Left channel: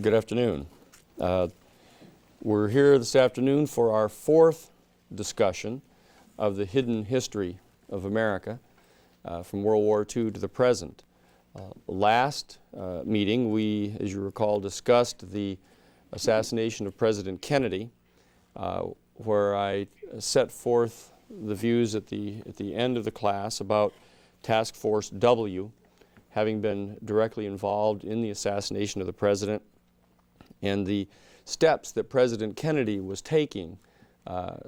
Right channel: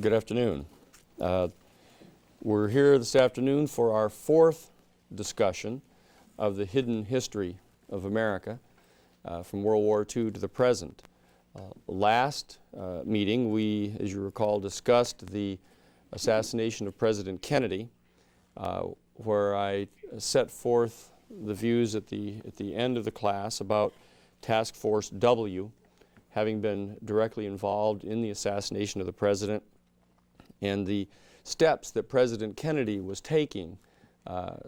Good afternoon. We're here this afternoon for our fourth discussion of the hidden history of America from World War II to the present. Last meeting, we, as you recall, discussed the assassination of President Kennedy, where I set forth the views at the end of the class about Task Force W, having been directly involved in the assassination of the president, and the steps that President Kennedy was taking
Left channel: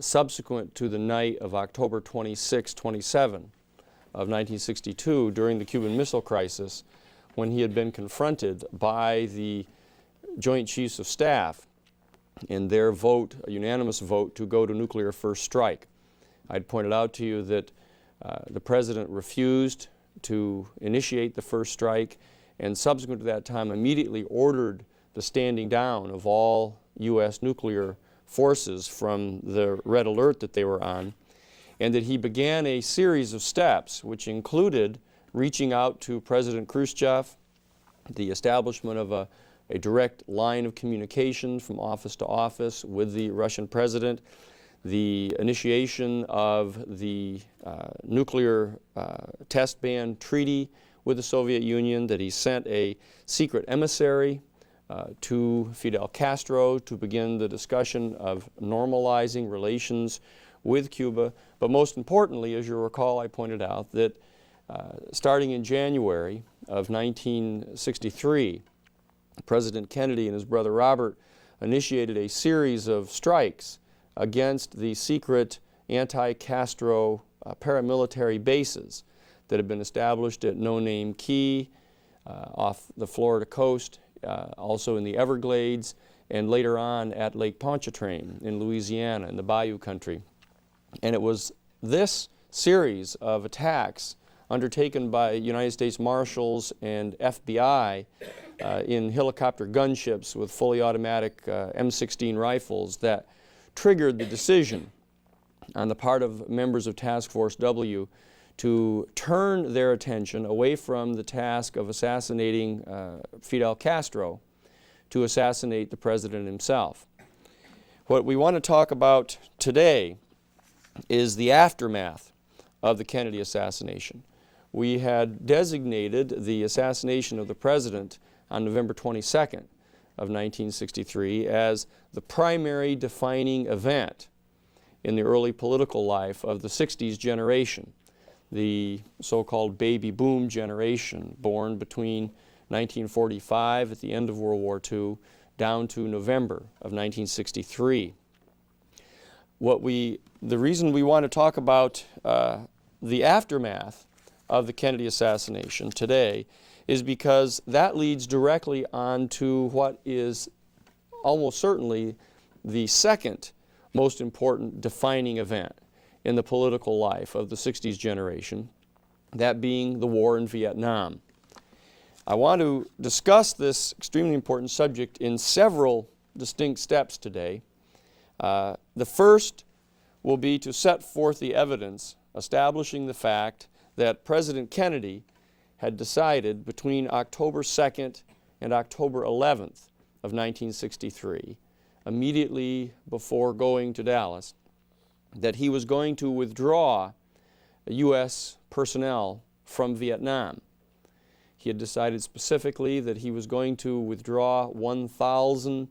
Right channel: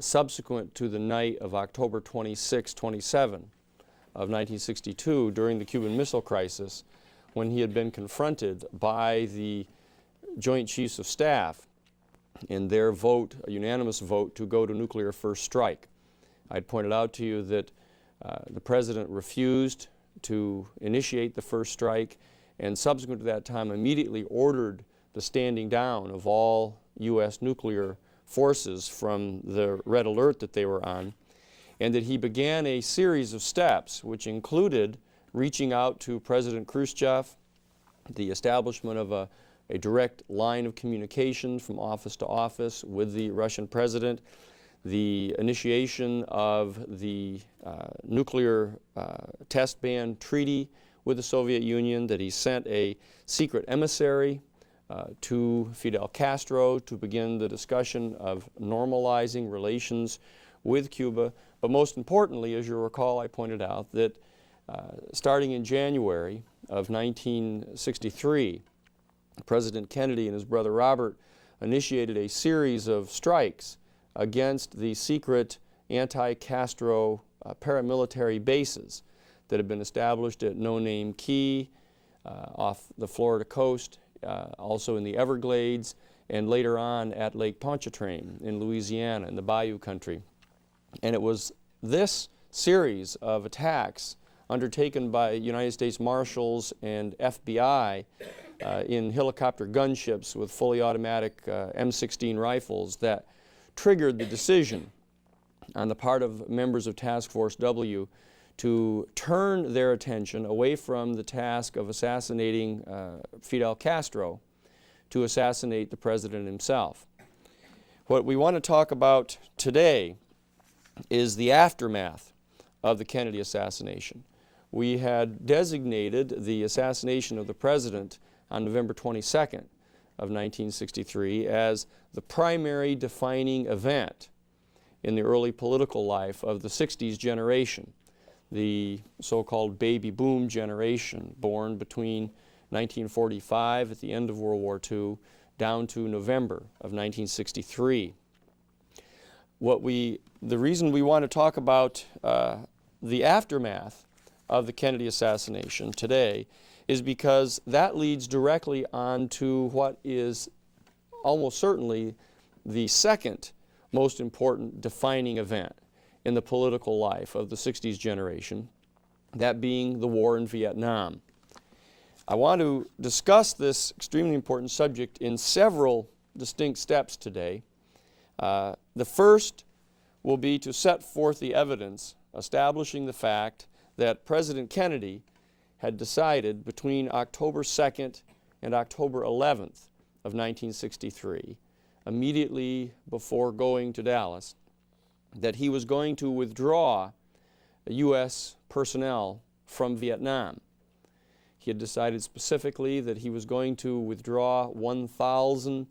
subsequent to the night of October 26, 27 of 1962 during the Cuban Missile Crisis, when he had been confronted by the Joint Chiefs of Staff in their vote, a unanimous vote, to go to nuclear first strike. I'd pointed out to you that the president refused to initiate the first strike, and subsequent to that time immediately ordered the standing down of all U.S. nuclear forces from the red alert that they were on, and that he began a series of steps which included reaching out to President Khrushchev, the establishment of a direct line of communication from office to office with the Russian president, the initiation of the nuclear test ban treaty with the Soviet Union, that he sent a secret emissary to Fidel Castro to begin the discussion of normalizing relations with Cuba. But most importantly, as you recall, I pointed out that starting in January of 1963, President Kennedy and his brother Robert initiated a series of strikes against the secret anti-Castro paramilitary bases that had been established at No Name Key off the Florida coast, also in the Everglades, and later on at Lake Pontchartrain in Louisiana in the Bayou country. And it was this series of attacks undertaken by United States Marshals and FBI in helicopter gunships with fully automatic M16 rifles that triggered the decision on the part of members of Task Force W to turn their attention away from the task of assassinating Fidel Castro to assassinate the president himself. What we want to talk about today is the aftermath of the Kennedy assassination. We had designated the assassination of the president on November 22nd of 1963 as the primary defining event in the early political life of the 60s generation, the so-called baby boom generation born between 1945 at the end of World War II down to November of 1963. The reason we want to talk about the aftermath of the Kennedy assassination today is because that leads directly on to what is almost certainly the second most important defining event in the political life of the 60s generation, that being the war in Viet Nam. I want to discuss this extremely important subject in several distinct steps today. The first will be to set forth the evidence establishing the fact that President Kennedy had decided between October 2nd and October 11th of 1963, immediately before going to Dallas, that he was going to withdraw U.S. personnel from Viet Nam. He had decided specifically that he was going to withdraw 1,000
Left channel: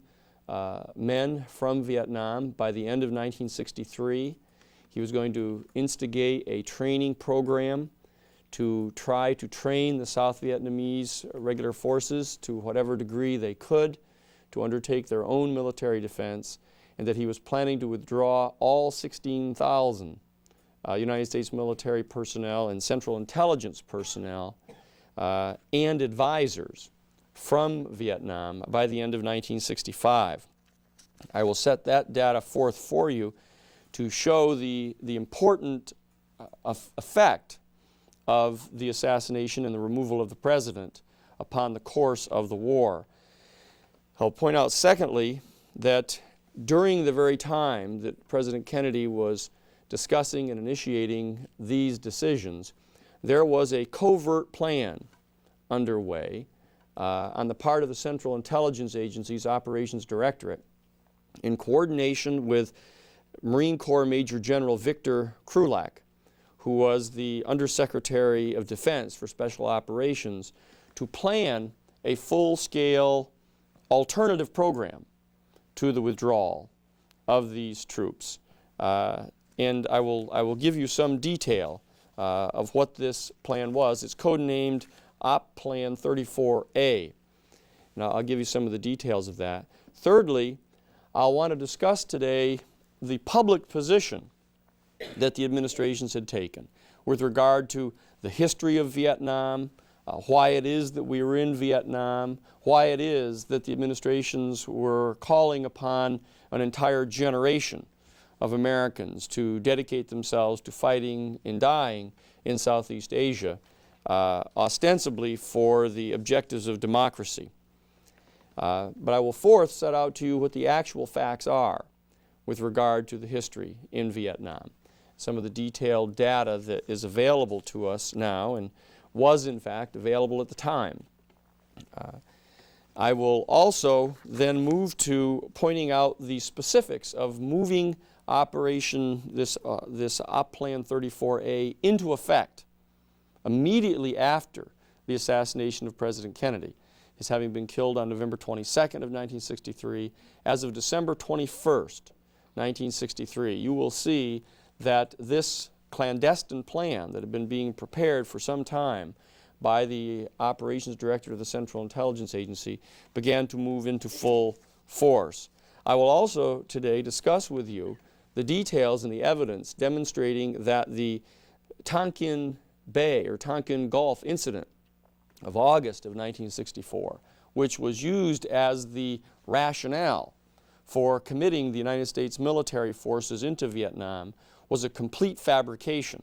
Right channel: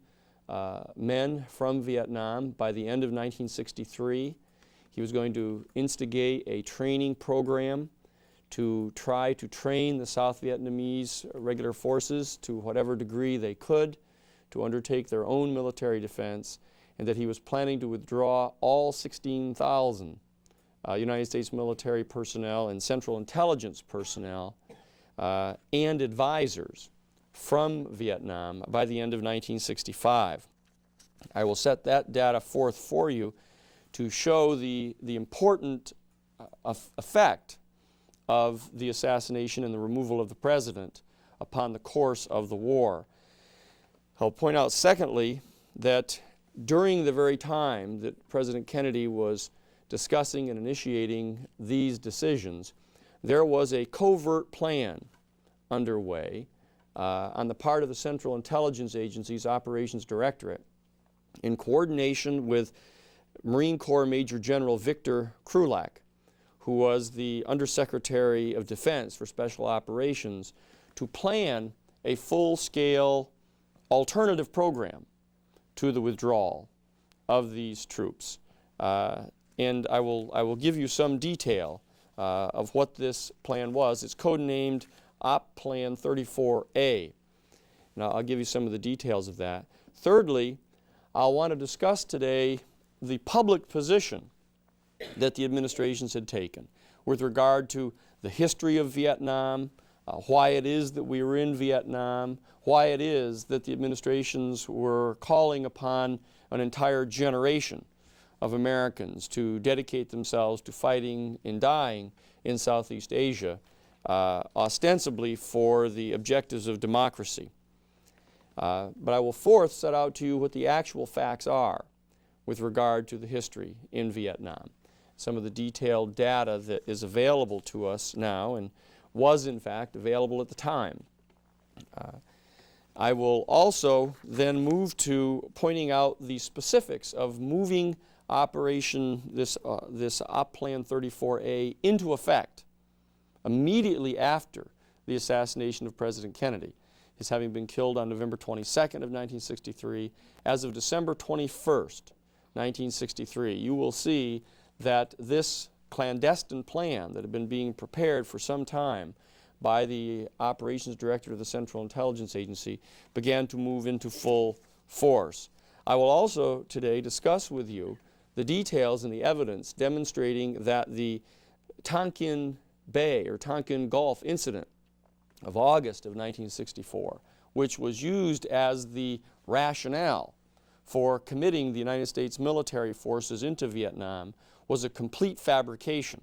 men from Vietnam by the end of 1963. He was going to instigate a training program to try to train the South Vietnamese regular forces to whatever degree they could to undertake their own military defense, and that he was planning to withdraw all 16,000 United States military personnel and Central Intelligence personnel and advisors from Vietnam by the end of 1965. I will set that data forth for you to show the important effect of the assassination and the removal of the president upon the course of the war. I'll point out, secondly, that during the very time that President Kennedy was discussing and initiating these decisions, there was a covert plan underway on the part of the Central Intelligence Agency's Operations Directorate in coordination with Marine Corps Major General Victor Krulak, who was the Undersecretary of Defense for Special Operations, to plan a full-scale alternative program to the withdrawal of these troops. And I will give you some detail of what this plan was. It's codenamed Op Plan 34A. Now I'll give you some of the details of that. Thirdly, I'll want to discuss today the public position that the administrations had taken with regard to the history of Vietnam, why it is that we were in Vietnam, why it is that the administrations were calling upon an entire generation of Americans to dedicate themselves to fighting and dying in Southeast Asia, ostensibly for the objectives of democracy. But I will fourth set out to you what the actual facts are with regard to the history in Vietnam. Some of the detailed data that is available to us now and was in fact available at the time. I will also then move to pointing out the specifics of moving this Op Plan 34A into effect immediately after the assassination of President Kennedy, his having been killed on November 22nd of 1963. As of December 21st, 1963, you will see that this clandestine plan that had been being prepared for some time by the Operations Director of the Central Intelligence Agency began to move into full force. I will also today discuss with you the details and the evidence demonstrating that the Tonkin Bay or Tonkin Gulf incident of August of 1964, which was used as the rationale for committing the United States military forces into Vietnam, was a complete fabrication.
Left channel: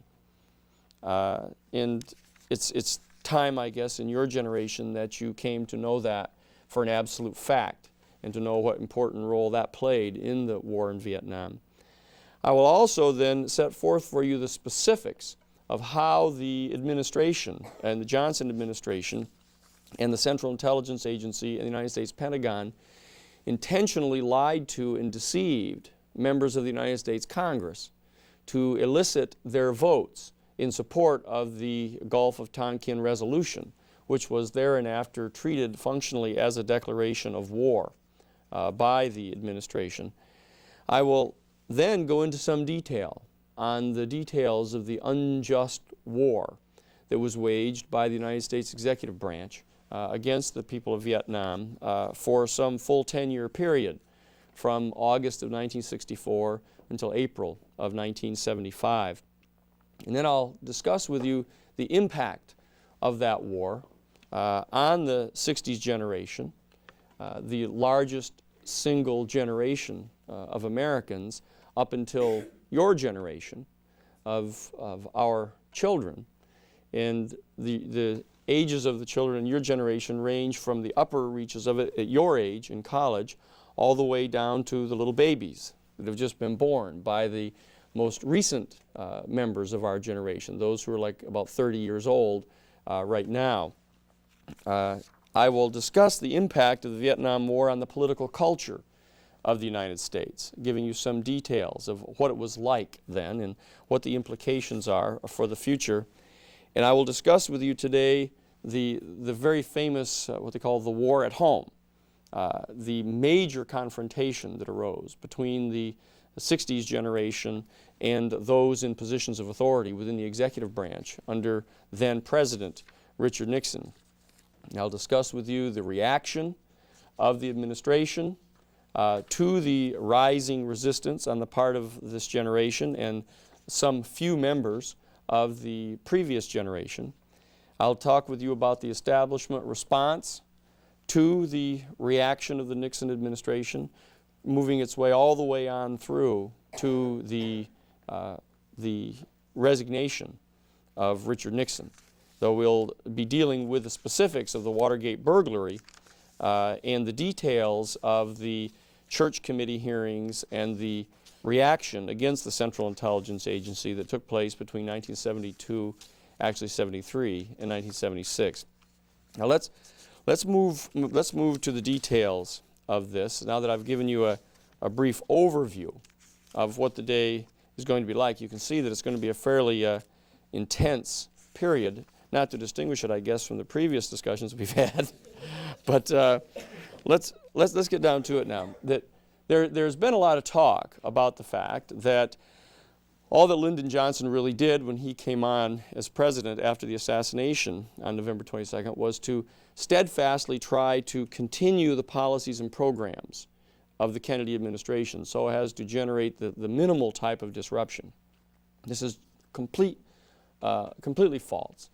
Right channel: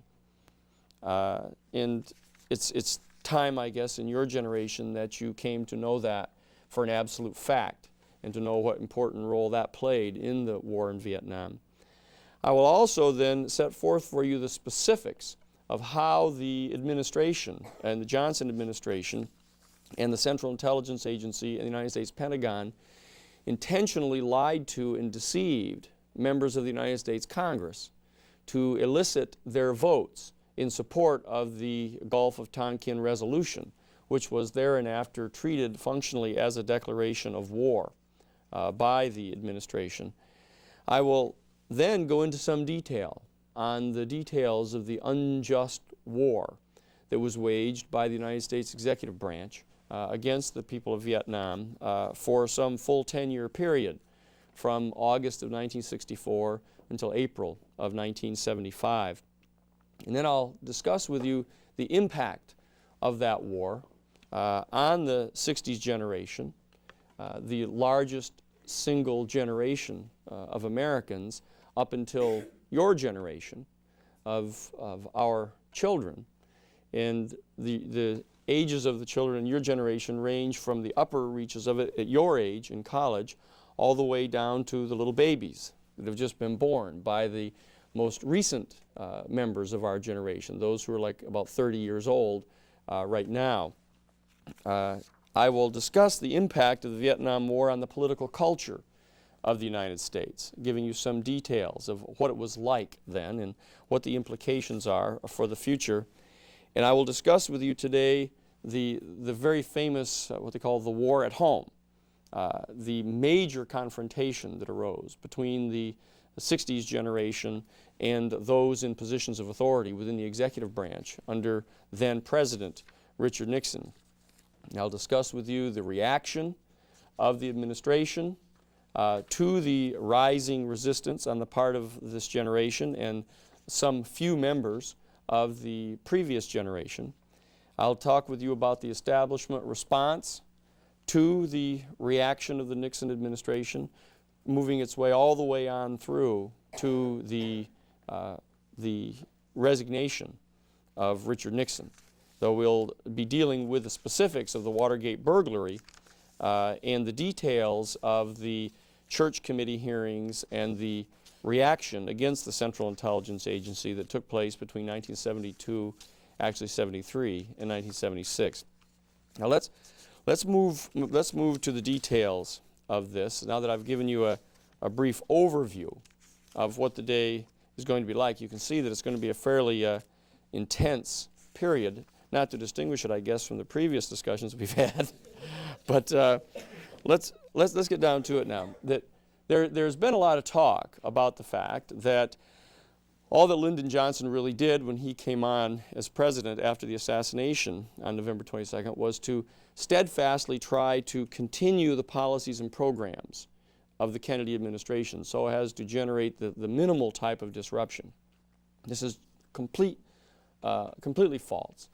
And it's time, I guess, in your generation that you came to know that for an absolute fact and to know what important role that played in the war in Vietnam. I will also then set forth for you the specifics of how the administration and the Johnson administration and the Central Intelligence Agency and the United States Pentagon intentionally lied to and deceived members of the United States Congress to elicit their votes in support of the Gulf of Tonkin resolution, which was thereafter treated functionally as a declaration of war by the administration. I will then go into some detail on the details of the unjust war that was waged by the United States executive branch against the people of Vietnam for some full 10-year period from August of 1964 until April of 1975. And then I'll discuss with you the impact of that war on the 60s generation, the largest single generation of Americans up until your generation of our children. And the ages of the children in your generation range from the upper reaches of it at your age in college all the way down to the little babies that have just been born by the most recent members of our generation, those who are like about 30 years old right now. I will discuss the impact of the Vietnam War on the political culture of the United States, giving you some details of what it was like then and what the implications are for the future. And I will discuss with you today the very famous, what they call the war at home, the major confrontation that arose between the 60s generation and those in positions of authority within the executive branch under then President Richard Nixon. And I'll discuss with you the reaction of the administration to the rising resistance on the part of this generation and some few members of the previous generation. I'll talk with you about the establishment response to the reaction of the Nixon administration, moving its way all the way on through to the resignation of Richard Nixon, though we'll be dealing with the specifics of the Watergate burglary and the details of the Church Committee hearings and the reaction against the Central Intelligence Agency that took place between 1972, actually 73, and 1976. Now let's move to the details of this. Now that I've given you a brief overview of what the day is going to be like, you can see that it's going to be a fairly intense period. Not to distinguish it, I guess, from the previous discussions we've had, but let's get down to it now. That there's been a lot of talk about the fact that all that Lyndon Johnson really did when he came on as president after the assassination on November 22nd was to steadfastly try to continue the policies and programs of the Kennedy administration so as to generate the minimal type of disruption. This is completely false.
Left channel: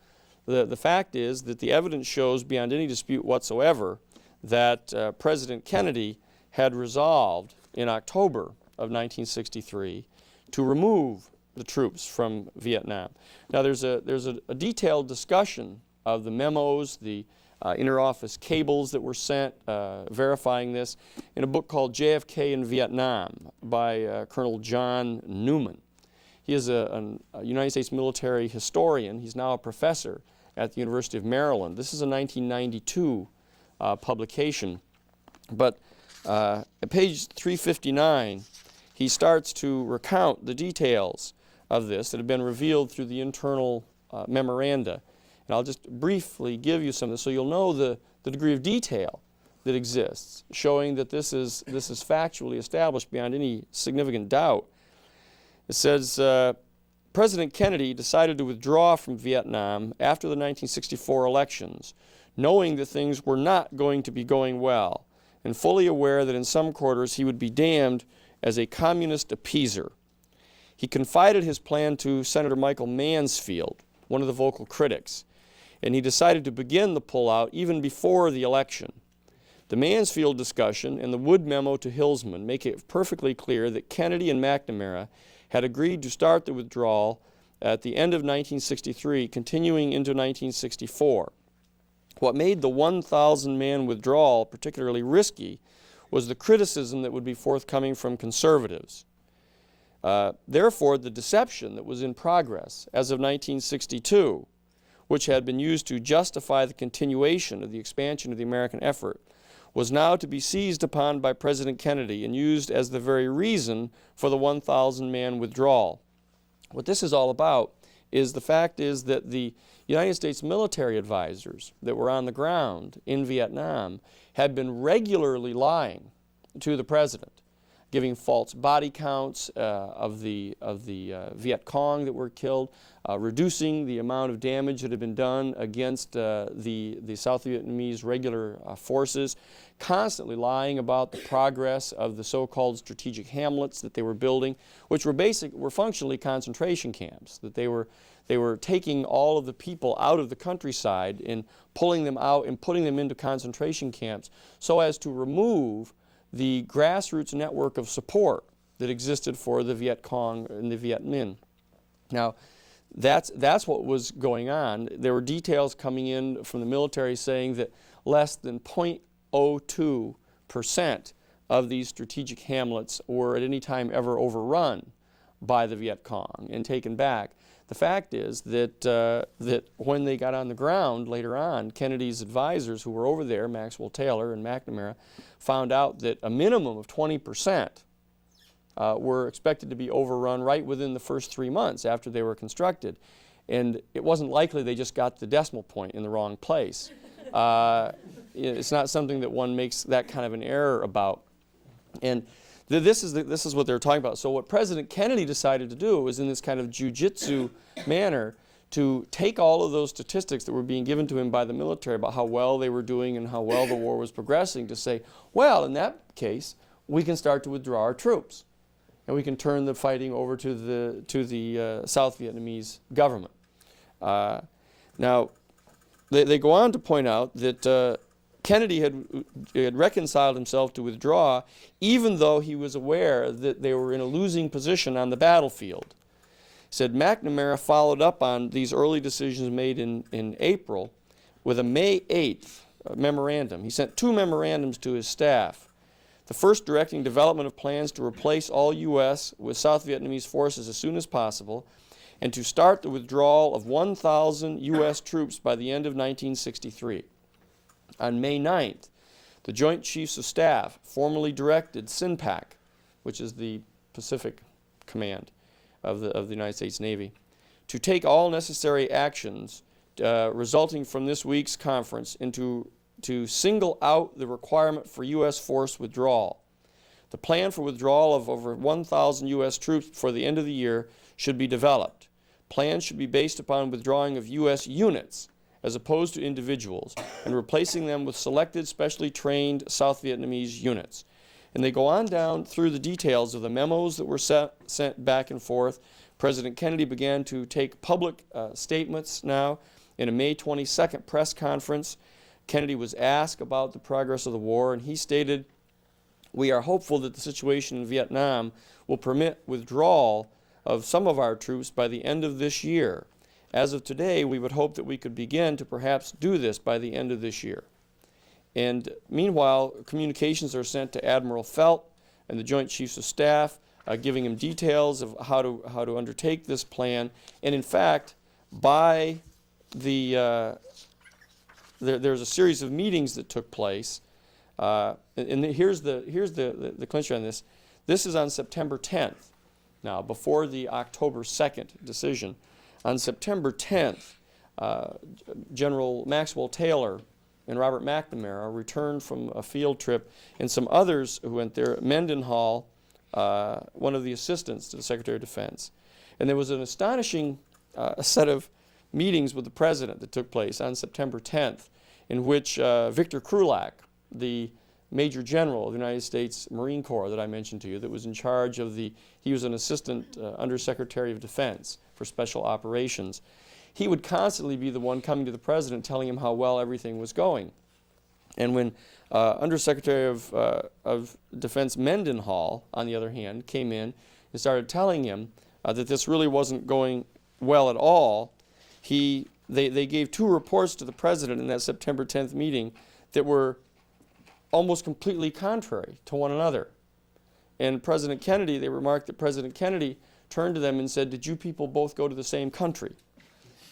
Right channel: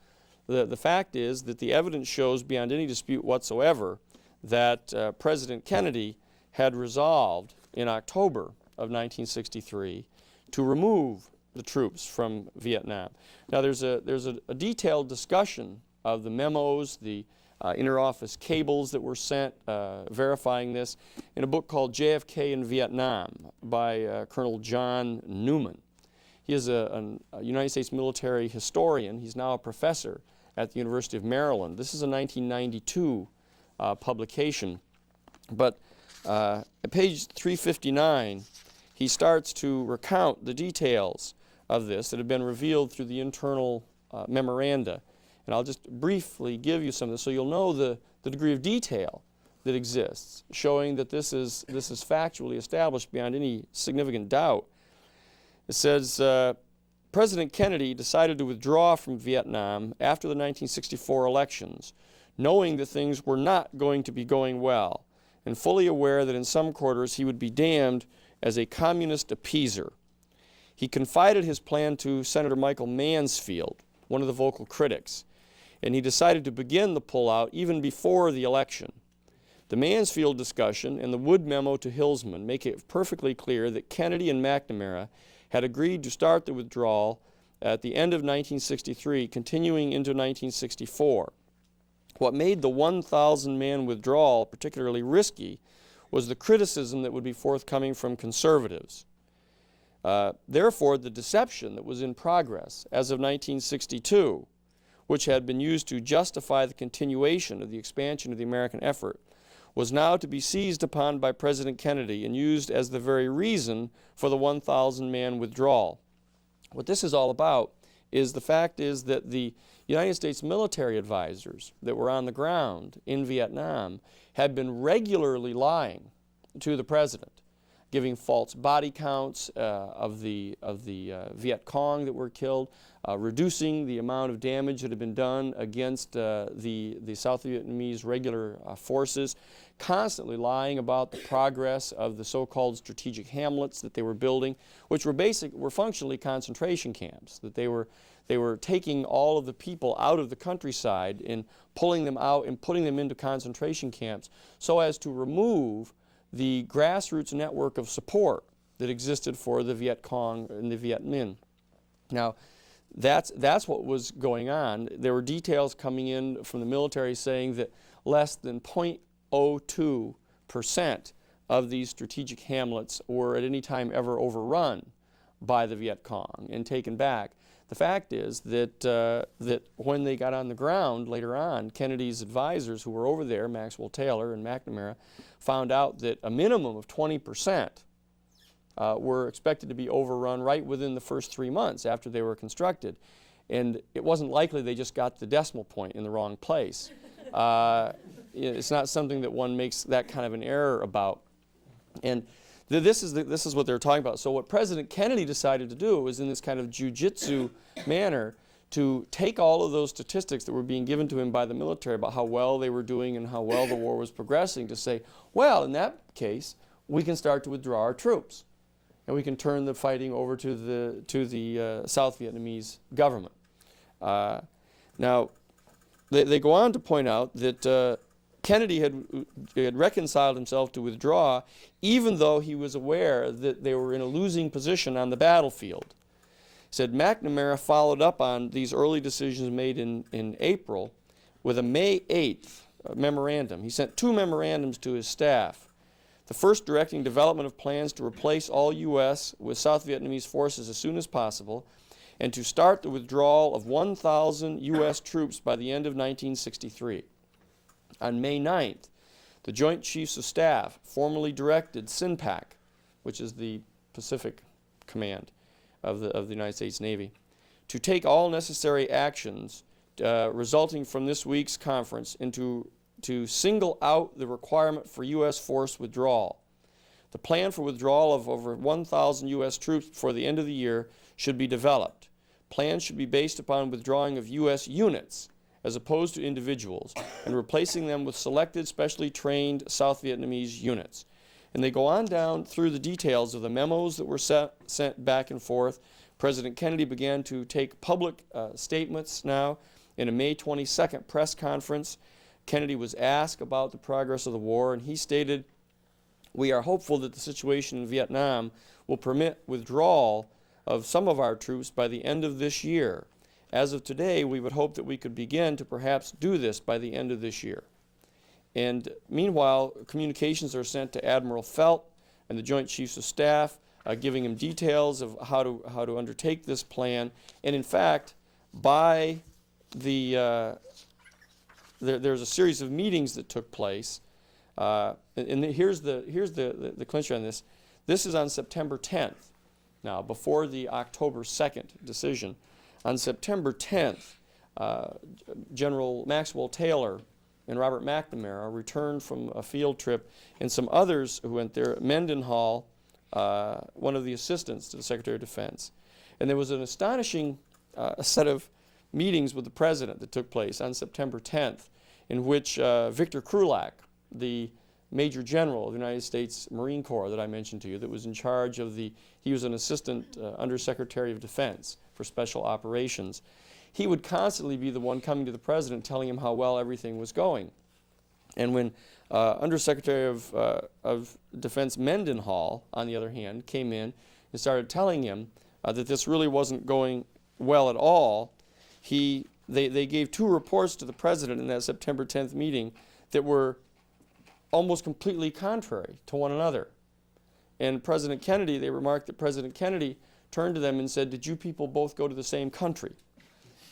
The fact is that the evidence shows beyond any dispute whatsoever that President Kennedy had resolved in October of 1963 to remove the troops from Viet Nam. Now there's a detailed discussion of the memos, the inter-office cables that were sent verifying this in a book called JFK in Vietnam by Colonel John Newman. He is a United States military historian. He's now a professor at the University of Maryland. This is a 1992 publication. But at page 359, he starts to recount the details of this that have been revealed through the internal memoranda. And I'll just briefly give you some so you'll know the degree of detail that exists, showing that this is factually established beyond any significant doubt. It says, President Kennedy decided to withdraw from Vietnam after the 1964 elections, knowing that things were not going to be going well, and fully aware that in some quarters he would be damned as a communist appeaser. He confided his plan to Senator Michael Mansfield, one of the vocal critics, and he decided to begin the pullout even before the election. The Mansfield discussion and the Wood memo to Hillsman make it perfectly clear that Kennedy and McNamara had agreed to start the withdrawal at the end of 1963, continuing into 1964. What made the 1,000-man withdrawal particularly risky was the criticism that would be forthcoming from conservatives. Therefore, the deception that was in progress as of 1962, which had been used to justify the continuation of the expansion of the American effort, was now to be seized upon by President Kennedy and used as the very reason for the 1,000-man withdrawal. What this is all about is the fact is that the United States military advisors that were on the ground in Vietnam had been regularly lying to the president, giving false body counts of the Viet Cong that were killed, reducing the amount of damage that had been done against the South Vietnamese regular forces, constantly lying about the progress of the so-called strategic hamlets that they were building, which were functionally concentration camps, that they were taking all of the people out of the countryside and pulling them out and putting them into concentration camps so as to remove the grassroots network of support that existed for the Viet Cong and the Viet Minh. Now, that's what was going on. There were details coming in from the military saying that less than 0.02% of these strategic hamlets were at any time ever overrun by the Viet Cong and taken back. The fact is that when they got on the ground later on, Kennedy's advisors who were over there, Maxwell Taylor and McNamara, found out that a minimum of 20% were expected to be overrun right within the first 3 months after they were constructed. And it wasn't likely they just got the decimal point in the wrong place. It's not something that one makes that kind of an error about. And this is what they're talking about. So what President Kennedy decided to do was in this kind of jujitsu manner to take all of those statistics that were being given to him by the military about how well they were doing and how well the war was progressing to say, well, in that case, we can start to withdraw our troops. And we can turn the fighting over to the South Vietnamese government. Now, they go on to point out that Kennedy had reconciled himself to withdraw even though he was aware that they were in a losing position on the battlefield. Said McNamara followed up on these early decisions made in April with a May 8th memorandum. He sent 2 memorandums to his staff. The first directing development of plans to replace all U.S. with South Vietnamese forces as soon as possible and to start the withdrawal of 1,000 U.S. troops by the end of 1963. On May 9th, the Joint Chiefs of Staff formally directed SINPAC, which is the Pacific Command of the United States Navy, to take all necessary actions resulting from this week's conference and to single out the requirement for U.S. force withdrawal. The plan for withdrawal of over 1,000 U.S. troops before the end of the year should be developed. Plans should be based upon withdrawing of U.S. units as opposed to individuals and replacing them with selected, specially trained South Vietnamese units. And they go on down through the details of the memos that were sent back and forth. President Kennedy began to take public statements now. In a May 22nd press conference, Kennedy was asked about the progress of the war, and he stated, "We are hopeful that the situation in Vietnam will permit withdrawal of some of our troops by the end of this year. As of today, we would hope that we could begin to perhaps do this by the end of this year." And meanwhile, communications are sent to Admiral Felt and the Joint Chiefs of Staff, giving him details of how to undertake this plan. And in fact, by there's a series of meetings that took place, and here's the clincher on this. This is on September 10th. Now, before the October 2nd decision, on September 10th, General Maxwell Taylor and Robert McNamara returned from a field trip, and some others who went there, Mendenhall, one of the assistants to the Secretary of Defense. And there was an astonishing set of meetings with the President that took place on September 10th, in which Victor Krulak, the Major General of the United States Marine Corps that I mentioned to you, that was in charge of he was an assistant Undersecretary of Defense for Special Operations. He would constantly be the one coming to the President telling him how well everything was going. And when Undersecretary of Defense Mendenhall, on the other hand, came in and started telling him that this really wasn't going well at all, they gave two reports to the President in that September 10th meeting that were almost completely contrary to one another. And President Kennedy, they remarked that President Kennedy turned to them and said, "Did you people both go to the same country?"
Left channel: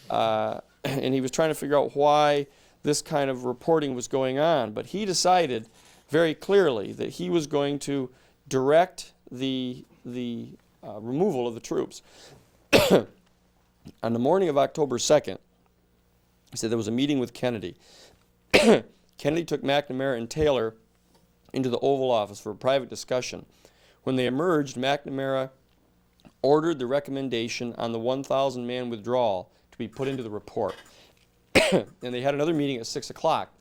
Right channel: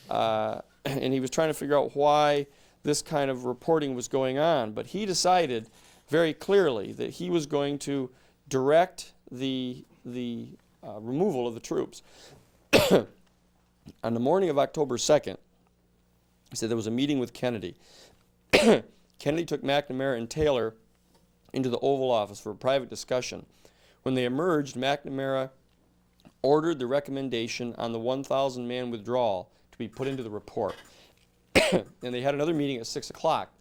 And he was trying to figure out why this kind of reporting was going on. But he decided very clearly that he was going to direct the removal of the troops. On the morning of October 2nd, he said there was a meeting with Kennedy. Kennedy took McNamara and Taylor into the Oval Office for a private discussion. When they emerged, McNamara ordered the recommendation on the 1,000-man withdrawal to be put into the report. And they had another meeting at 6 o'clock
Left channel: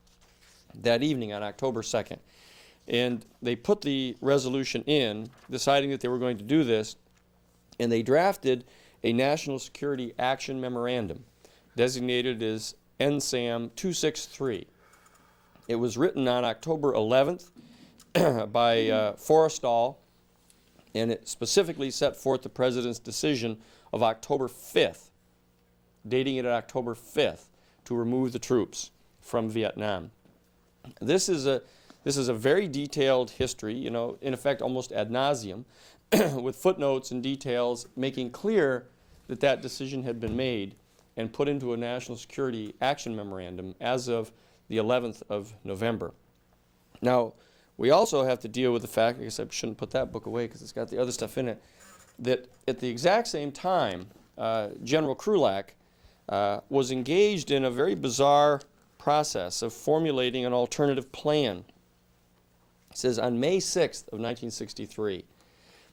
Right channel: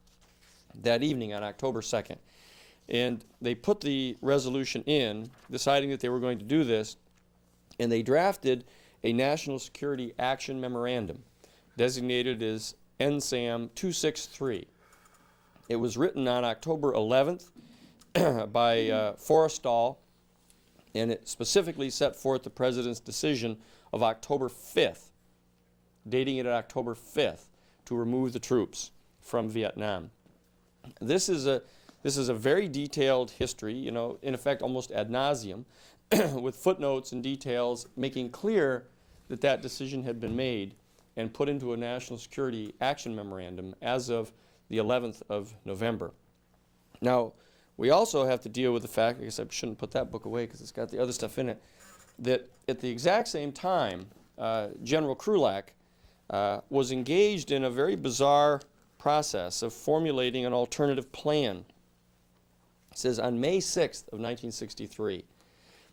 that evening on October 2nd. And they put the resolution in, deciding that they were going to do this, and they drafted a National Security Action Memorandum, designated as NSAM 263. It was written on October 11th by Forrestal, and it specifically set forth the President's decision of October 5th, dating it on October 5th, to remove the troops from Vietnam. This is a very detailed history, in effect almost ad nauseum, with footnotes and details making clear that that decision had been made and put into a National Security Action Memorandum as of the 11th of November. Now, we also have to deal with the fact, I guess I shouldn't put that book away because it's got the other stuff in it, that at the exact same time, General Krulak was engaged in a very bizarre process of formulating an alternative plan. It says on May 6th of 1963,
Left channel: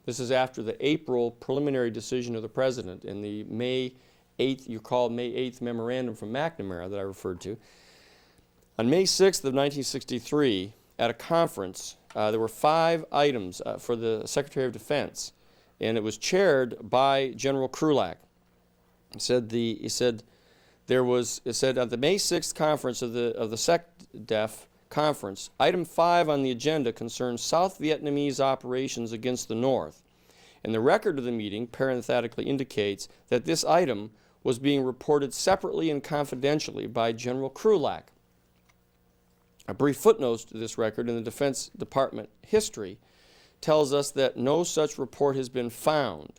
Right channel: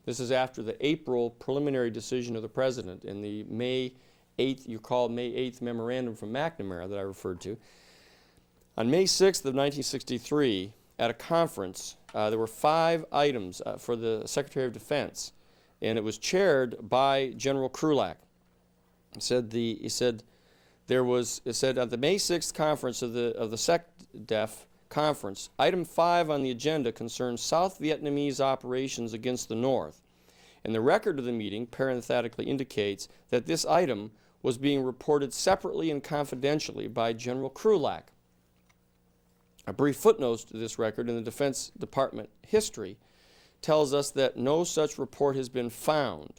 this is after the April preliminary decision of the President in the May 8th, you called May 8th memorandum from McNamara that I referred to. On May 6th of 1963, at a conference, there were 5 items for the Secretary of Defense, and it was chaired by General Krulak. It said at the May 6th conference of the SecDef conference, item 5 on the agenda concerns South Vietnamese operations against the North. And the record of the meeting parenthetically indicates that this item was being reported separately and confidentially by General Krulak. A brief footnote to this record in the Defense Department history tells us that no such report has been found,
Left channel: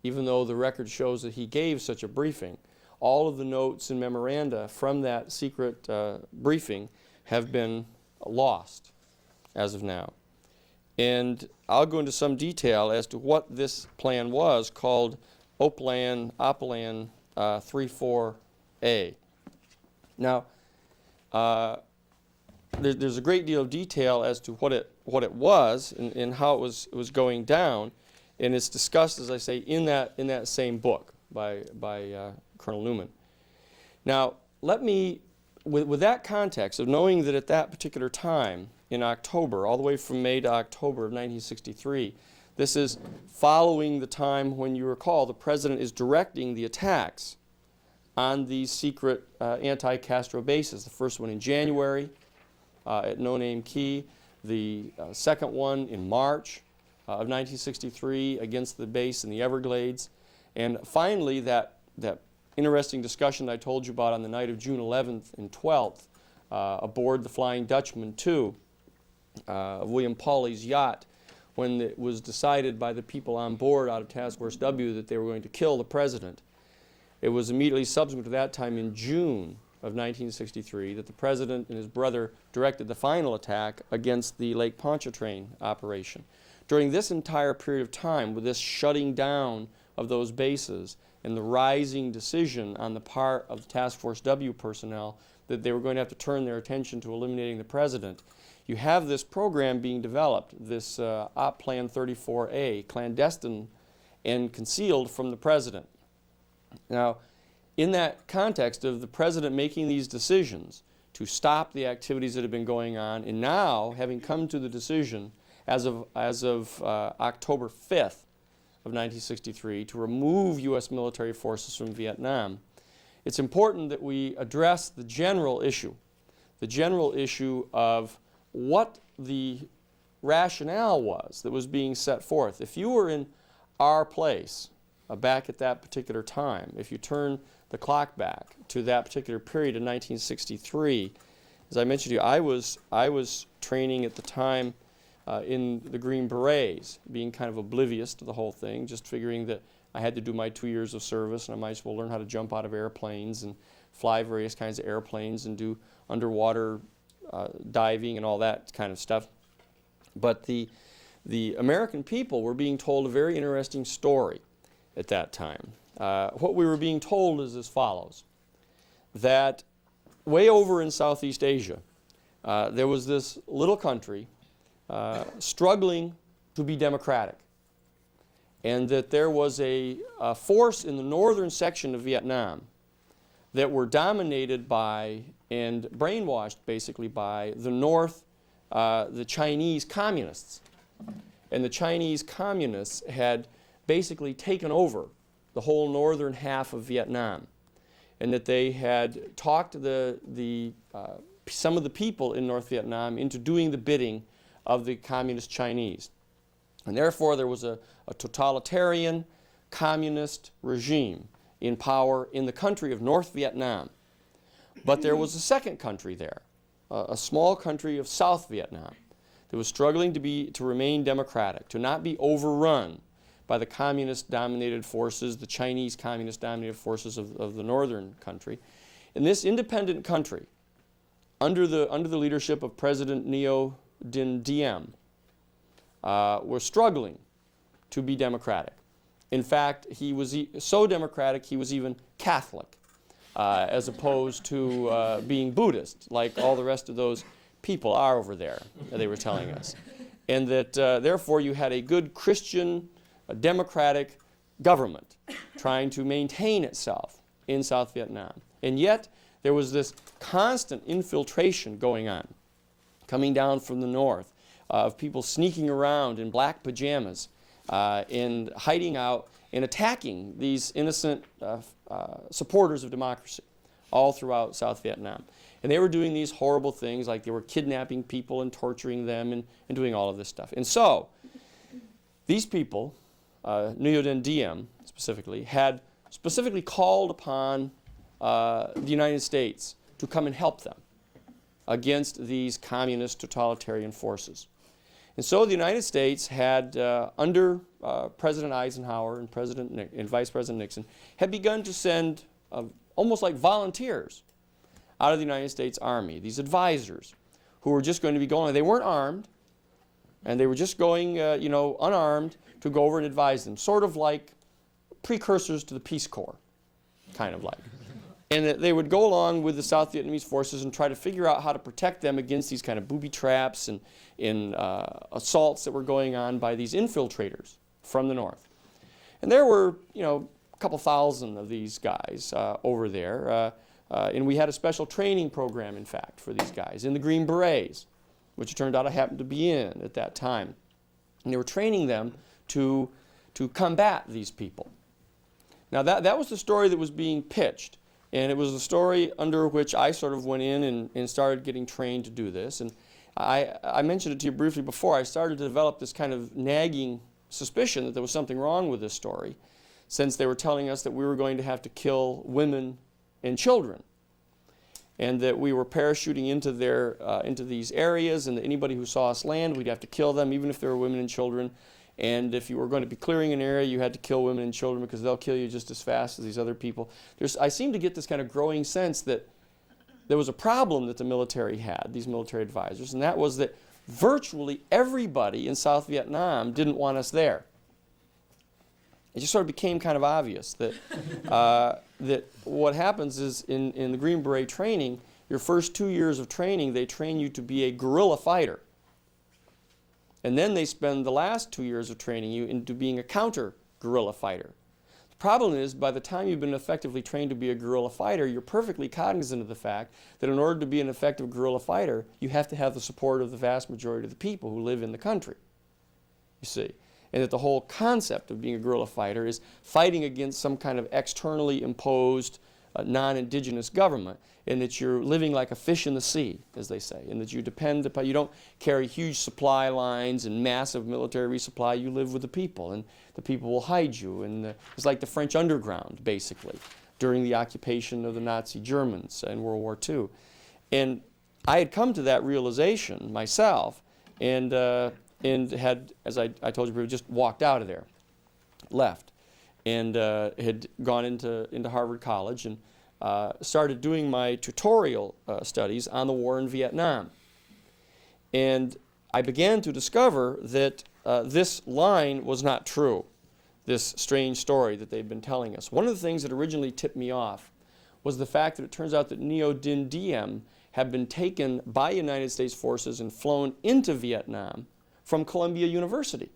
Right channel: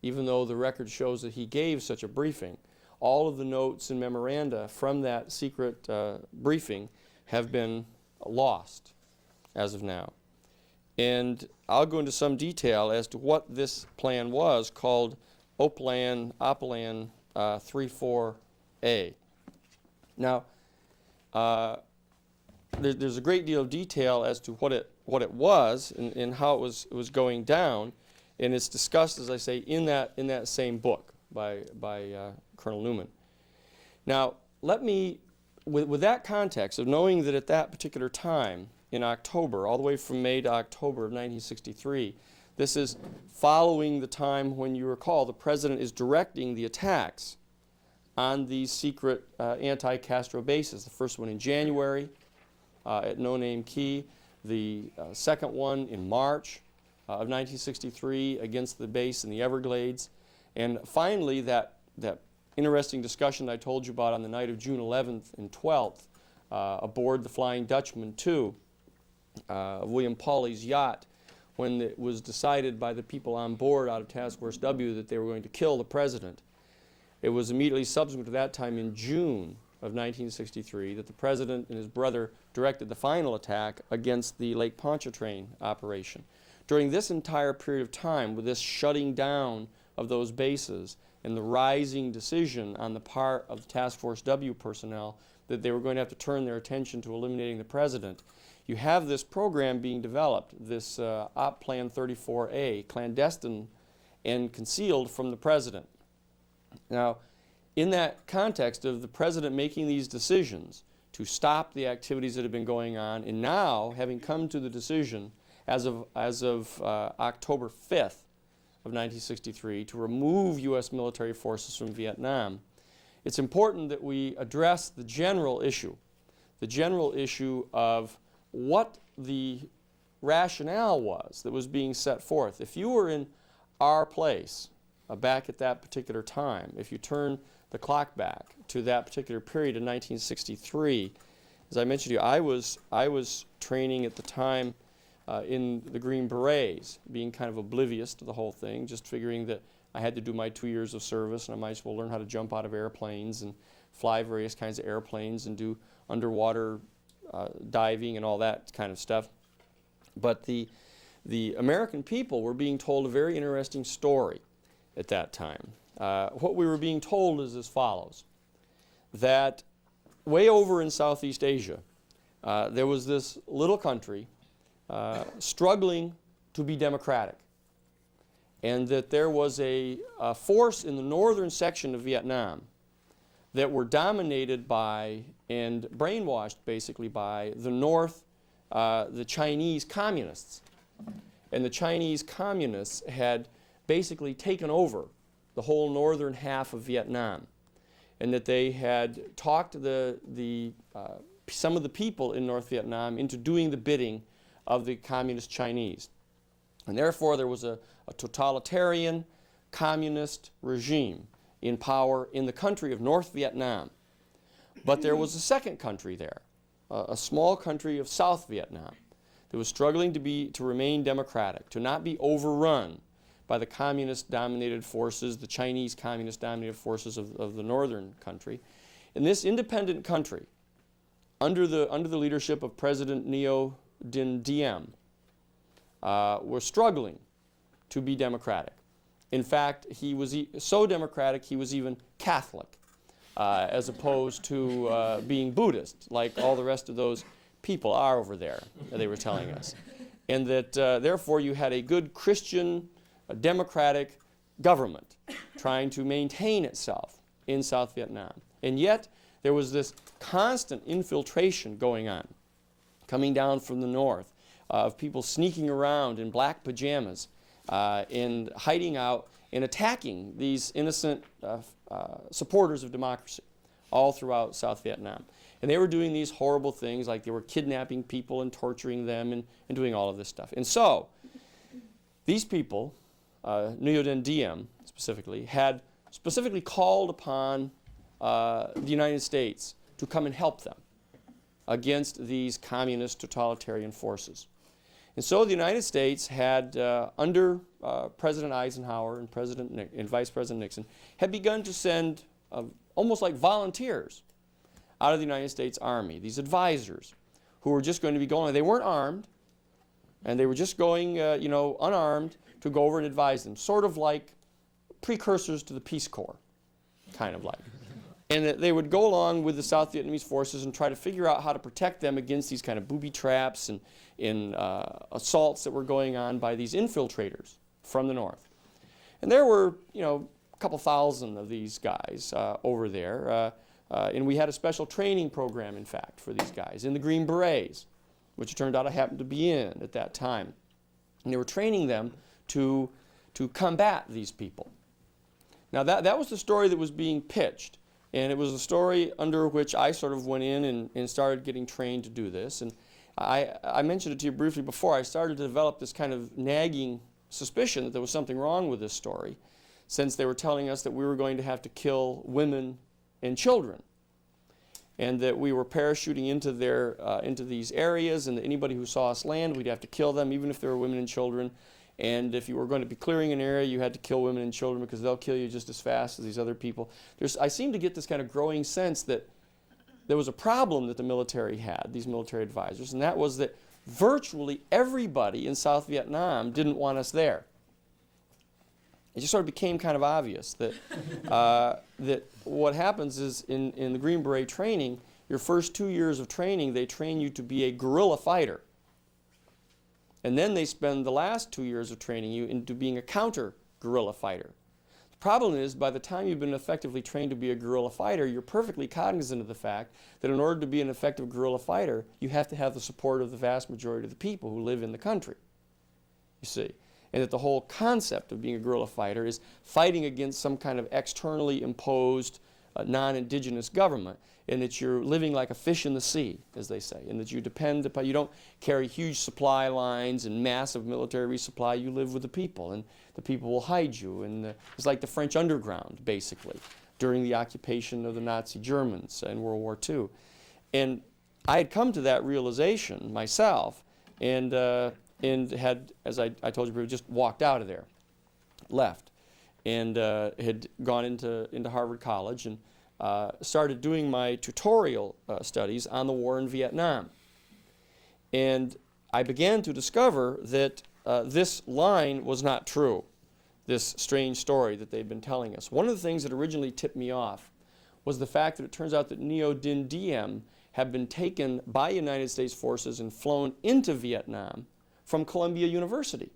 even though the record shows that he gave such a briefing. All of the notes and memoranda from that secret briefing have been lost as of now. And I'll go into some detail as to what this plan was, called Oplan 34A. Now, there's a great deal of detail as to what it was and how it was going down, and it's discussed, as I say, in that same book by Colonel Newman. Now, let me, with that context of knowing that at that particular time in October, all the way from May to October of 1963, this is following the time when, you recall, the president is directing the attacks on these secret anti-Castro bases. The first one in January at No Name Key, the second one in March of 1963 against the base in the Everglades, and finally that interesting discussion I told you about on the night of June 11th and 12th aboard the Flying Dutchman II of William Pauly's yacht, when it was decided by the people on board out of Task Force W that they were going to kill the president. It was immediately subsequent to that time in June of 1963 that the president and his brother directed the final attack against the Lake Pontchartrain operation. During this entire period of time, with this shutting down of those bases and the rising decision on the part of the Task Force W personnel that they were going to have to turn their attention to eliminating the president, you have this program being developed, this Op Plan 34A, clandestine and concealed from the president. Now, in that context of the president making these decisions to stop the activities that have been going on, and now having come to the decision as of October 5th of 1963 to remove U.S. military forces from Vietnam, it's important that we address the general issue of what the rationale was that was being set forth. If you were in our place back at that particular time, if you turn the clock back to that particular period in 1963, as I mentioned to you, I was training at the time in the Green Berets, being kind of oblivious to the whole thing, just figuring that I had to do my 2 years of service and I might as well learn how to jump out of airplanes and fly various kinds of airplanes and do underwater diving and all that kind of stuff. But the American people were being told a very interesting story at that time. What we were being told is as follows: that way over in Southeast Asia, there was this little country struggling to be democratic, and that there was a force in the northern section of Vietnam that were dominated by and brainwashed basically by the North, the Chinese communists. And the Chinese communists had basically taken over the whole northern half of Vietnam, and that they had talked some of the people in North Vietnam into doing the bidding of the communist Chinese. And therefore there was a totalitarian communist regime in power in the country of North Vietnam. But there was a second country there, a small country of South Vietnam, that was struggling to remain democratic, to not be overrun by the communist-dominated forces, the Chinese communist-dominated forces of the northern country. And this independent country, under the leadership of President Ngo Dinh Diem, was struggling to be democratic. In fact, he was so democratic he was even Catholic, as opposed to being Buddhist, like all the rest of those people are over there, they were telling us. And that therefore you had a good Christian, democratic government trying to maintain itself in South Vietnam. And yet there was this constant infiltration going on, coming down from the north, of people sneaking around in black pajamas and hiding out and attacking these innocent supporters of democracy all throughout South Vietnam. And they were doing these horrible things, like they were kidnapping people and torturing them and doing all of this stuff. And so these people, Ngo Dinh Diem specifically, had specifically called upon the United States to come and help them against these communist totalitarian forces. And so the United States had, under President Eisenhower and Vice President Nixon, had begun to send almost like volunteers out of the United States Army, these advisors who were just going to be going, they weren't armed, and they were just going, unarmed to go over and advise them, sort of like precursors to the Peace Corps, kind of like. And they would go along with the South Vietnamese forces and try to figure out how to protect them against these kind of booby traps and assaults that were going on by these infiltrators from the north. And there were, a couple thousand of these guys over there. And we had a special training program, in fact, for these guys in the Green Berets, which it turned out I happened to be in at that time. And they were training them to combat these people. Now, that was the story that was being pitched. And it was the story under which I sort of went in and started getting trained to do this. And I mentioned it to you briefly before. I started to develop this kind of nagging suspicion that there was something wrong with this story, since they were telling us that we were going to have to kill women and children, and that we were parachuting into these areas, and that anybody who saw us land, we'd have to kill them, even if they were women and children. And if you were going to be clearing an area, you had to kill women and children because they'll kill you just as fast as these other people. I seem to get this kind of growing sense that there was a problem that the military had, these military advisors, and that was that virtually everybody in South Vietnam didn't want us there. It just sort of became kind of obvious that that what happens is in the Green Beret training, your first 2 years of training, they train you to be a guerrilla fighter. And then they spend the last 2 years of training you into being a counter-guerrilla fighter. The problem is, by the time you've been effectively trained to be a guerrilla fighter, you're perfectly cognizant of the fact that in order to be an effective guerrilla fighter, you have to have the support of the vast majority of the people who live in the country, you see. And that the whole concept of being a guerrilla fighter is fighting against some kind of externally imposed non-indigenous government, and that you're living like a fish in the sea, as they say, and that you depend upon, you don't carry huge supply lines and massive military resupply. You live with the people, and the people will hide you. And it's like the French underground, basically, during the occupation of the Nazi Germans in World War II. And I had come to that realization myself, and had, as I told you, just walked out of there, left, and had gone into Harvard College and started doing my tutorial studies on the war in Vietnam. And I began to discover that this line was not true, this strange story that they'd been telling us. One of the things that originally tipped me off was the fact that it turns out that Ngo Dinh Diem had been taken by United States forces and flown into Vietnam from Columbia University.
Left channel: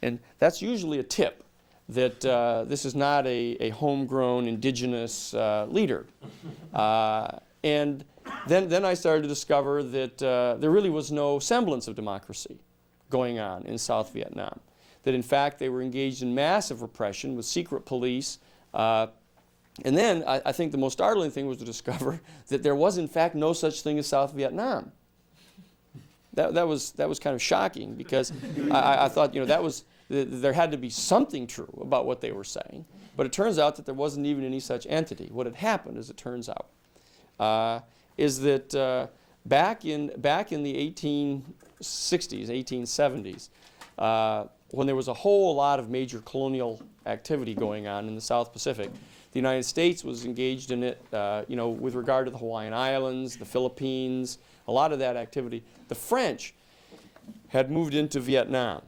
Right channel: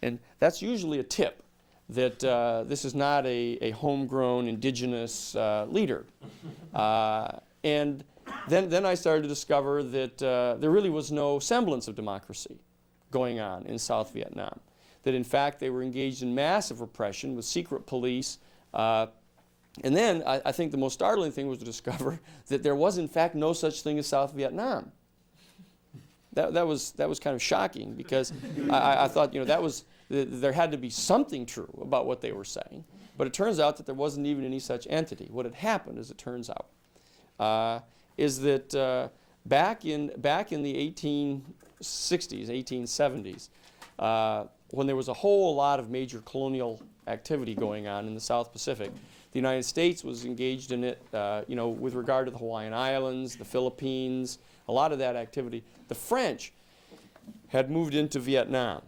And that's usually a tip that this is not a homegrown indigenous leader. And then I started to discover that there really was no semblance of democracy going on in South Vietnam. That in fact they were engaged in massive repression with secret police. And then I think the most startling thing was to discover that there was in fact no such thing as South Vietnam. That was kind of shocking, because I thought, there had to be something true about what they were saying, but it turns out that there wasn't even any such entity. What had happened, as it turns out, is that back in the 1860s, 1870s, when there was a whole lot of major colonial activity going on in the South Pacific, the United States was engaged in it, with regard to the Hawaiian Islands, the Philippines, a lot of that activity. The French had moved into Vietnam.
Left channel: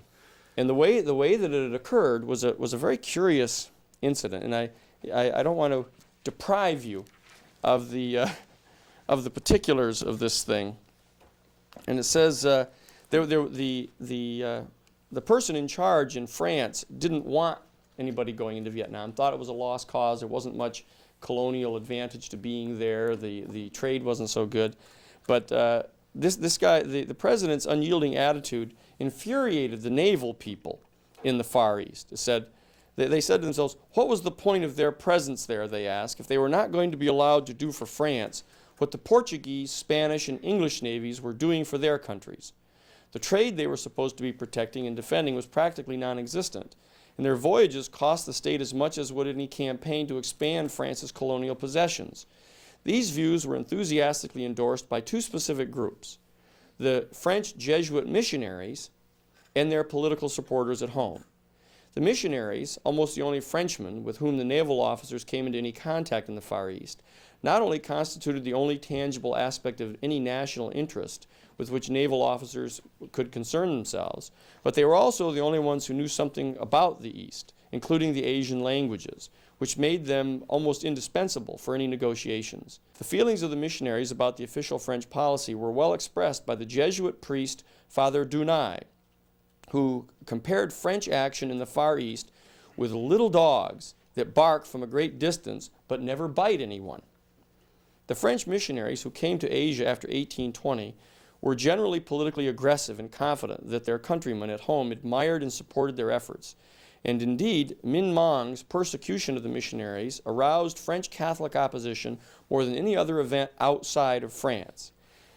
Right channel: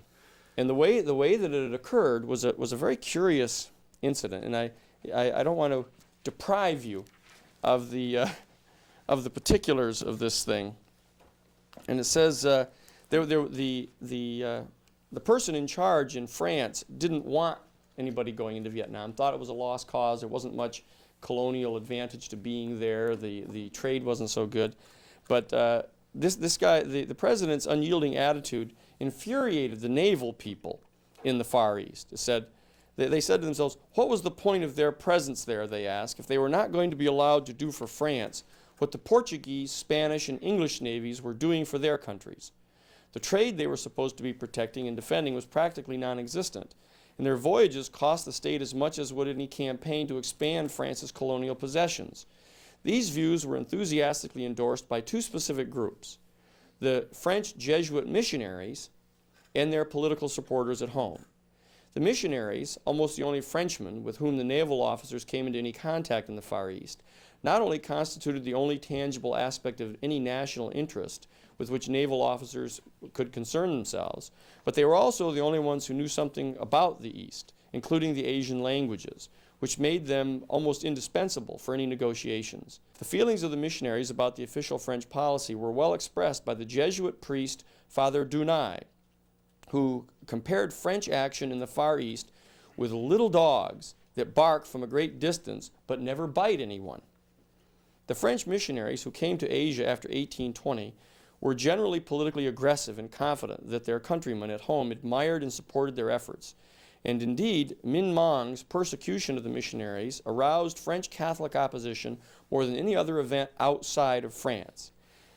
And the way that it had occurred was a very curious incident, and I don't want to deprive you of the particulars of this thing. And it says the person in charge in France didn't want anybody going into Vietnam. Thought it was a lost cause. There wasn't much colonial advantage to being there. The trade wasn't so good, but this guy, the president's unyielding attitude infuriated the naval people in the Far East. It said, they said to themselves, what was the point of their presence there, they asked, if they were not going to be allowed to do for France what the Portuguese, Spanish, and English navies were doing for their countries? The trade they were supposed to be protecting and defending was practically non-existent, and their voyages cost the state as much as would any campaign to expand France's colonial possessions. These views were enthusiastically endorsed by two specific groups: the French Jesuit missionaries and their political supporters at home. The missionaries, almost the only Frenchmen with whom the naval officers came into any contact in the Far East, not only constituted the only tangible aspect of any national interest with which naval officers could concern themselves, but they were also the only ones who knew something about the East, including the Asian languages, which made them almost indispensable for any negotiations. The feelings of the missionaries about the official French policy were well expressed by the Jesuit priest Father Dunay, who compared French action in the Far East with little dogs that bark from a great distance but never bite anyone. The French missionaries who came to Asia after 1820 were generally politically aggressive and confident that their countrymen at home admired and supported their efforts. And indeed, Minh Mang's persecution of the missionaries aroused French Catholic opposition more than any other event outside of France.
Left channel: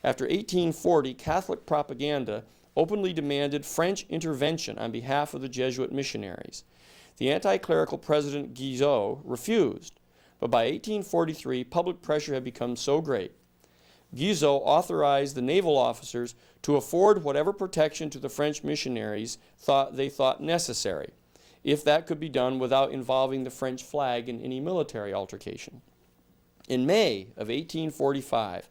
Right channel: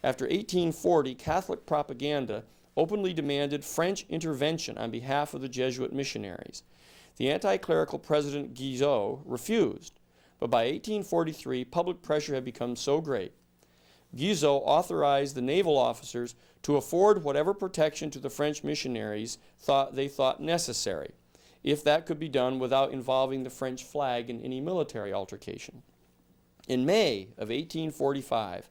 After 1840, Catholic propaganda openly demanded French intervention on behalf of the Jesuit missionaries. The anti-clerical President Guizot refused, but by 1843, public pressure had become so great. Guizot authorized the naval officers to afford whatever protection to the French missionaries they thought necessary, if that could be done without involving the French flag in any military altercation. In May of 1845,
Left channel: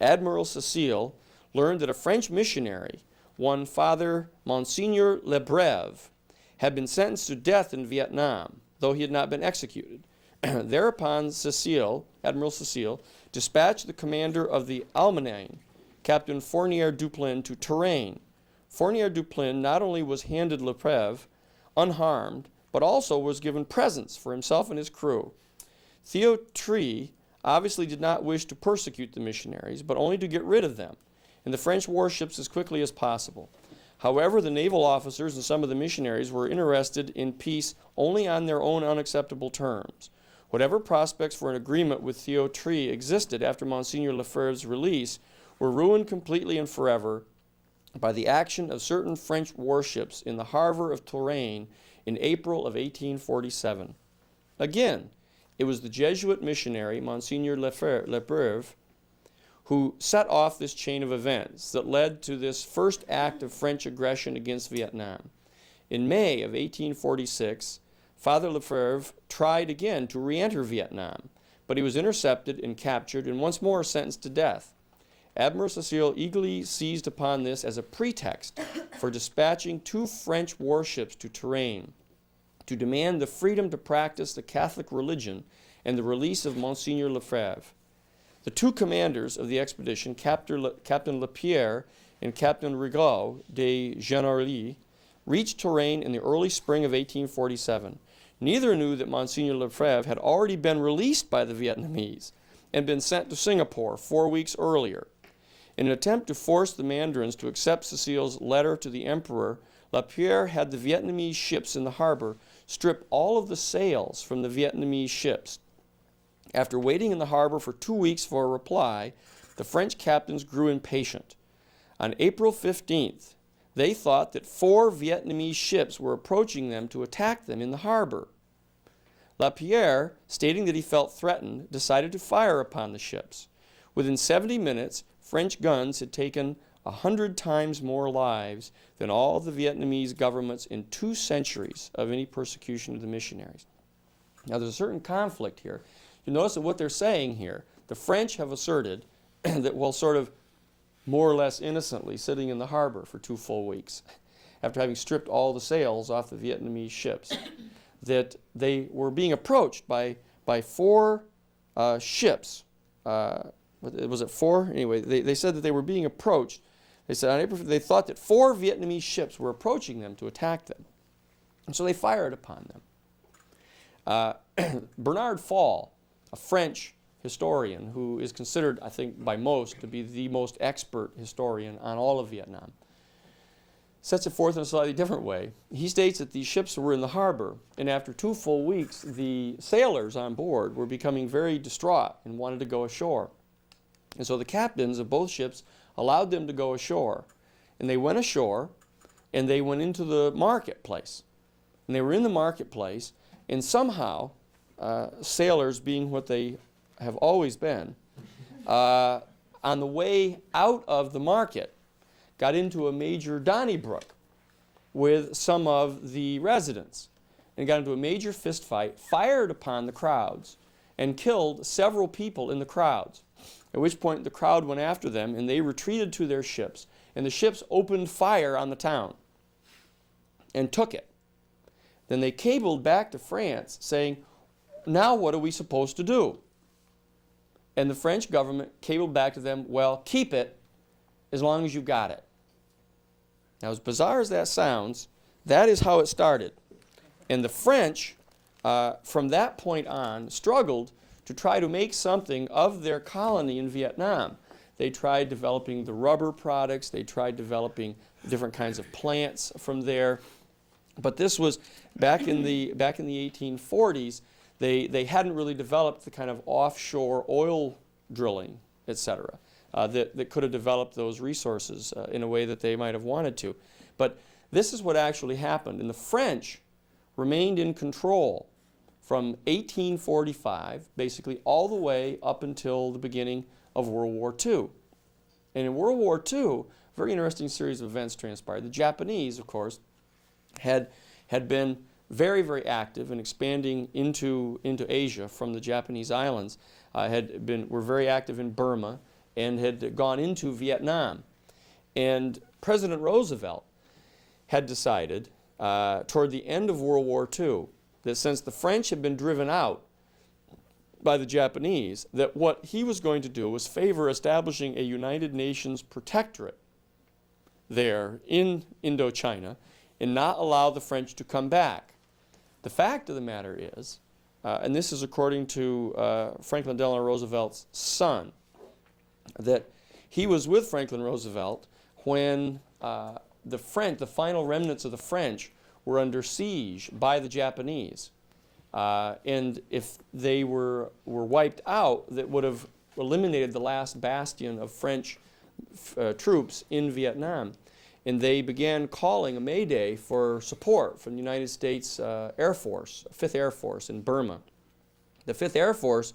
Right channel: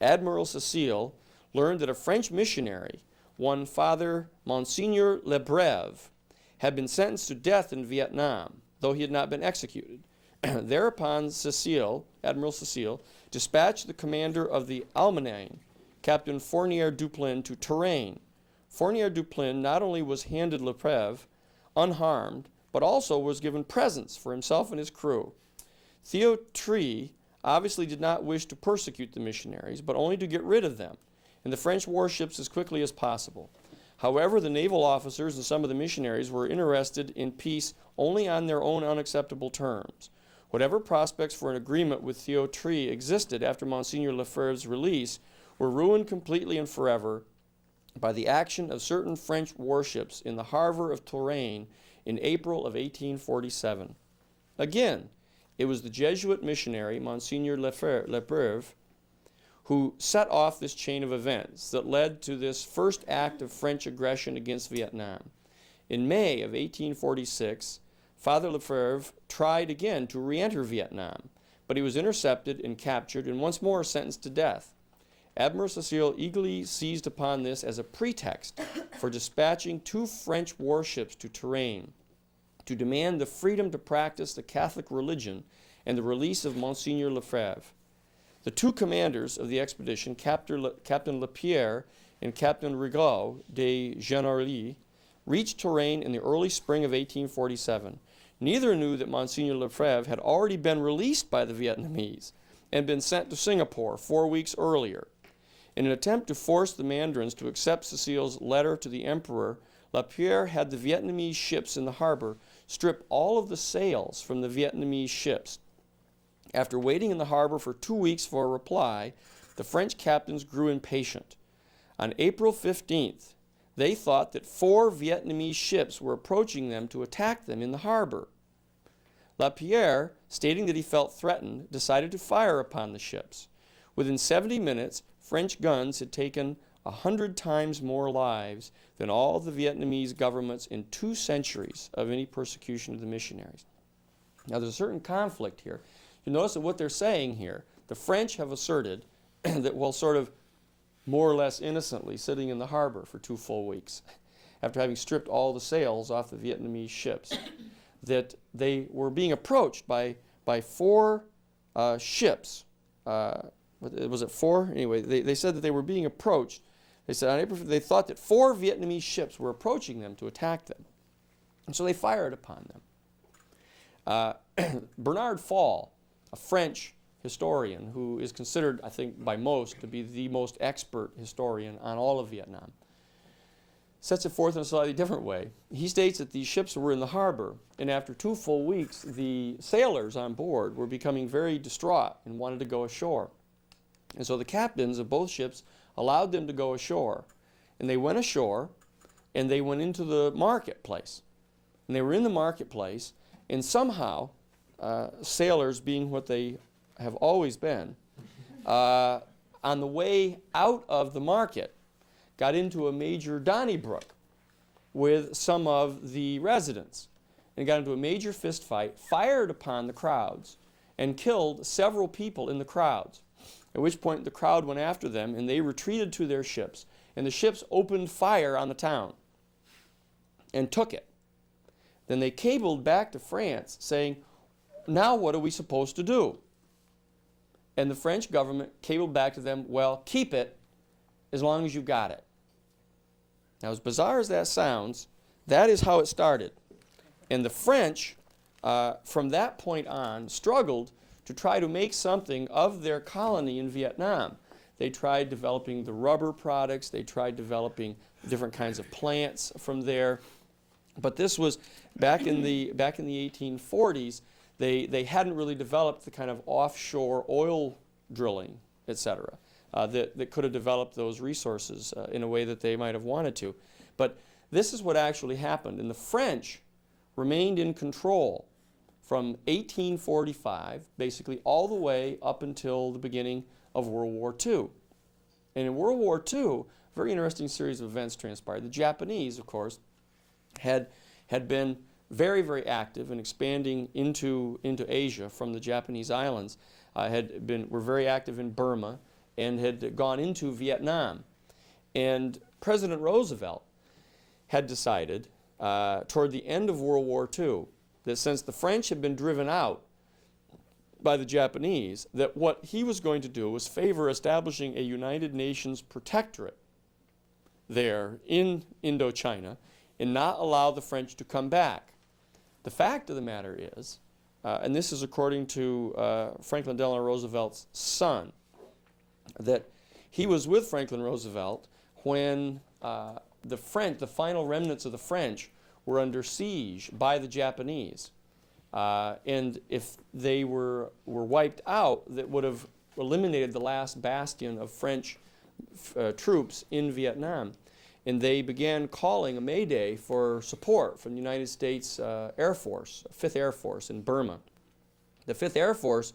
Admiral Cecile learned that a French missionary, one Father Monseigneur Lebreve, had been sentenced to death in Viet Nam, though he had not been executed. Thereupon Admiral Cecile, dispatched the commander of the Almaine, Captain Fournier Duplin, to Touraine. Fournier Duplin not only was handed Lebreve unharmed, but also was given presents for himself and his crew. Thieu-Tree obviously did not wish to persecute the missionaries, but only to get rid of them and the French warships as quickly as possible. However, the naval officers and some of the missionaries were interested in peace only on their own unacceptable terms. Whatever prospects for an agreement with Thieu-Tree existed after Monseigneur Lefebvre's release were ruined completely and forever by the action of certain French warships in the harbor of Touraine in April of 1847. Again, it was the Jesuit missionary, Monseigneur Lefebvre, who set off this chain of events that led to this first act of French aggression against Viet Nam. In May of 1846, Father Lefebvre tried again to re-enter Vietnam, but he was intercepted and captured and once more sentenced to death. Admiral Cecile eagerly seized upon this as a pretext for dispatching 2 French warships to Touraine to demand the freedom to practice the Catholic religion and the release of Monseigneur Lefebvre. The 2 commanders of the expedition, Captain Lapierre and Captain Rigaud de Genarly, reached Touraine in the early spring of 1847. Neither knew that Monseigneur Lefebvre had already been released by the Vietnamese and been sent to Singapore 4 weeks earlier. In an attempt to force the mandarins to accept Cecile's letter to the emperor, Lapierre had the Vietnamese ships in the harbor strip all of the sails from the Vietnamese ships. After waiting in the harbor for 2 weeks for a reply, the French captains grew impatient. On April 15th, they thought that 4 Vietnamese ships were approaching them to attack them in the harbor. Lapierre, stating that he felt threatened, decided to fire upon the ships. Within 70 minutes, French guns had taken 100 times more lives than all the Vietnamese governments in 2 centuries of any persecution of the missionaries. Now, there's a certain conflict here. You notice that what they're saying here, the French have asserted that, well, sort of more or less innocently sitting in the harbor for 2 full weeks, after having stripped all the sails off the Vietnamese ships, that they were being approached by 4 ships. Was it 4? Anyway, they said that they were being approached. They said they thought that 4 Vietnamese ships were approaching them to attack them. And so they fired upon them. Bernard Fall, a French historian who is considered, I think, by most to be the most expert historian on all of Vietnam, sets it forth in a slightly different way. He states that these ships were in the harbor, and after 2 full weeks, the sailors on board were becoming very distraught and wanted to go ashore. And so the captains of both ships allowed them to go ashore. And they went ashore, and they went into the marketplace. And they were in the marketplace, and somehow, sailors being what they have always been, on the way out of the market, got into a major Donnybrook with some of the residents and got into a major fist fight, fired upon the crowds, and killed several people in the crowds, at which point the crowd went after them and they retreated to their ships, and the ships opened fire on the town and took it. Then they cabled back to France saying, now what are we supposed to do? And the French government cabled back to them, well, keep it as long as you've got it. Now, as bizarre as that sounds, that is how it started. And the French, from that point on, struggled to try to make something of their colony in Vietnam. They tried developing the rubber products. They tried developing different kinds of plants from there. But this was back in the 1840s. They hadn't really developed the kind of offshore oil drilling, etc., that could have developed those resources in a way that they might have wanted to. But this is what actually happened. And the French remained in control from 1845, basically all the way up until the beginning of World War II. And in World War II, a very interesting series of events transpired. The Japanese, of course, had been very, very active in expanding into Asia from the Japanese islands, were very active in Burma, and had gone into Vietnam. And President Roosevelt had decided toward the end of World War II that since the French had been driven out by the Japanese, that what he was going to do was favor establishing a United Nations protectorate there in Indochina and not allow the French to come back. The fact of the matter is, and this is according to Franklin Delano Roosevelt's son, that he was with Franklin Roosevelt when the final remnants of the French were under siege by the Japanese. And if they were wiped out, that would have eliminated the last bastion of French troops in Vietnam. And they began calling a mayday for support from the United States Air Force, 5th Air Force in Burma. The 5th Air Force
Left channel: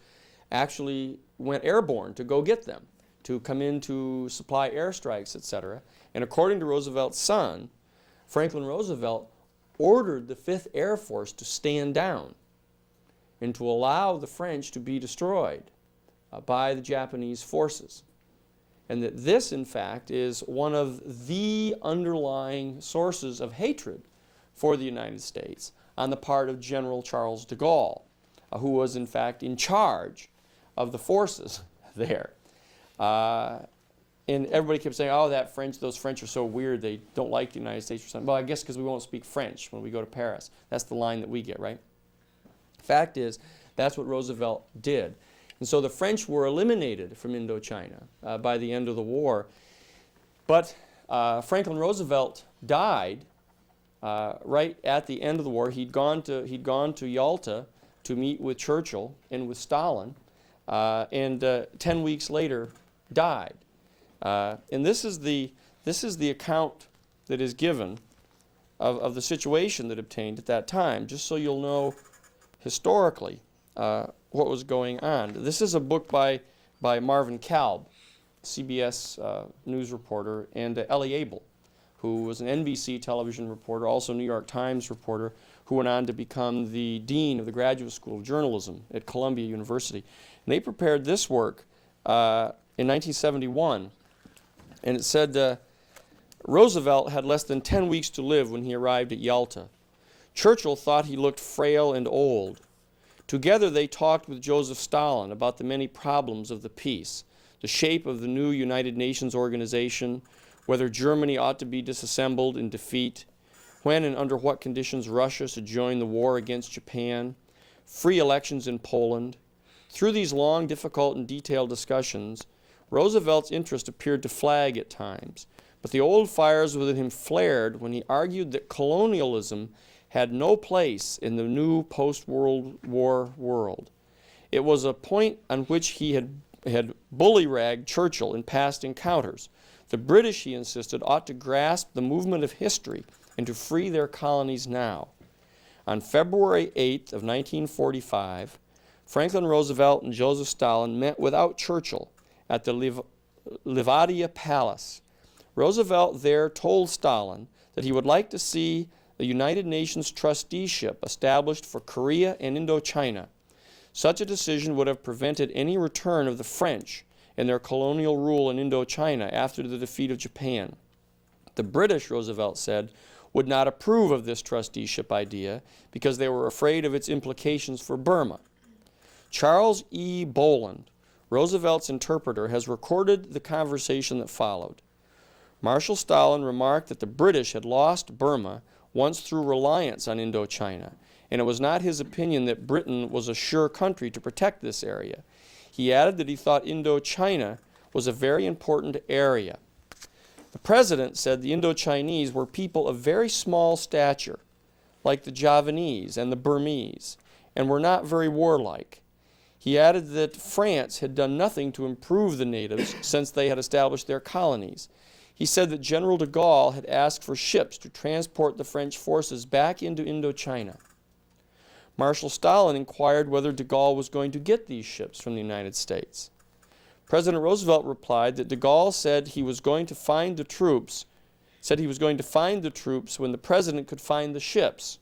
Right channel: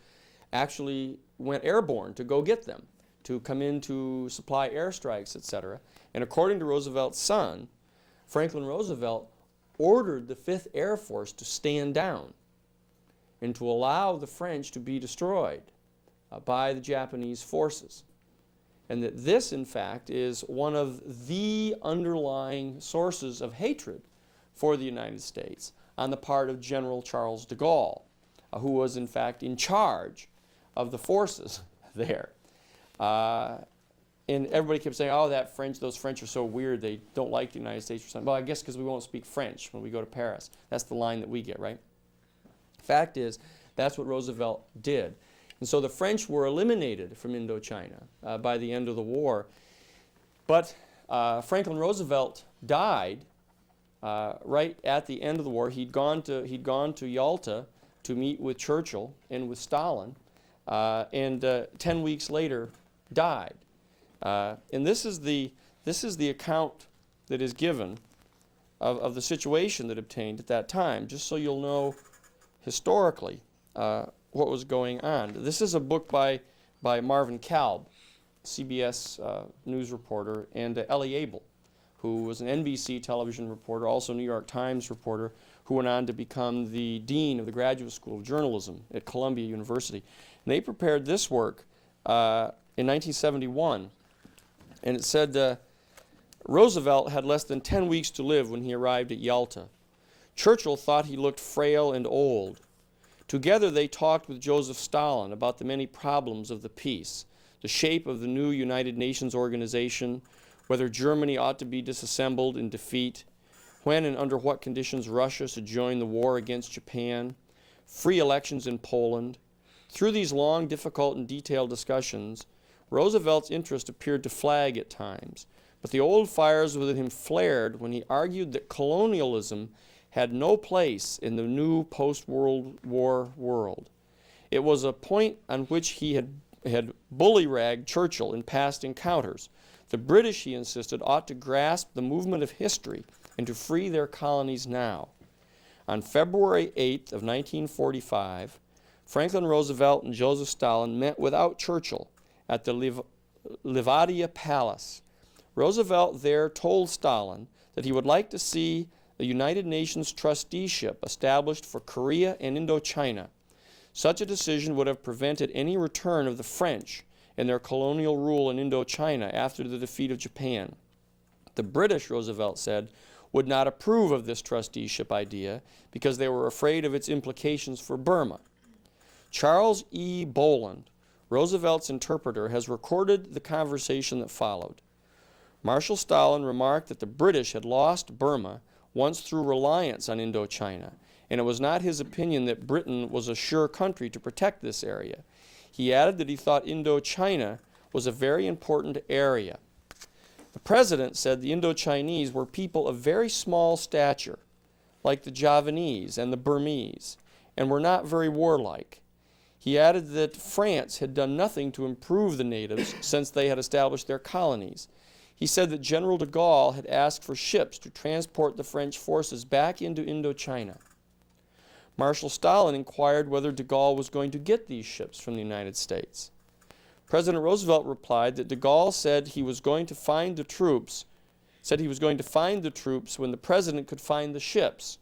actually went airborne to go get them, to come in to supply airstrikes, etc. And according to Roosevelt's son, Franklin Roosevelt ordered the 5th Air Force to stand down and to allow the French to be destroyed by the Japanese forces. And that this, in fact, is one of the underlying sources of hatred for the United States on the part of General Charles de Gaulle, who was, in fact, in charge of the forces there. And everybody kept saying, oh, those French are so weird, they don't like the United States or something. Well, I guess because we won't speak French when we go to Paris. That's the line that we get, right? Fact is, that's what Roosevelt did. And so the French were eliminated from Indochina by the end of the war. But Franklin Roosevelt died right at the end of the war. He'd gone to Yalta to meet with Churchill and with Stalin, and 10 weeks later died. And this is the account that is given of the situation that obtained at that time, just so you'll know historically what was going on. This is a book by Marvin Kalb, CBS news reporter, and Ellie Abel, who was an NBC television reporter, also New York Times reporter, who went on to become the dean of the Graduate School of Journalism at Columbia University. And they prepared this work in 1971, and it said, Roosevelt had less than 10 weeks to live when he arrived at Yalta. Churchill thought he looked frail and old. Together they talked with Joseph Stalin about the many problems of the peace, the shape of the new United Nations organization, whether Germany ought to be disassembled in defeat, when and under what conditions Russia should join the war against Japan, free elections in Poland. Through these long, difficult, and detailed discussions, Roosevelt's interest appeared to flag at times, but the old fires within him flared when he argued that colonialism had no place in the new post-World War world. It was a point on which he had bully-ragged Churchill in past encounters. The British, he insisted, ought to grasp the movement of history and to free their colonies now. On February 8th of 1945, Franklin Roosevelt and Joseph Stalin met without Churchill at the Livadia Palace. Roosevelt there told Stalin that he would like to see the United Nations trusteeship established for Korea and Indochina. Such a decision would have prevented any return of the French and their colonial rule in Indochina after the defeat of Japan. The British, Roosevelt said, would not approve of this trusteeship idea because they were afraid of its implications for Burma. Charles E. Boland, Roosevelt's interpreter, has recorded the conversation that followed. Marshal Stalin remarked that the British had lost Burma once through reliance on Indochina, and it was not his opinion that Britain was a sure country to protect this area. He added that he thought Indochina was a very important area. The president said the Indochinese were people of very small stature, like the Javanese and the Burmese, and were not very warlike. He added that France had done nothing to improve the natives since they had established their colonies. He said that General de Gaulle had asked for ships to transport the French forces back into Indochina. Marshal Stalin inquired whether de Gaulle was going to get these ships from the United States. President Roosevelt replied that de Gaulle said he was going to find the troops when the president could find the ships.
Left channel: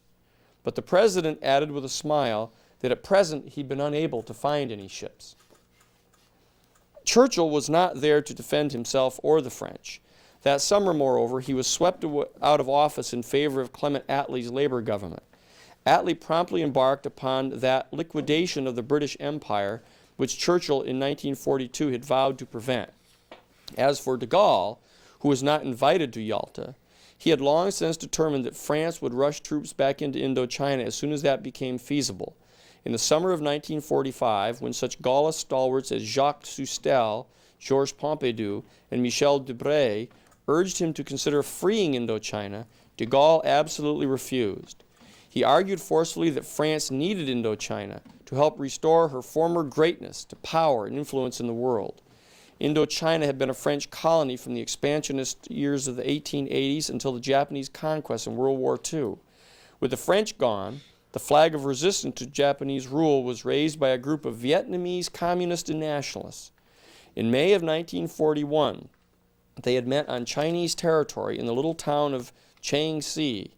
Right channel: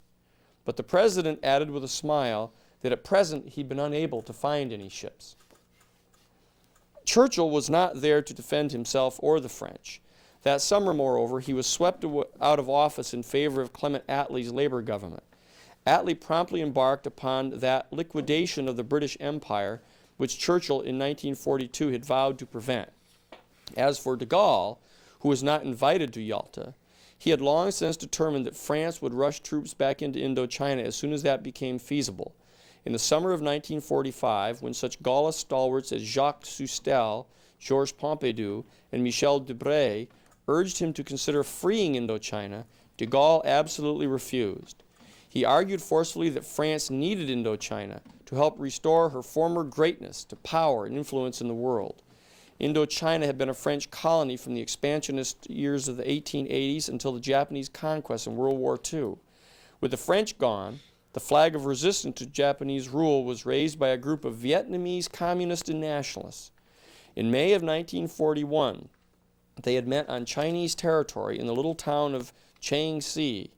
But the president added with a smile that at present he'd been unable to find any ships. Churchill was not there to defend himself or the French. That summer, moreover, he was swept out of office in favor of Clement Attlee's Labour government. Attlee promptly embarked upon that liquidation of the British Empire which Churchill in 1942 had vowed to prevent. As for de Gaulle, who was not invited to Yalta, he had long since determined that France would rush troops back into Indochina as soon as that became feasible. In the summer of 1945, when such Gaullist stalwarts as Jacques Soustelle, Georges Pompidou, and Michel Debré urged him to consider freeing Indochina, de Gaulle absolutely refused. He argued forcefully that France needed Indochina to help restore her former greatness to power and influence in the world. Indochina had been a French colony from the expansionist years of the 1880s until the Japanese conquest in World War II. With the French gone, the flag of resistance to Japanese rule was raised by a group of Vietnamese communists and nationalists. In May of 1941, they had met on Chinese territory in the little town of Chiang Si.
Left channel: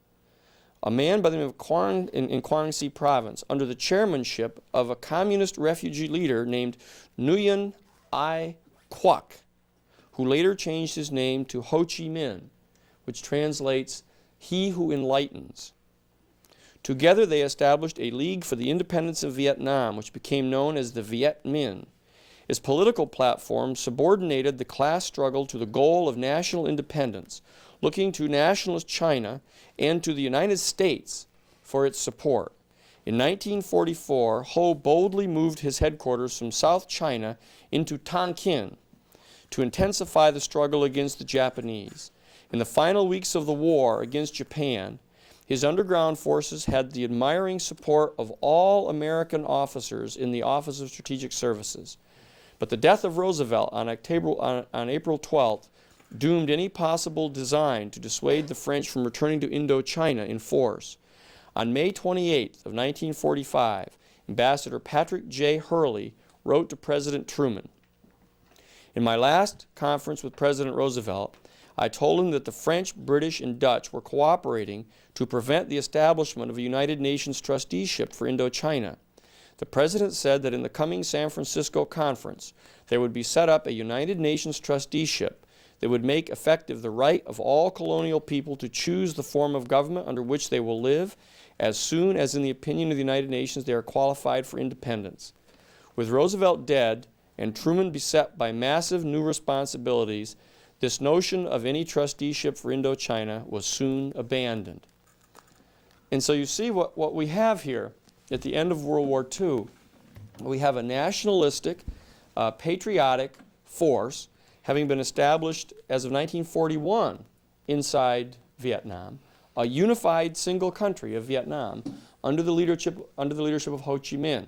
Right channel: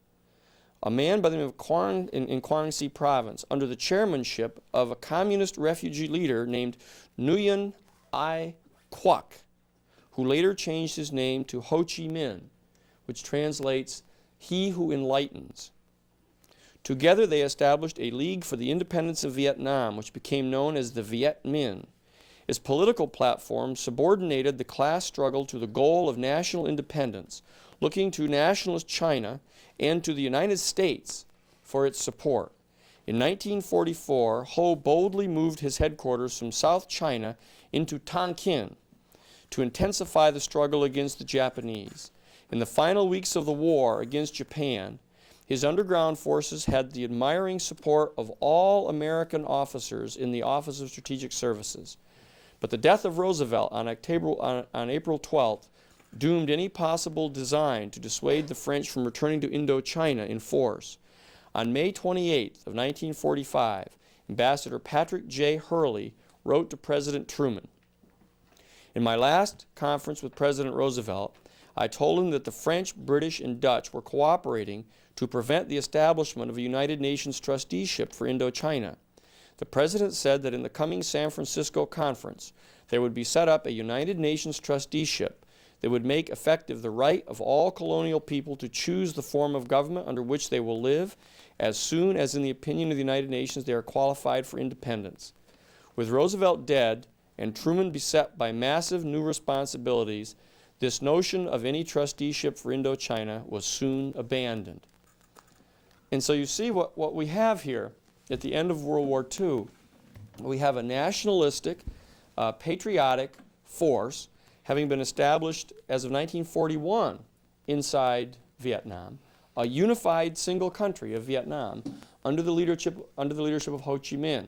A man by the name of Quang in Quang Si province, under the chairmanship of a communist refugee leader named Nguyen Ai Quoc, who later changed his name to Ho Chi Minh, which translates, "He who enlightens." Together they established a League for the Independence of Viet Nam, which became known as the Viet Minh. Its political platform subordinated the class struggle to the goal of national independence, looking to nationalist China and to the United States for its support. In 1944, Ho boldly moved his headquarters from South China into Tonkin to intensify the struggle against the Japanese. In the final weeks of the war against Japan, his underground forces had the admiring support of all American officers in the Office of Strategic Services. But the death of Roosevelt on April 12th doomed any possible design to dissuade the French from returning to Indochina in force. On May 28th of 1945, Ambassador Patrick J. Hurley wrote to President Truman, "In my last conference with President Roosevelt, I told him that the French, British, and Dutch were cooperating to prevent the establishment of a United Nations trusteeship for Indochina. The President said that in the coming San Francisco conference, there would be set up a United Nations trusteeship that would make effective the right of all colonial people to choose the form of government under which they will live as soon as, in the opinion of the United Nations, they are qualified for independence." With Roosevelt dead and Truman beset by massive new responsibilities, this notion of any trusteeship for Indochina was soon abandoned. And so you see what we have here at the end of World War II. We have a nationalistic, patriotic force having been established as of 1941 inside Vietnam, a unified single country of Vietnam under the leadership of Ho Chi Minh.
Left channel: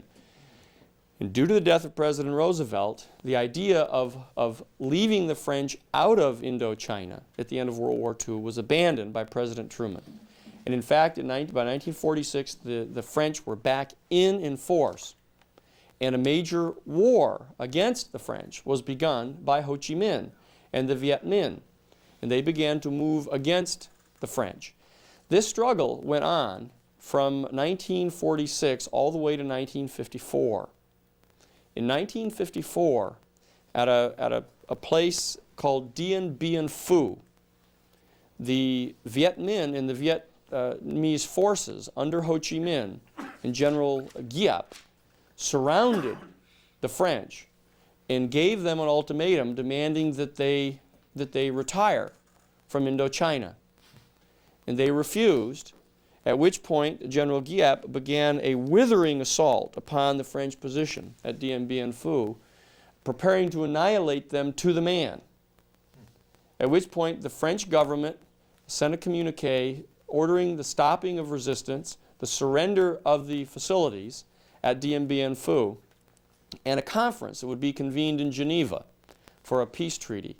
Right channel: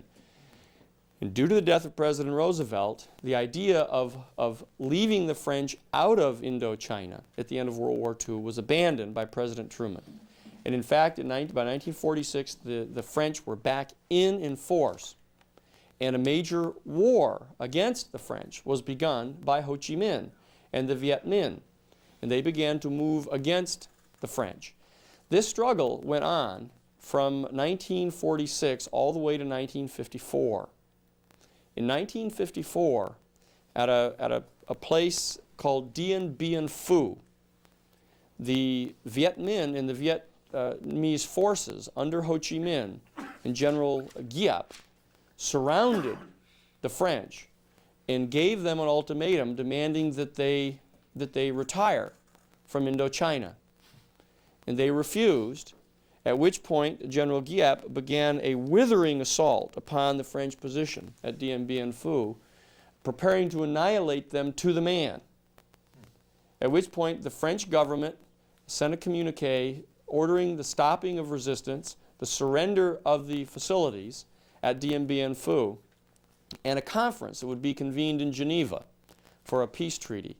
And due to the death of President Roosevelt, the idea of leaving the French out of Indochina at the end of World War II was abandoned by President Truman. And in fact, by 1946, the French were back in force. And a major war against the French was begun by Ho Chi Minh and the Viet Minh. And they began to move against the French. This struggle went on from 1946 all the way to 1954. In 1954, at a place called Dien Bien Phu, the Viet Minh and the Vietnamese forces under Ho Chi Minh and General Giap surrounded the French and gave them an ultimatum demanding that they retire from Indochina. And they refused, at which point General Giap began a withering assault upon the French position at Dien Bien Phu, preparing to annihilate them to the man. At which point the French government sent a communique ordering the stopping of resistance, the surrender of the facilities at Dien Bien Phu, and a conference that would be convened in Geneva for a peace treaty.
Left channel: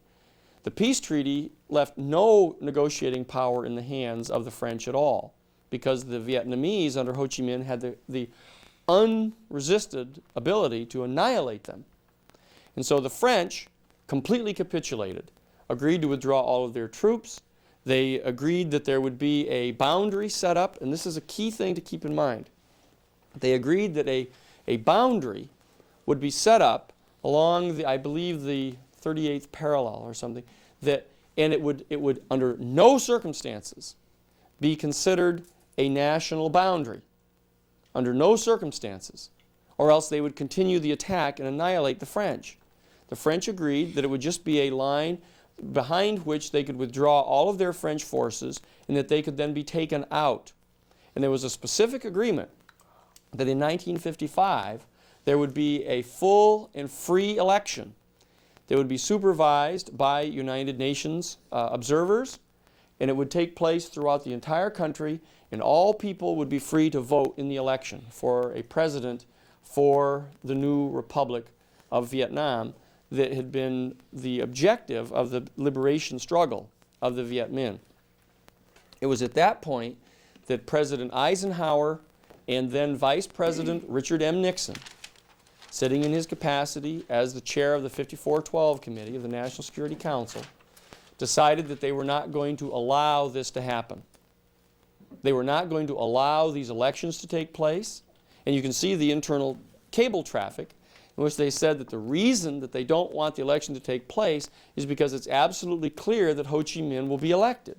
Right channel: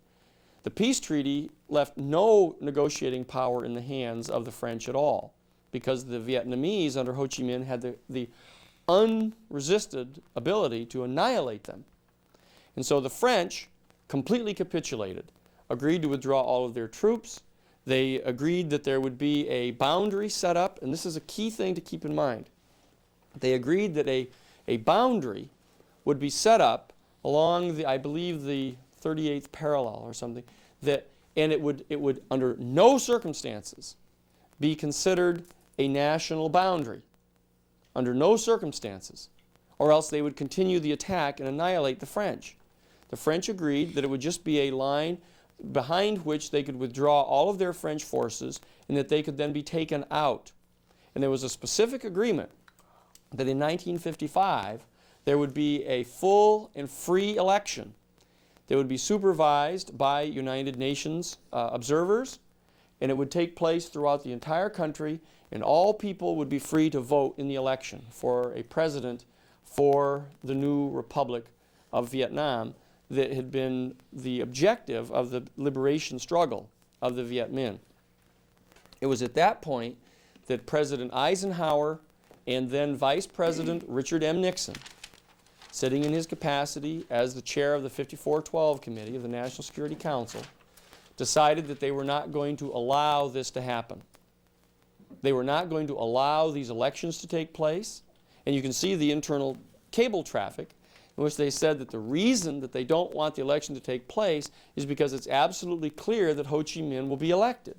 The peace treaty left no negotiating power in the hands of the French at all, because the Vietnamese under Ho Chi Minh had the unresisted ability to annihilate them. And so the French completely capitulated, agreed to withdraw all of their troops. They agreed that there would be a boundary set up, and this is a key thing to keep in mind. They agreed that a boundary would be set up along the, I believe, the 38th parallel or something, and it would under no circumstances be considered a national boundary, under no circumstances, or else they would continue the attack and annihilate the French. The French agreed that it would just be a line behind which they could withdraw all of their French forces and that they could then be taken out. And there was a specific agreement that in 1955 there would be a full and free election that would be supervised by United Nations observers, and it would take place throughout the entire country, and all people would be free to vote in the election for a president for the new Republic of Vietnam that had been the objective of the liberation struggle of the Viet Minh. It was at that point that President Eisenhower and then Vice President Richard M. Nixon, sitting in his capacity as the chair of the 5412 Committee of the National Security Council, decided that they were not going to allow this to happen. They were not going to allow these elections to take place. And you can see the internal cable traffic in which they said that the reason that they don't want the election to take place is because it's absolutely clear that Ho Chi Minh will be elected,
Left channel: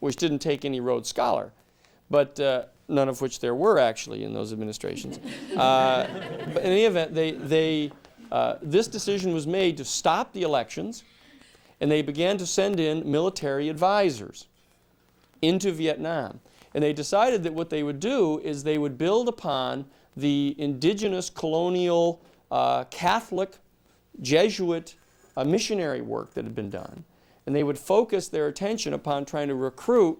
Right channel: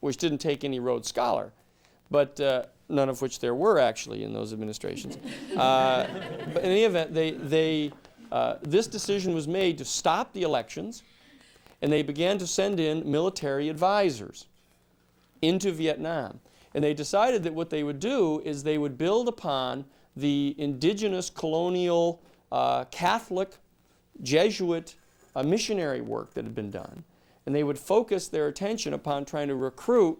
which didn't take any Rhodes Scholar, but none of which there were actually in those administrations. But in any event, this decision was made to stop the elections, and they began to send in military advisors into Vietnam. And they decided that what they would do is they would build upon the indigenous colonial Catholic Jesuit missionary work that had been done. And they would focus their attention upon trying to recruit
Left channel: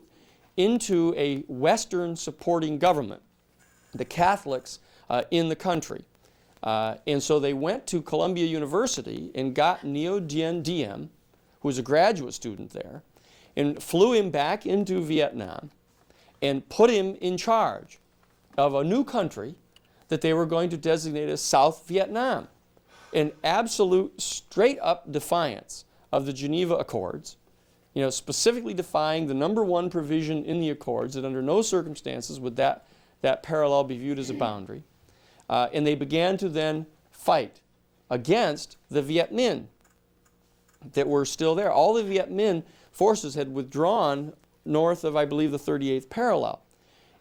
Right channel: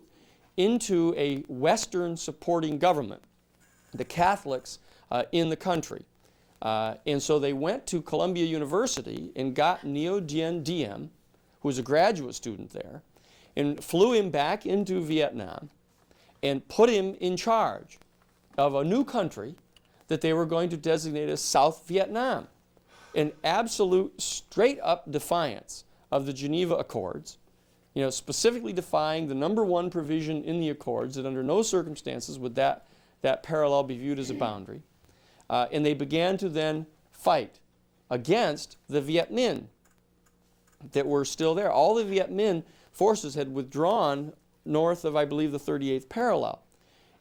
into a Western supporting government, the Catholics in the country. And so they went to Columbia University and got Ngo Dien Diem, who was a graduate student there, and flew him back into Vietnam and put him in charge of a new country that they were going to designate as South Vietnam, in absolute straight-up defiance of the Geneva Accords, specifically defying the number one provision in the Accords that under no circumstances would that parallel be viewed as a boundary. And they began to then fight against the Viet Minh that were still there. All the Viet Minh forces had withdrawn north of, I believe, the 38th parallel.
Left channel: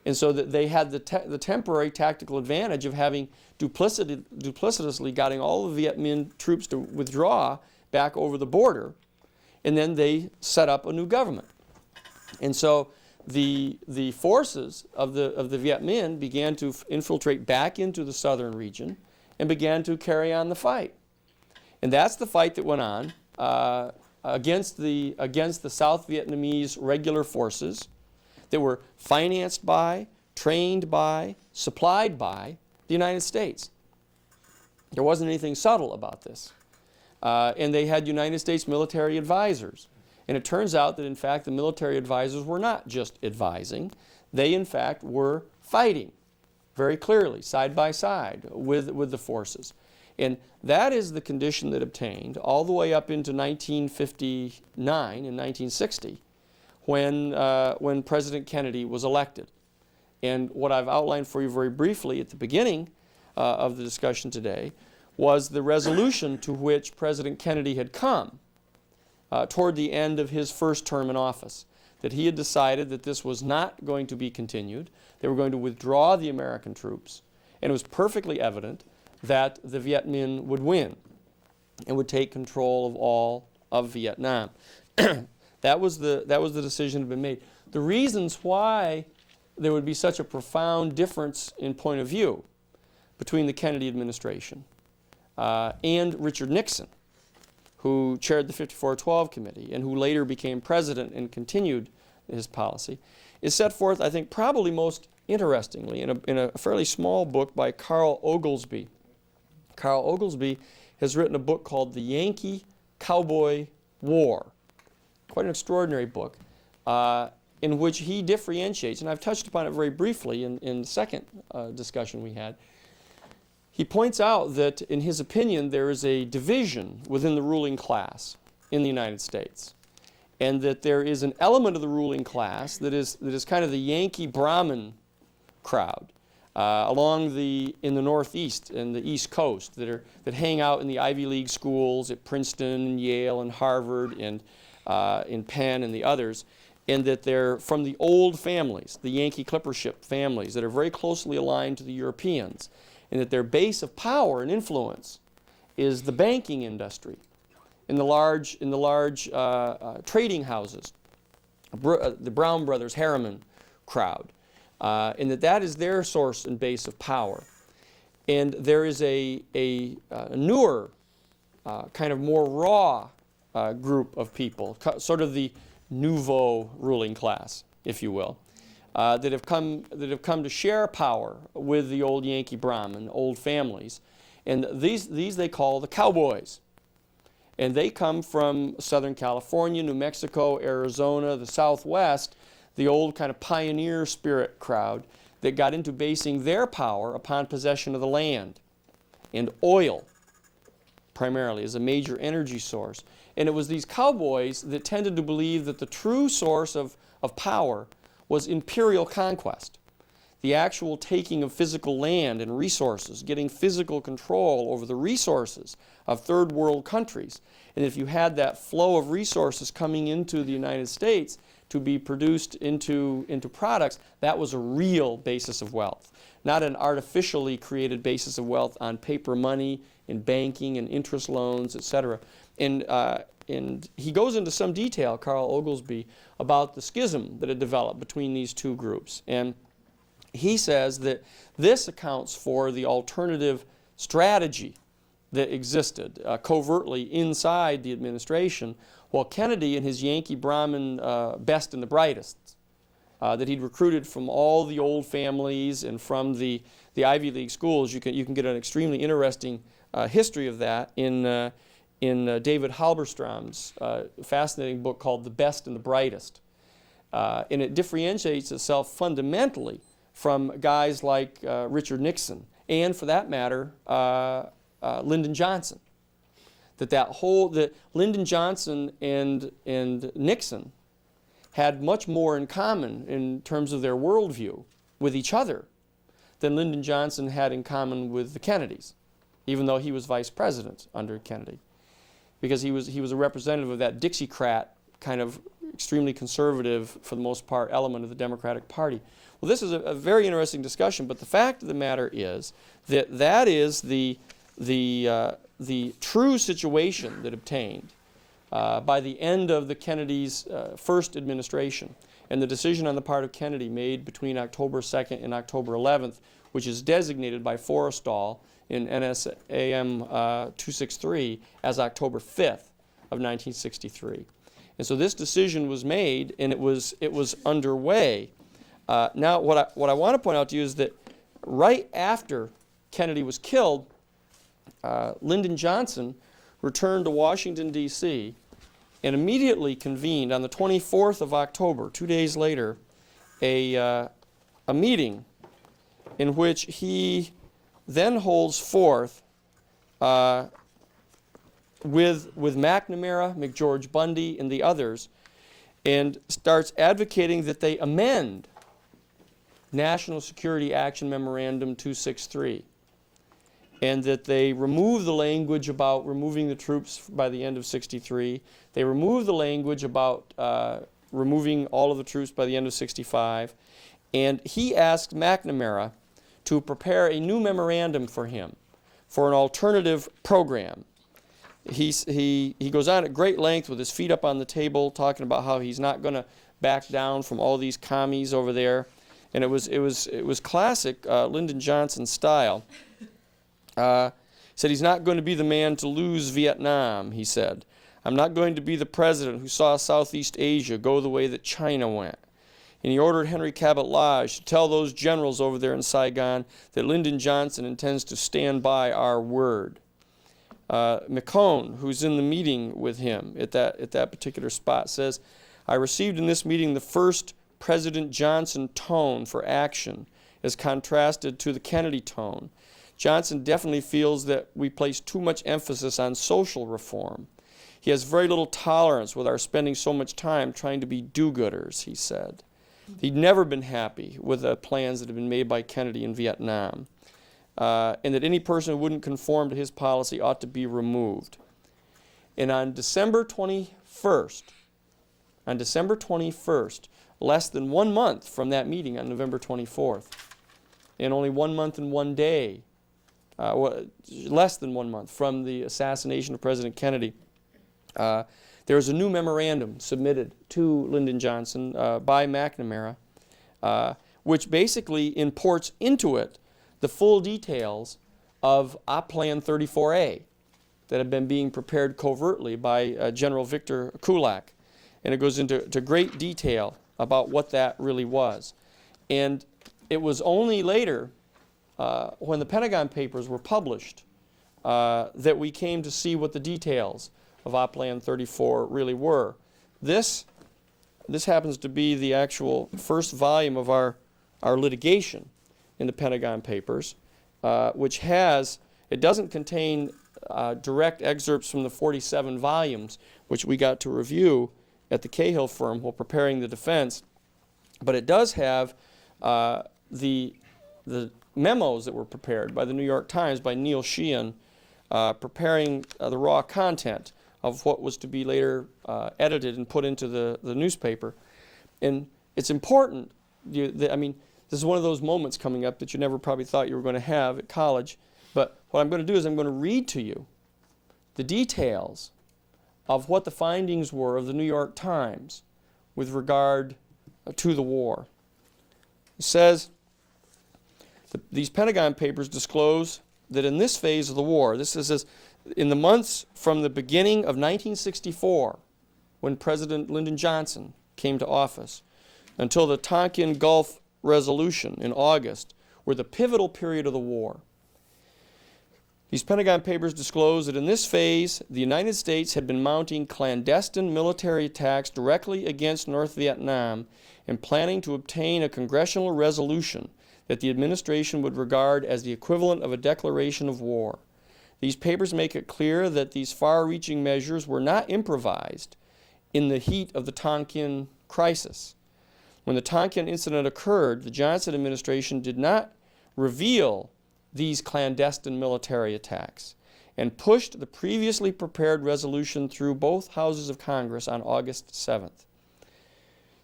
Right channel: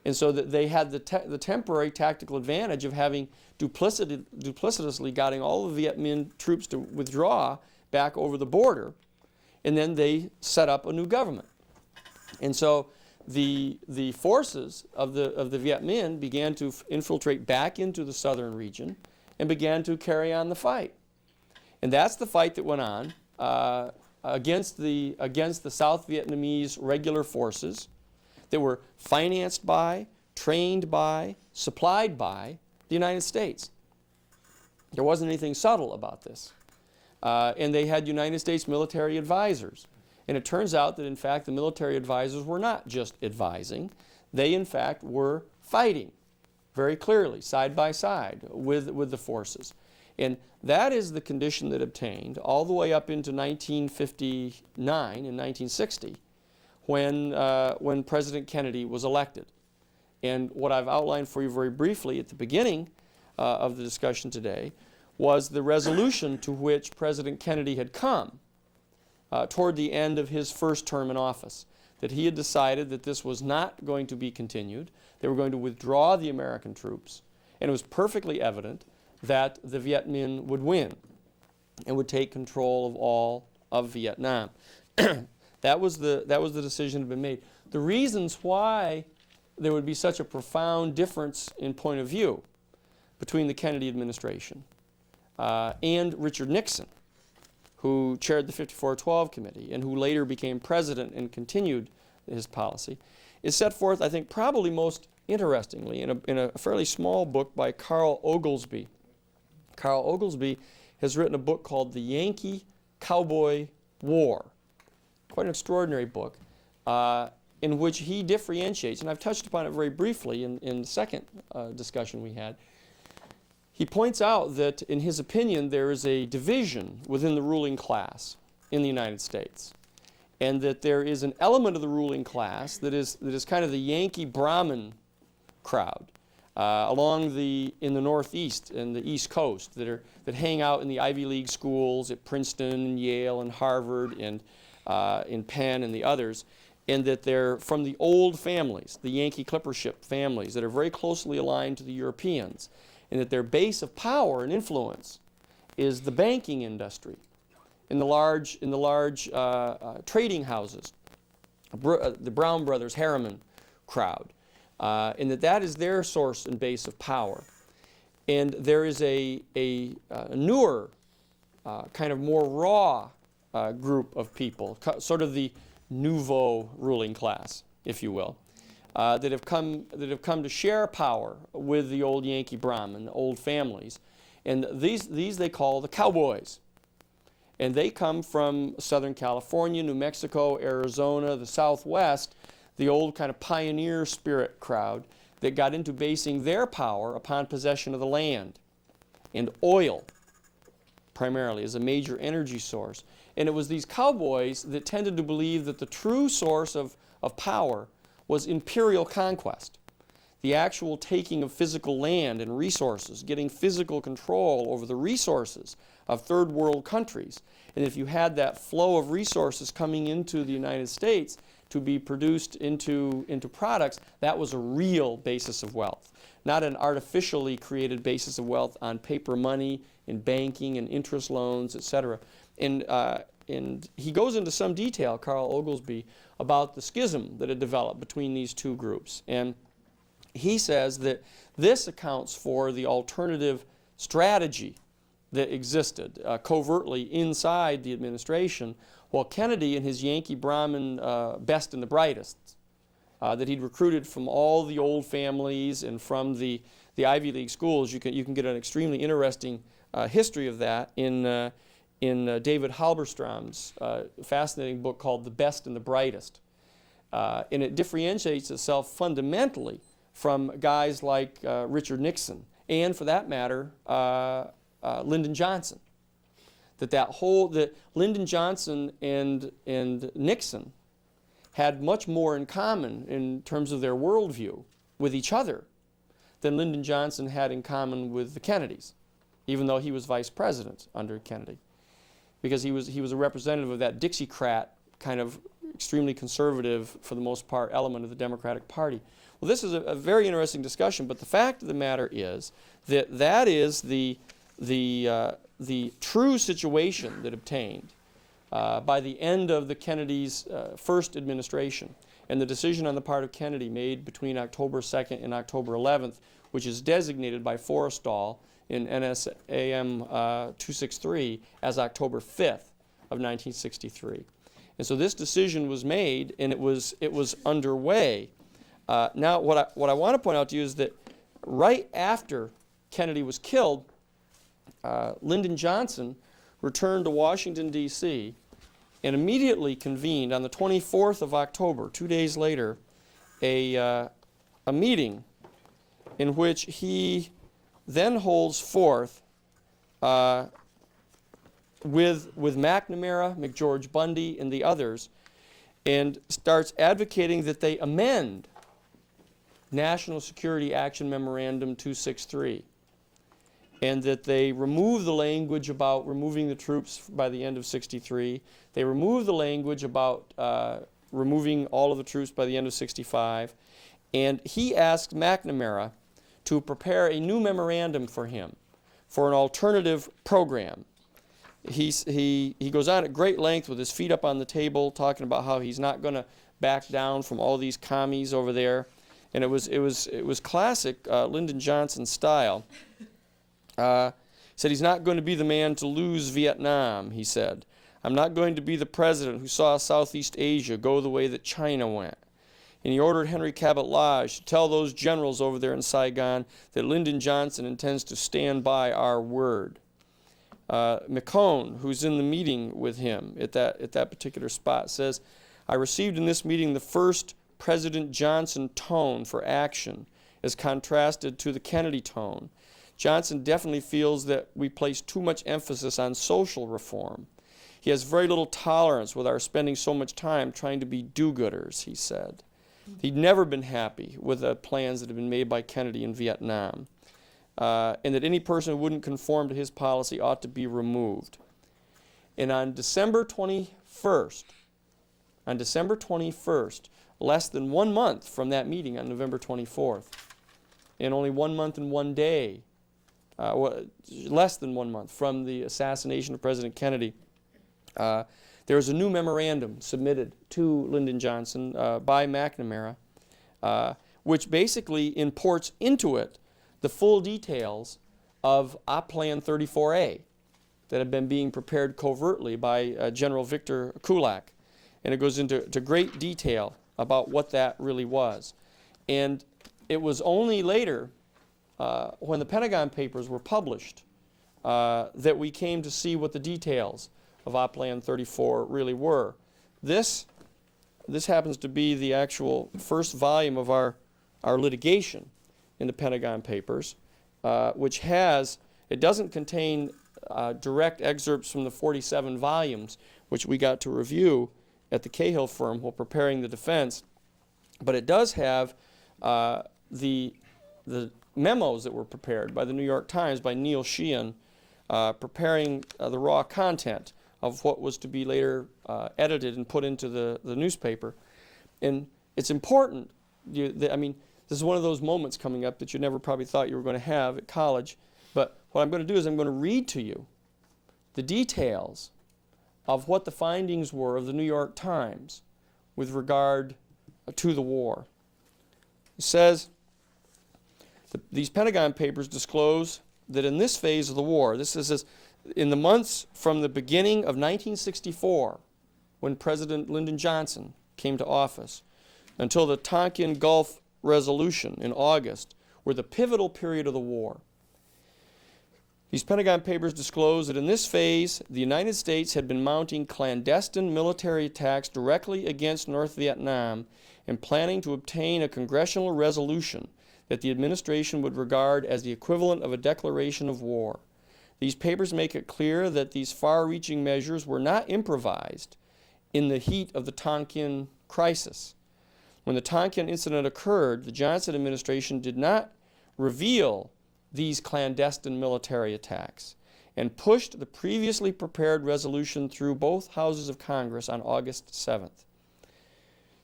And so that they had the temporary tactical advantage of having duplicitously getting all the Viet Minh troops to withdraw back over the border, and then they set up a new government. And so the forces of the Viet Minh began to infiltrate back into the southern region and began to carry on the fight. And that's the fight that went on against the South Vietnamese regular forces that were financed by, trained by, supplied by the United States. There wasn't anything subtle about this. And they had United States military advisors. And it turns out that, in fact, the military advisors were not just advising. They, in fact, were fighting very clearly, side by side, with the forces. And that is the condition that obtained all the way up into 1959 and 1960, when President Kennedy was elected. And what I've outlined for you very briefly at the beginning of the discussion today was the resolution to which President Kennedy had come toward the end of his first term in office, that he had decided that this was not going to be continued. They were going to withdraw the American troops, and it was perfectly evident that the Viet Minh would win and would take control of all of Viet Nam. That was the decision that had been made. The reasons why there would be such a profound difference in point of view between the Kennedy administration and Richard Nixon, who chaired the 54-12 committee and who later became president and continued his policy, is set forth, I think, probably most interestingly in a fairly small book by Carl Oglesby. Carl Oglesby has written a book called The Yankee Cowboy War. Quite an extraordinary book in which he differentiates, and I've touched upon it very briefly in the second discussion we had. He points out that, in his opinion, there is a division within the ruling class in the United States, and that there is an element of the ruling class that is kind of the Yankee Brahmin crowd in the Northeast and the East Coast that hang out in the Ivy League schools at Princeton and Yale and Harvard and in Penn and the others, and that they're from the old families, the Yankee clippership families that are very closely aligned to the Europeans, and that their base of power and influence is the banking industry in the large trading houses, the Brown Brothers Harriman crowd, and that is their source and base of power. And there is a newer, kind of more raw group of people, sort of the nouveau ruling class, if you will, that have come to share power with the old Yankee Brahmin, old families, and these they call the cowboys, and they come from Southern California, New Mexico, Arizona, the Southwest, the old kind of pioneer spirit crowd that got into basing their power upon possession of the land and oil, primarily as a major energy source. And it was these cowboys that tended to believe that the true source of power was imperial conquest, the actual taking of physical land and resources, getting physical control over the resources of third world countries. And if you had that flow of resources coming into the United States to be produced into products, that was a real basis of wealth, not an artificially created basis of wealth on paper money and banking and interest loans, etc. And he goes into some detail, Carl Oglesby, about the schism that had developed between these two groups. And he says that this accounts for the alternative strategy that existed covertly inside the administration, while Kennedy and his Yankee Brahmin best and the brightest that he'd recruited from all the old families and from the Ivy League schools. You can get an extremely interesting history of that in David Halberstram's fascinating book called The Best and the Brightest. And it differentiates itself fundamentally from guys like Richard Nixon and, for that matter, Lyndon Johnson. That Lyndon Johnson and Nixon had much more in common in terms of their worldview with each other than Lyndon Johnson had in common with the Kennedys, even though he was vice president under Kennedy, because he was a representative of that Dixiecrat kind of extremely conservative, for the most part, element of the Democratic Party. Well, this is a very interesting discussion, but the fact of the matter is that is the true situation that obtained by the end of the Kennedy's first administration, and the decision on the part of Kennedy made between October 2nd and October 11th, which is designated by Forrestal in NSAM 263 as October 5th of 1963. And so this decision was made, and it was underway. Now, what I want to point out to you is that right after Kennedy was killed, Lyndon Johnson returned to Washington, D.C., and immediately convened on the 24th of October, 2 days later, a meeting in which he then holds forth with McNamara, McGeorge Bundy, and the others, and starts advocating that they amend National Security Action Memorandum 263, and that they removed the language about removing the troops by the end of 63. They removed the language about removing all of the troops by the end of 65, and he asked McNamara to prepare a new memorandum for him for an alternative program. He goes on at great length with his feet up on the table, talking about how he's not going to back down from all these commies over there, and it was classic Lyndon Johnson style. Said he's not going to be the man to lose Viet Nam. He said, "I'm not going to be the president who saw Southeast Asia go the way that China went." And he ordered Henry Cabot Lodge to tell those generals over there in Saigon that Lyndon Johnson intends to stand by our word. McCone, who's in the meeting with him at that particular spot, says, "I received in this meeting the first President Johnson tone for action as contrasted to the Kennedy tone. Johnson definitely feels that we place too much emphasis on social reform. He has very little tolerance with our spending so much time trying to be do-gooders," he said. He'd never been happy with the plans that had been made by Kennedy in Vietnam, and that any person who wouldn't conform to his policy ought to be removed. And on December 21st, less than 1 month from that meeting on November 24th, and only 1 month and 1 day, less than 1 month from the assassination of President Kennedy, there was a new memorandum submitted to Lyndon Johnson by McNamara, which basically imports into it the full details of Op Plan 34A that had been being prepared covertly by General Victor Kulak. And it goes into great detail about what that really was. And it was only later, when the Pentagon Papers were published, that we came to see what the details of Op Plan 34 really were. This happens to be the actual first volume of our litigation in the Pentagon Papers, which it doesn't contain direct excerpts from the 47 volumes, which we got to review at the Cahill firm while preparing the defense, but it does have the memos that were prepared by the New York Times by Neil Sheehan, preparing the raw content of what was to be later edited and put into the newspaper. And it's important, this is one of those moments coming up that you never probably thought you were going to have at college, but what I'm going to do is I'm going to read to you the details of what the findings were of the New York Times with regard to the war. It says, these Pentagon Papers disclose that in this phase of the war, this is in the months from the beginning of 1964, when President Lyndon Johnson came to office, until the Tonkin Gulf Resolution in August, were the pivotal period of the war. These Pentagon Papers disclose that in this phase, the United States had been mounting clandestine military attacks directly against North Vietnam and planning to obtain a congressional resolution that the administration would regard as the equivalent of a declaration of war. These papers make it clear that these far-reaching measures were not improvised in the heat of the Tonkin crisis. When the Tonkin incident occurred, the Johnson administration did not reveal these clandestine military attacks and pushed the previously prepared resolution through both houses of Congress on August 7th.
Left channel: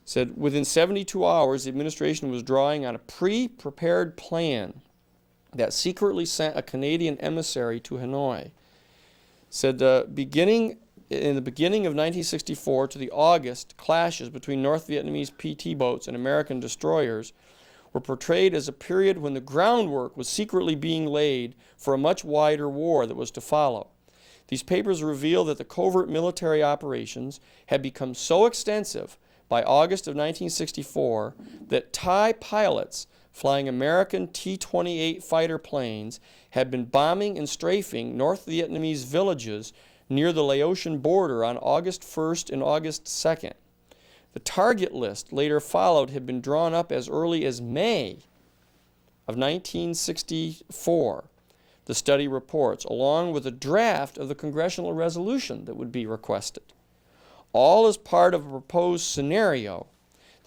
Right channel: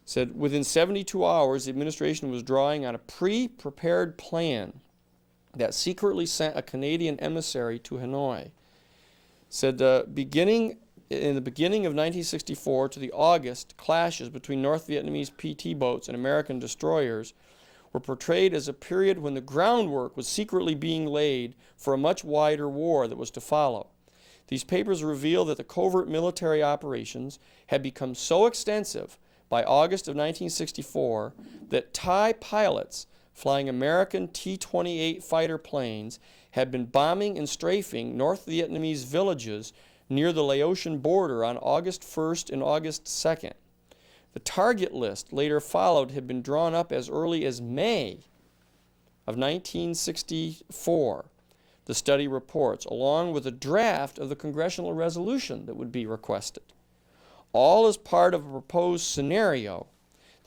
Said within 72 hours, the administration was drawing on a pre-prepared plan that secretly sent a Canadian emissary to Hanoi. Said beginning in the beginning of 1964 to the August clashes between North Vietnamese PT boats and American destroyers were portrayed as a period when the groundwork was secretly being laid for a much wider war that was to follow. These papers reveal that the covert military operations had become so extensive by August of 1964 that Thai pilots flying American T-28 fighter planes had been bombing and strafing North Vietnamese villages near the Laotian border on August 1st and August 2nd. The target list later followed had been drawn up as early as May of 1964, the study reports, along with a draft of the congressional resolution that would be requested, all as part of a proposed scenario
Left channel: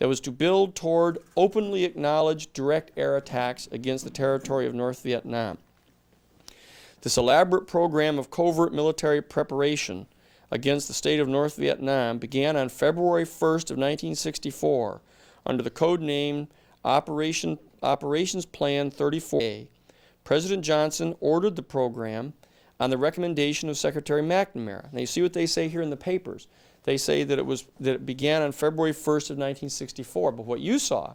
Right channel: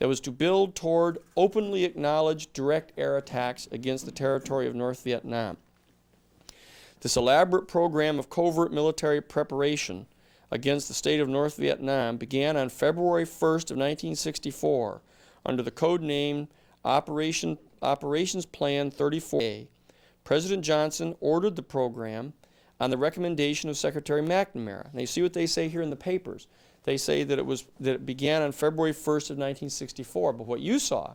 that was to build toward openly acknowledged direct air attacks against the territory of North Vietnam. This elaborate program of covert military preparation against the state of North Vietnam began on February 1st of 1964 under the code name Operations Plan 34A. President Johnson ordered the program on the recommendation of Secretary McNamara. Now you see what they say here in the papers. They say that it began on February 1st of 1964, but what you saw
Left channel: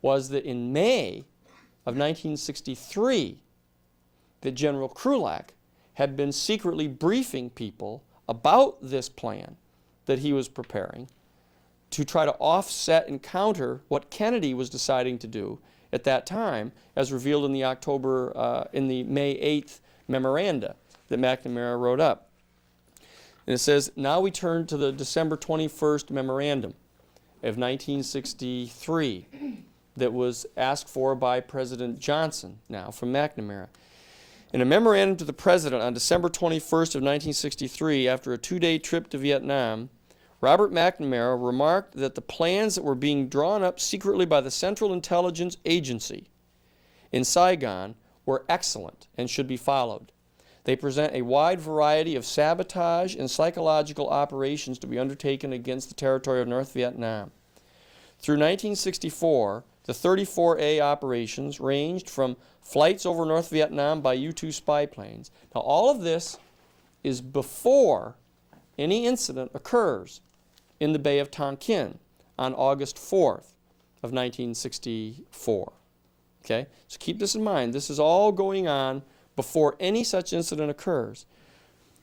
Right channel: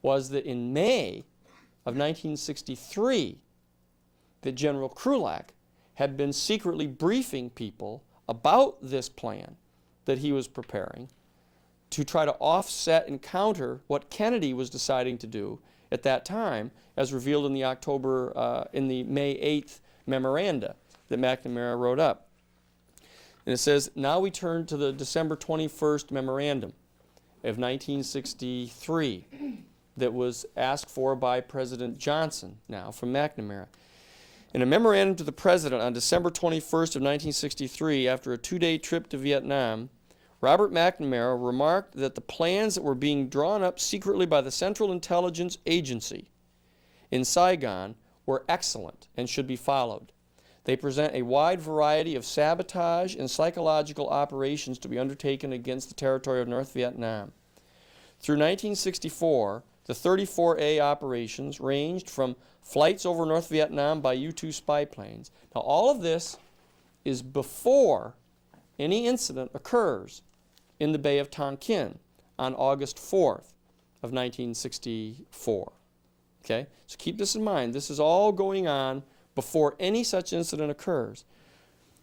was that in May of 1963, that General Krulak had been secretly briefing people about this plan that he was preparing to try to offset and counter what Kennedy was deciding to do at that time, as revealed in the May 8th memoranda that McNamara wrote up. And it says, now we turn to the December 21st memorandum of 1963 that was asked for by President Johnson, now from McNamara. In a memorandum to the President on December 21st of 1963, after a 2-day trip to Vietnam, Robert McNamara remarked that the plans that were being drawn up secretly by the Central Intelligence Agency in Saigon were excellent and should be followed. They present a wide variety of sabotage and psychological operations to be undertaken against the territory of North Vietnam. Through 1964, the 34A operations ranged from flights over North Vietnam by U-2 spy planes. Now, all of this is before any incident occurs in the Bay of Tonkin on August 4th of 1964. Okay? So keep this in mind. This is all going on before any such incident occurs.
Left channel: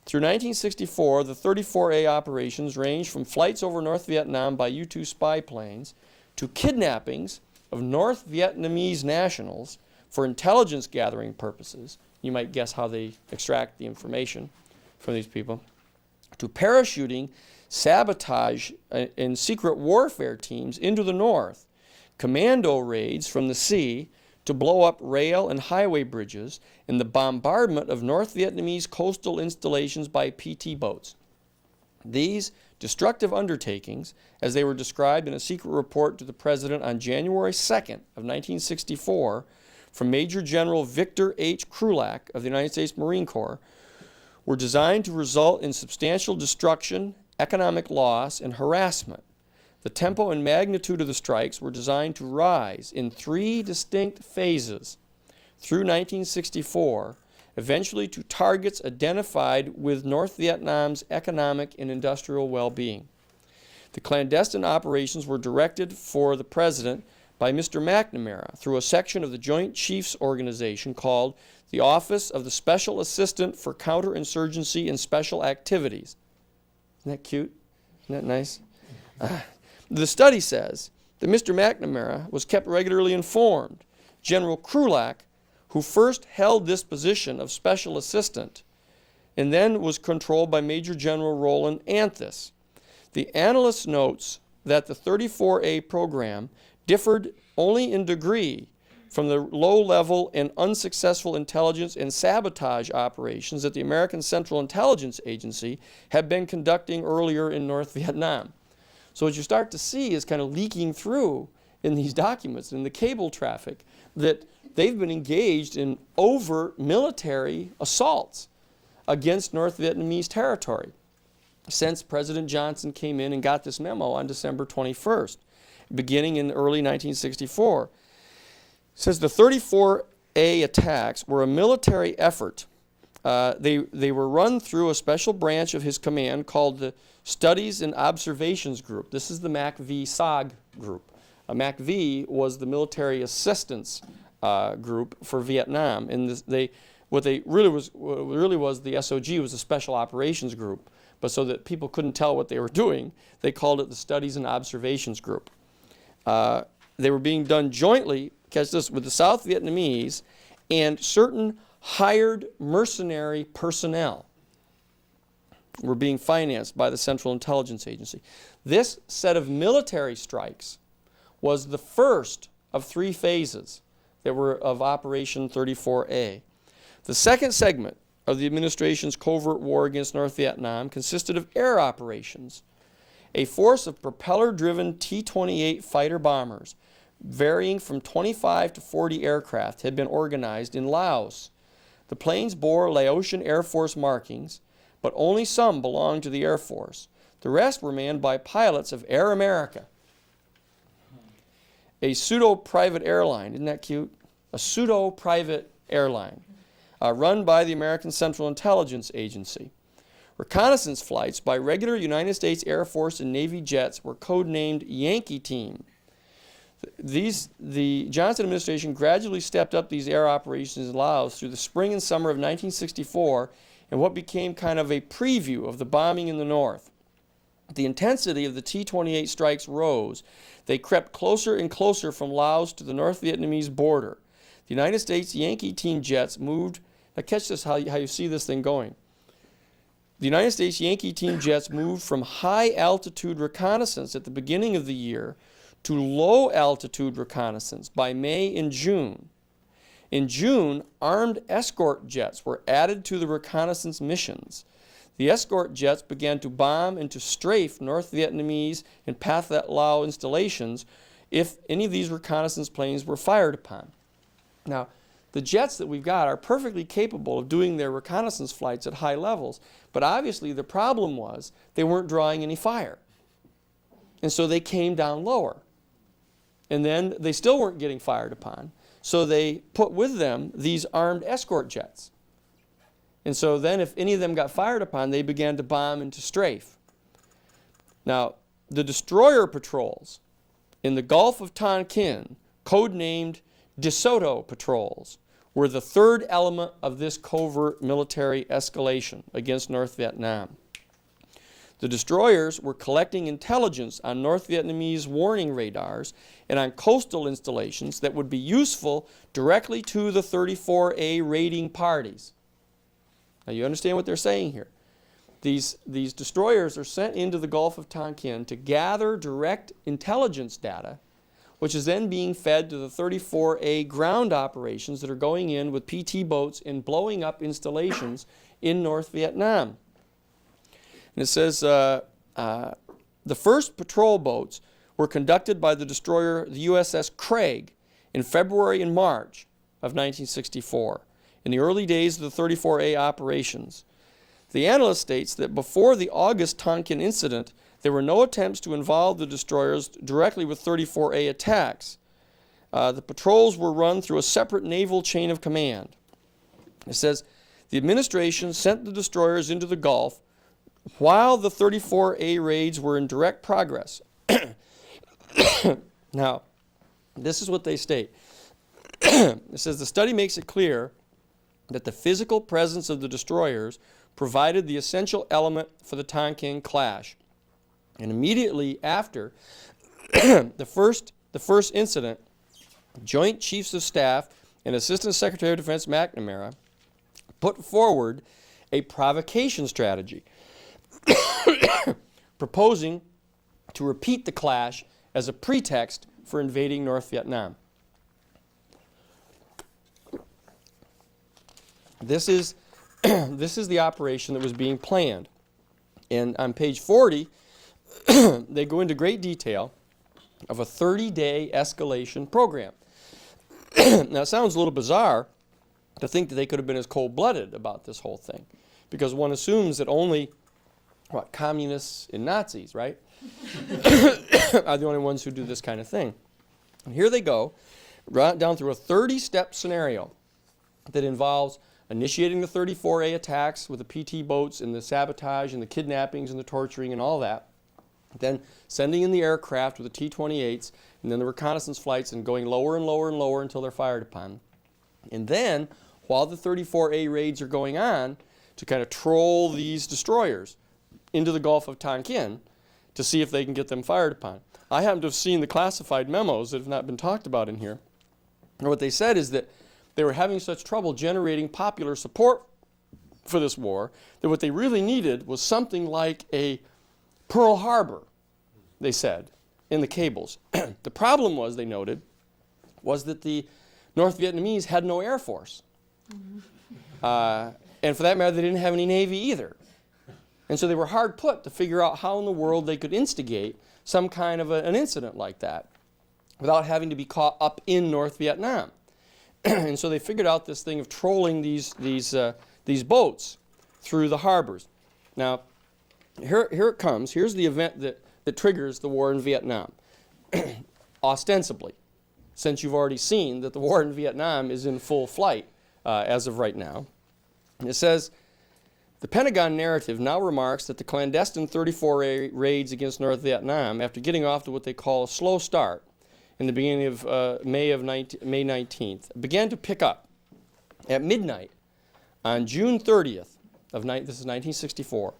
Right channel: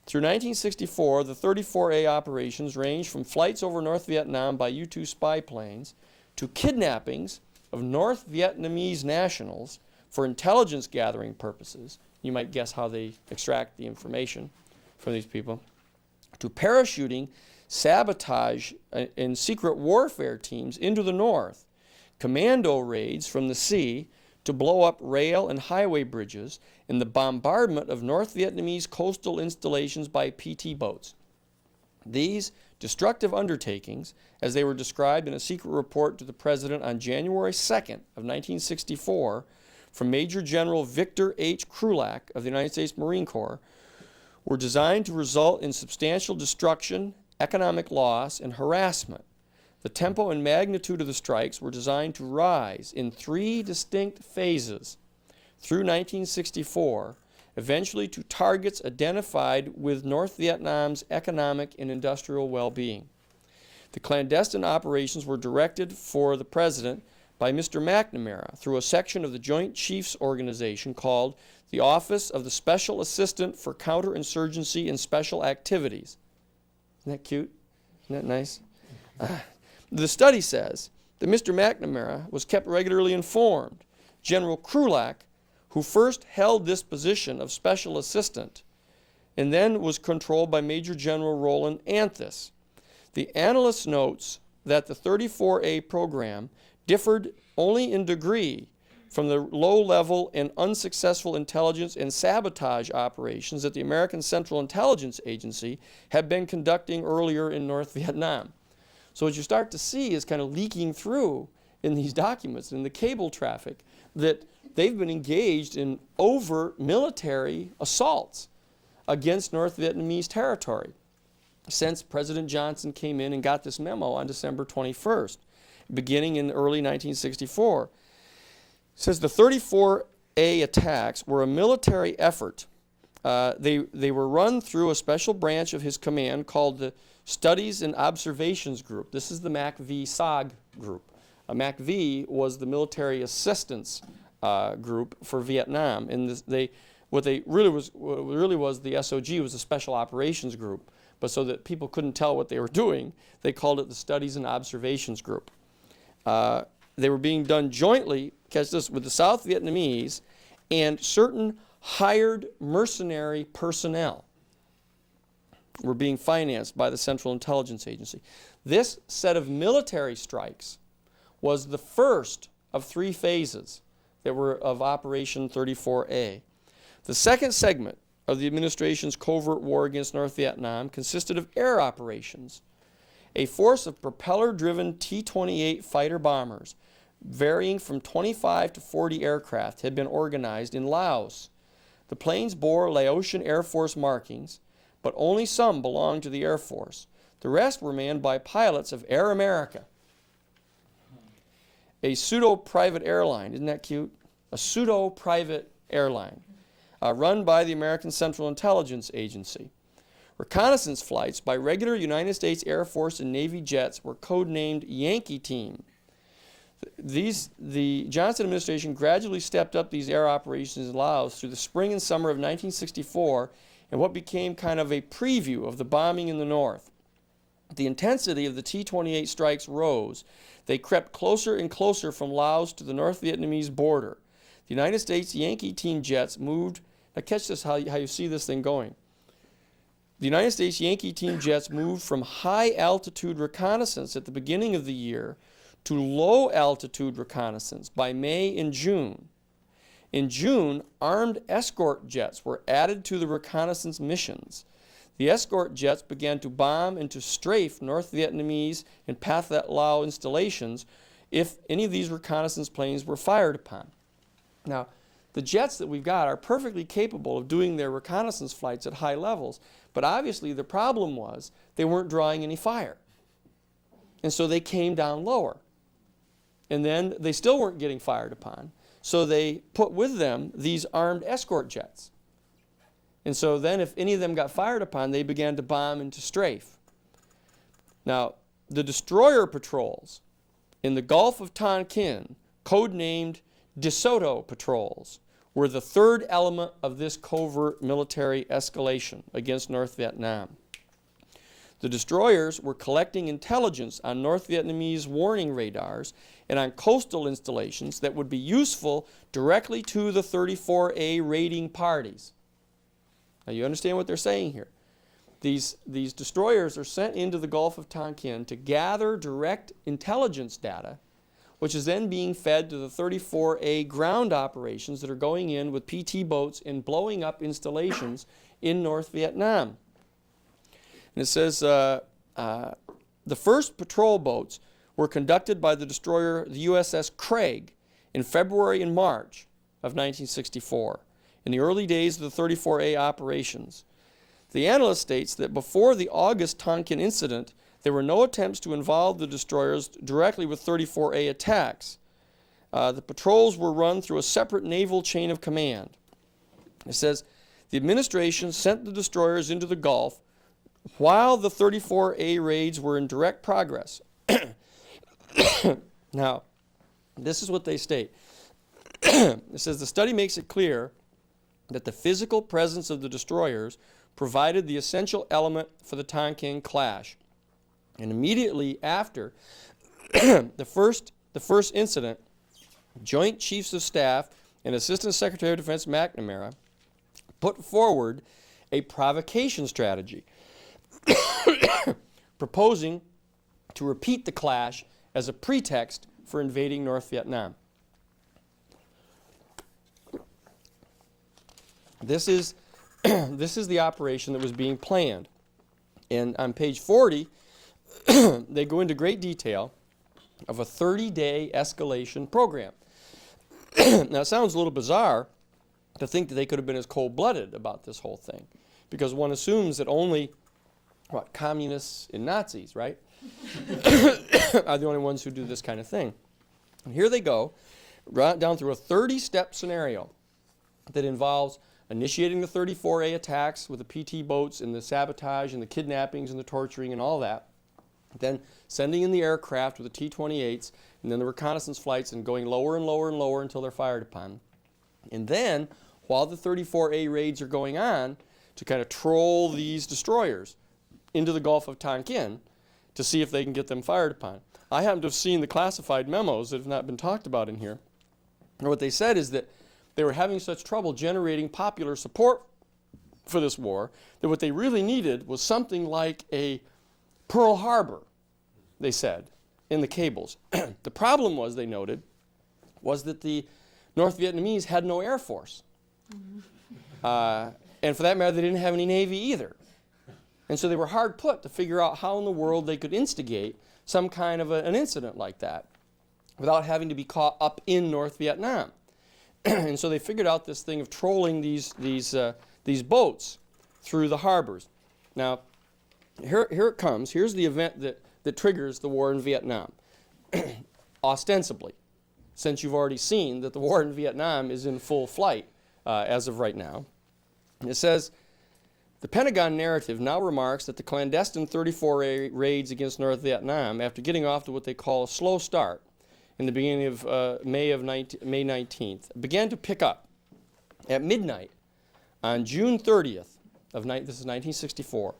Through 1964, the 34A operations ranged from flights over North Vietnam by U-2 spy planes to kidnappings of North Vietnamese nationals for intelligence gathering purposes. You might guess how they extract the information for these people. To parachuting, sabotage, and secret warfare teams into the north, commando raids from the sea to blow up rail and highway bridges, and the bombardment of North Vietnamese coastal installations by PT boats. These destructive undertakings, as they were described in a secret report to the President on January 2nd of 1964 from Major General Victor H. Krulak of the United States Marine Corps, were designed to result in substantial destruction, economic loss, and harassment. The tempo and magnitude of the strikes were designed to rise in 3 distinct phases through 1964, eventually to targets identified with North Vietnam's economic and industrial well-being. The clandestine operations were directed for the President by Mr. McNamara through a section of the Joint Chiefs Organization called the Office of the Special Assistant for Counterinsurgency and Special Activities. Isn't that cute? Isn't that nice? The study says that Mr. McNamara was kept regularly informed. General Krulak, who first held this position of special assistant, and then was controlled by Major General Roland Anthus. The analyst notes that the 34A program differed only in degree from the low-level and unsuccessful intelligence and sabotage operations that the American Central Intelligence Agency had been conducting earlier in North Vietnam. So what you start to see is kind of leaking through in these documents, in the cable traffic, that they've been engaged in overt military assaults against North Vietnamese territory since President Johnson came in and got this memo on December 21st, beginning in early 1964. It says the 34A attacks were a military effort. They were run through a special branch of his command called the Studies and Observations Group. This is the MACV SOG group. MACV was the military assistance group for Vietnam, and what really was the SOG was the Special Operations Group. But so that people couldn't tell what they were doing, they called it the Studies and Observations Group. They were being done jointly, catch this, with the South Vietnamese and certain hired mercenary personnel were being financed by the Central Intelligence Agency. This set of military strikes was the first of 3 phases that were of Operation 34A. The second segment of the administration's covert war against North Vietnam consisted of air operations A force of propeller-driven T-28 fighter bombers, varying from 25 to 40 aircraft, had been organized in Laos. The planes bore Laotian Air Force markings, but only some belonged to the Air Force. The rest were manned by pilots of Air America, a pseudo-private airline. Isn't that cute? A pseudo-private airline run by the American Central Intelligence Agency. Reconnaissance flights by regular United States Air Force and Navy jets were codenamed Yankee Team. The Johnson administration gradually stepped up these air operations in Laos through the spring and summer of 1964 in what became kind of a preview of the bombing in the north. The intensity of the T-28 strikes rose. They crept closer and closer from Laos to the North Vietnamese border. The United States Yankee Team jets moved. Now catch this, how you see this thing going. The United States Yankee Team jets moved from high-altitude reconnaissance at the beginning of the year to low-altitude reconnaissance by May and June. In June, armed escort jets were added to the reconnaissance missions. The escort jets began to bomb and to strafe North Vietnamese and Pathet Lao installations if any of these reconnaissance planes were fired upon. Now, the jets that we've got are perfectly capable of doing their reconnaissance flights at high levels, but obviously the problem was they weren't drawing any fire. And so they came down lower. And then they still weren't getting fired upon, so they put with them these armed escort jets. And so then if any of them got fired upon, they began to bomb and to strafe. Now, the destroyer patrols in the Gulf of Tonkin, codenamed DeSoto patrols, were the third element of this covert military escalation against North Vietnam. The destroyers were collecting intelligence on North Vietnamese warning radars and on coastal installations that would be useful directly to the 34A raiding parties. Now you understand what they're saying here. These destroyers are sent into the Gulf of Tonkin to gather direct intelligence data, which is then being fed to the 34A ground operations that are going in with PT boats and blowing up installations in North Vietnam. And it says the first patrol boats were conducted by the destroyer, the USS Craig, in February and March of 1964, in the early days of the 34A operations. The analyst states that before the August Tonkin incident, there were no attempts to involve the destroyers directly with 34A attacks. The patrols were run through a separate naval chain of command. It says, the administration sent the destroyers into the Gulf while the 34A raids were in direct progress. Now, this is what they state. It says, the study makes it clear that the physical presence of the destroyers provided the essential element for the Tonkin clash. And immediately after the first incident, Joint Chiefs of Staff and Assistant Secretary of Defense McNamara put forward a provocation strategy, proposing to repeat the clash as a pretext for invading North Vietnam. This is the operation that was being planned. And on page 40, they go into great detail of a 30-day escalation program. Now, it sounds a little bizarre to think that they could have been as cold-blooded about this whole thing, because one assumes that only, communists and Nazis, right, are the only ones who do this kind of thing. And here they go, right down through a 30-step scenario that involves initiating the 34A attacks with the PT boats and the sabotage and the kidnappings and the torturing and all that, then sending in the aircraft with the T-28s, and then the reconnaissance flights and going lower and lower and lower until they're fired upon. And then, while the 34A raids are going on, to kind of troll these destroyers into the Gulf of Tonkin to see if they can get them fired upon. I happen to have seen the classified memos that have not been talked about in here. And what they said is that they were having such trouble generating popular support for this war that what they really needed was something like a Pearl Harbor, they said, in the cables. The problem was, they noted, was that the North Vietnamese had no air force. And for that matter, they didn't have any navy either. And so they were hard put to figure out how in the world they could instigate some kind of an incident like that without having to be caught up in North Vietnam. And so they figured out this thing of trolling these boats through the harbors. Now, here it comes. Here's the event that triggers the war in Vietnam, ostensibly, since you've already seen that the war in Vietnam is in full flight as of right now. It says, the Pentagon narrative now remarks that the clandestine 34 raids against North Vietnam, after getting off to what they call a slow start in the beginning of May 19th, began to pick up. At midnight on June 30th, this is 1964,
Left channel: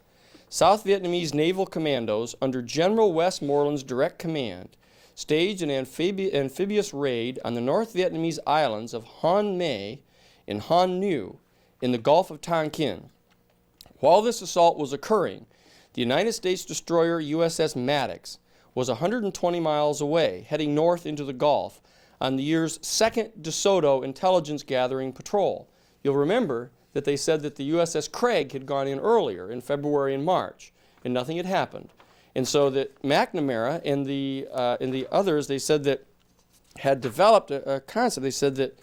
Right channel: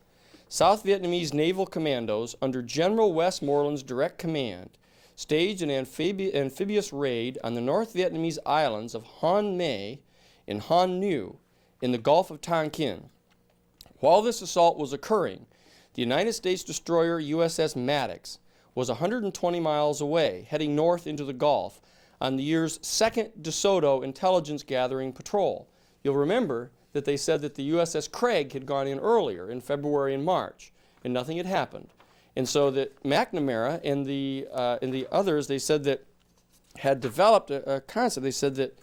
South Vietnamese naval commandos under General Westmoreland's direct command staged an amphibious raid on the North Vietnamese islands of Hon Mae and Hon Nu in the Gulf of Tonkin. While this assault was occurring, the United States destroyer USS Maddox was 120 miles away, heading north into the Gulf on the year's second DeSoto intelligence gathering patrol. You'll remember that they said that the USS Craig had gone in earlier in February and March, and nothing had happened. And so that McNamara and the others, they said that had developed a concept. They said that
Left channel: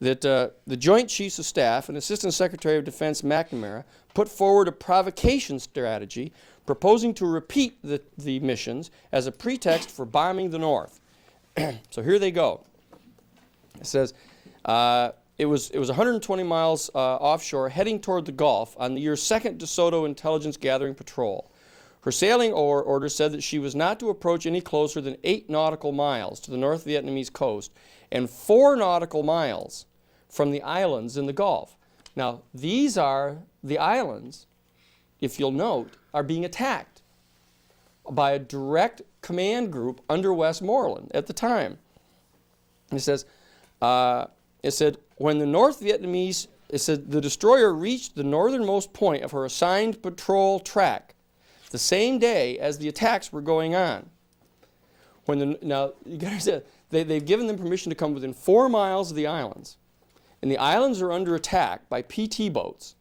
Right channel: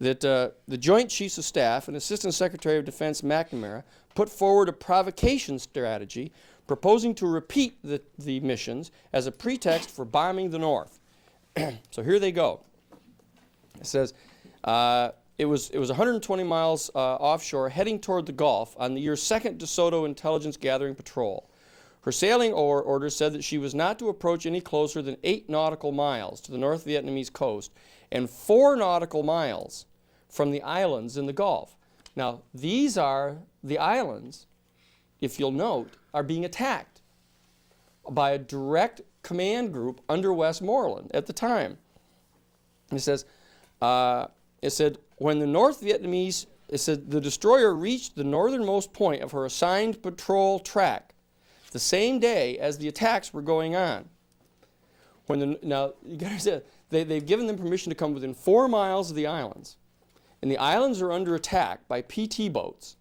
the Joint Chiefs of Staff and Assistant Secretary of Defense McNamara put forward a provocation strategy proposing to repeat the missions as a pretext for bombing the North. So here they go. It says, it was 120 miles offshore, heading toward the Gulf on the year's second DeSoto intelligence gathering patrol. Her sailing order said that she was not to approach any closer than 8 nautical miles to the North Vietnamese coast and 4 nautical miles from the islands in the Gulf. Now, these are the islands, if you'll note, are being attacked by a direct command group under Westmoreland at the time. It says, it said, when the North Vietnamese, it said, the destroyer reached the northernmost point of her assigned patrol track the same day as the attacks were going on. Now, you gotta understand, they've given them permission to come within 4 miles of the islands. And the islands are under attack by PT boats.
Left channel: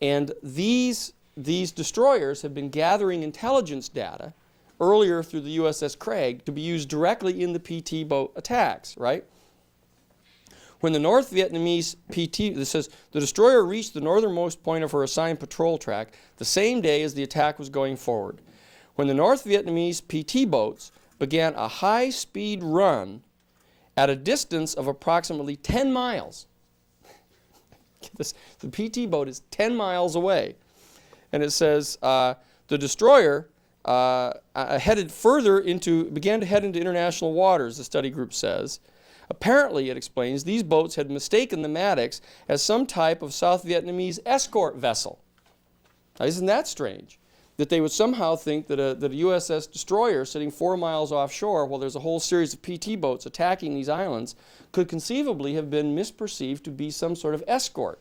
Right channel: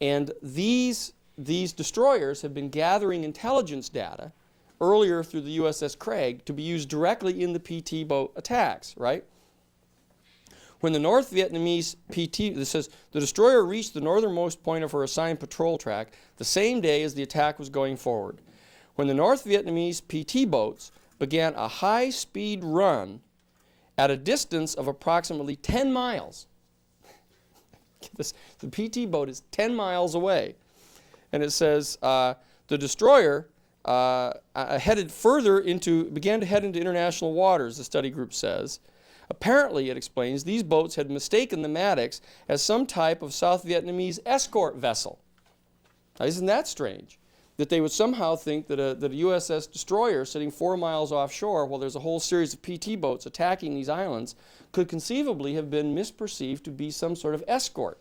And these destroyers have been gathering intelligence data earlier through the USS Craig to be used directly in the PT boat attacks, right? When the North Vietnamese PT, this says, the destroyer reached the northernmost point of her assigned patrol track the same day as the attack was going forward. When the North Vietnamese PT boats began a high-speed run at a distance of approximately 10 miles. The PT boat is 10 miles away. And it says, the destroyer began to head into international waters, the study group says. Apparently, it explains, these boats had mistaken the Maddox as some type of South Vietnamese escort vessel. Now, isn't that strange? That they would somehow think that a USS destroyer sitting 4 miles offshore while there's a whole series of PT boats attacking these islands could conceivably have been misperceived to be some sort of escort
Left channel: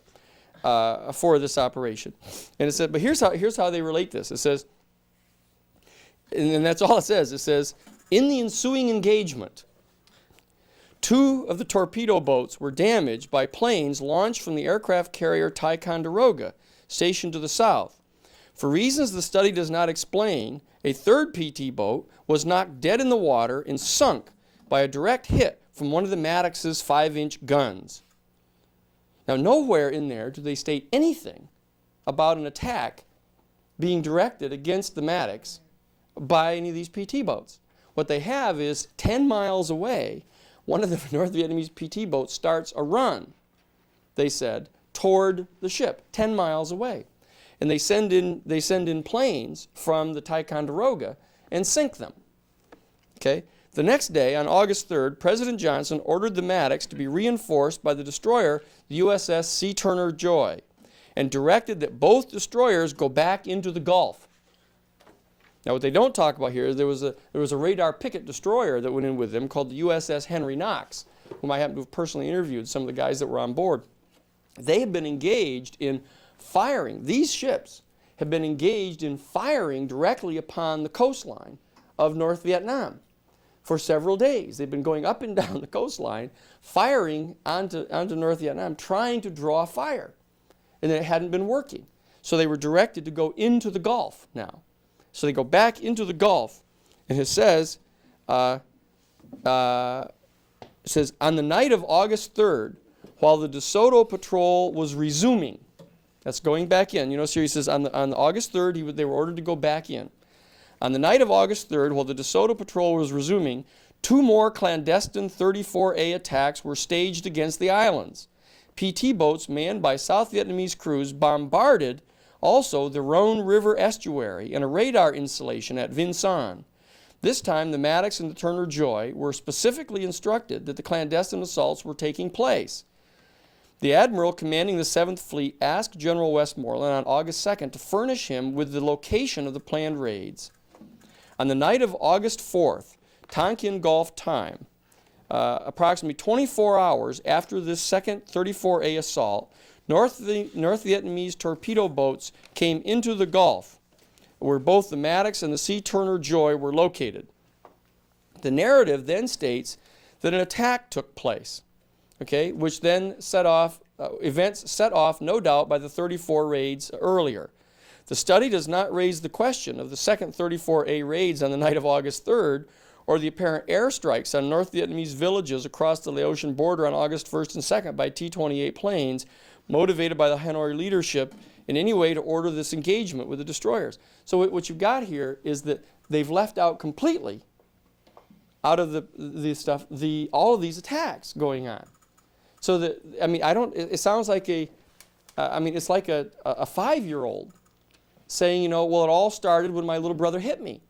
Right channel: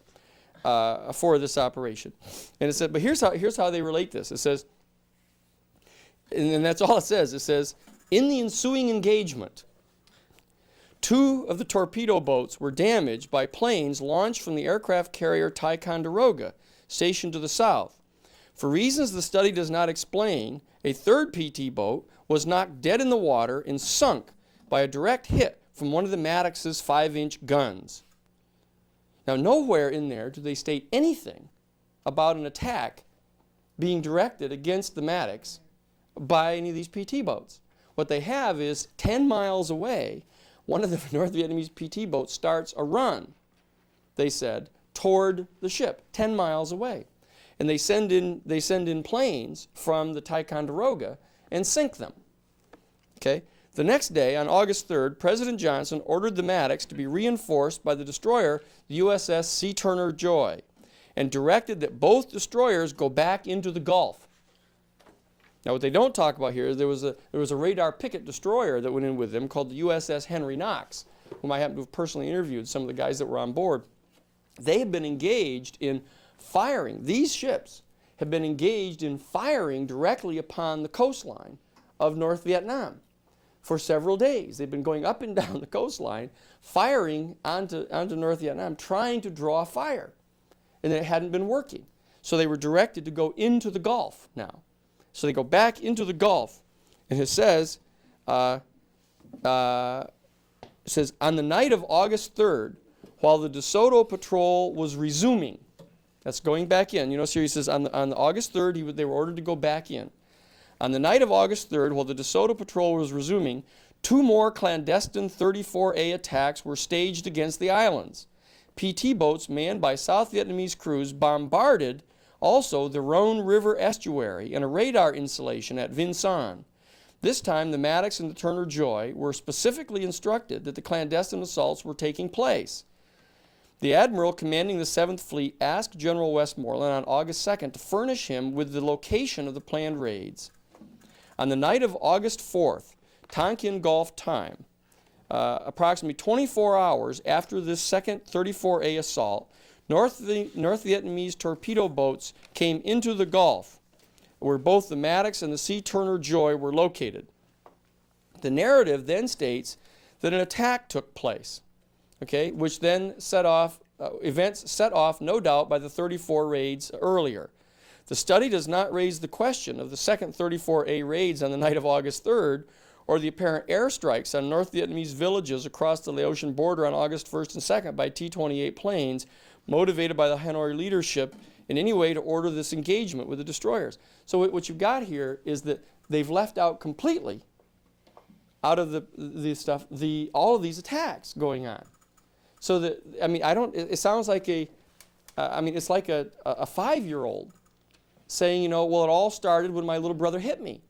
for this operation. And it said, but here's how they relate this. It says, and that's all it says. It says, in the ensuing engagement, 2 of the torpedo boats were damaged by planes launched from the aircraft carrier Ticonderoga, stationed to the south. For reasons the study does not explain, a 3rd PT boat was knocked dead in the water and sunk by a direct hit from one of the Maddox's 5-inch guns. Now, nowhere in there do they state anything about an attack being directed against the Maddox by any of these PT boats. What they have is 10 miles away, one of the North Vietnamese PT boats starts a run, they said, toward the ship, 10 miles away. And they send in planes from the Ticonderoga and sink them. Okay? The next day, on August 3rd, President Johnson ordered the Maddox to be reinforced by the destroyer, the USS C. Turner Joy, and directed that both destroyers go back into the Gulf. Now, what they don't talk about here is there was a radar picket destroyer that went in with them called the USS Henry Knox, whom I happen to have personally interviewed, some of the guys that were on board. They had been engaged in firing. These ships have been engaged in firing directly upon the coastline of North Vietnam for several days. They've been going up and down the coastline, firing onto North Vietnam, trying to draw fire. And it hadn't been working. So they were directed to go into the Gulf now. So they go back into the Gulf, and it says, on the night of August 3rd, while the DeSoto patrol was resuming, that's going back in. You know, so he says on August 3rd, they were ordered to go back in. On the night of August 3rd, while the DeSoto patrol was resuming, 2 more clandestine 34A attacks were staged against the islands. PT boats manned by South Vietnamese crews bombarded also the Rhone River estuary and a radar installation at Vinh Son. This time, the Maddox and the Turner Joy were specifically instructed that the clandestine assaults were taking place. The admiral commanding the 7th Fleet asked General Westmoreland on August 2nd to furnish him with the location of the planned raids. On the night of August 4th, Tonkin Gulf time, approximately 24 hours after this second 34A assault, North Vietnamese torpedo boats came into the Gulf, where both the Maddox and the C. Turner Joy were located. The narrative then states that an attack took place, okay, which then set off, events set off, no doubt, by the 34 raids earlier. The study does not raise the question of the second 34A raids on the night of August 3rd, or the apparent airstrikes on North Vietnamese villages across the Laotian border on August 1st and 2nd by T-28 planes, motivated by the Hanoi leadership in any way to order this engagement with the destroyers. So what you've got here is that they've left out completely, out of the stuff, all of these attacks going on. So that, I mean, it sounds like it's like a 5-year-old saying, you know, well, it all started when my little brother hit me.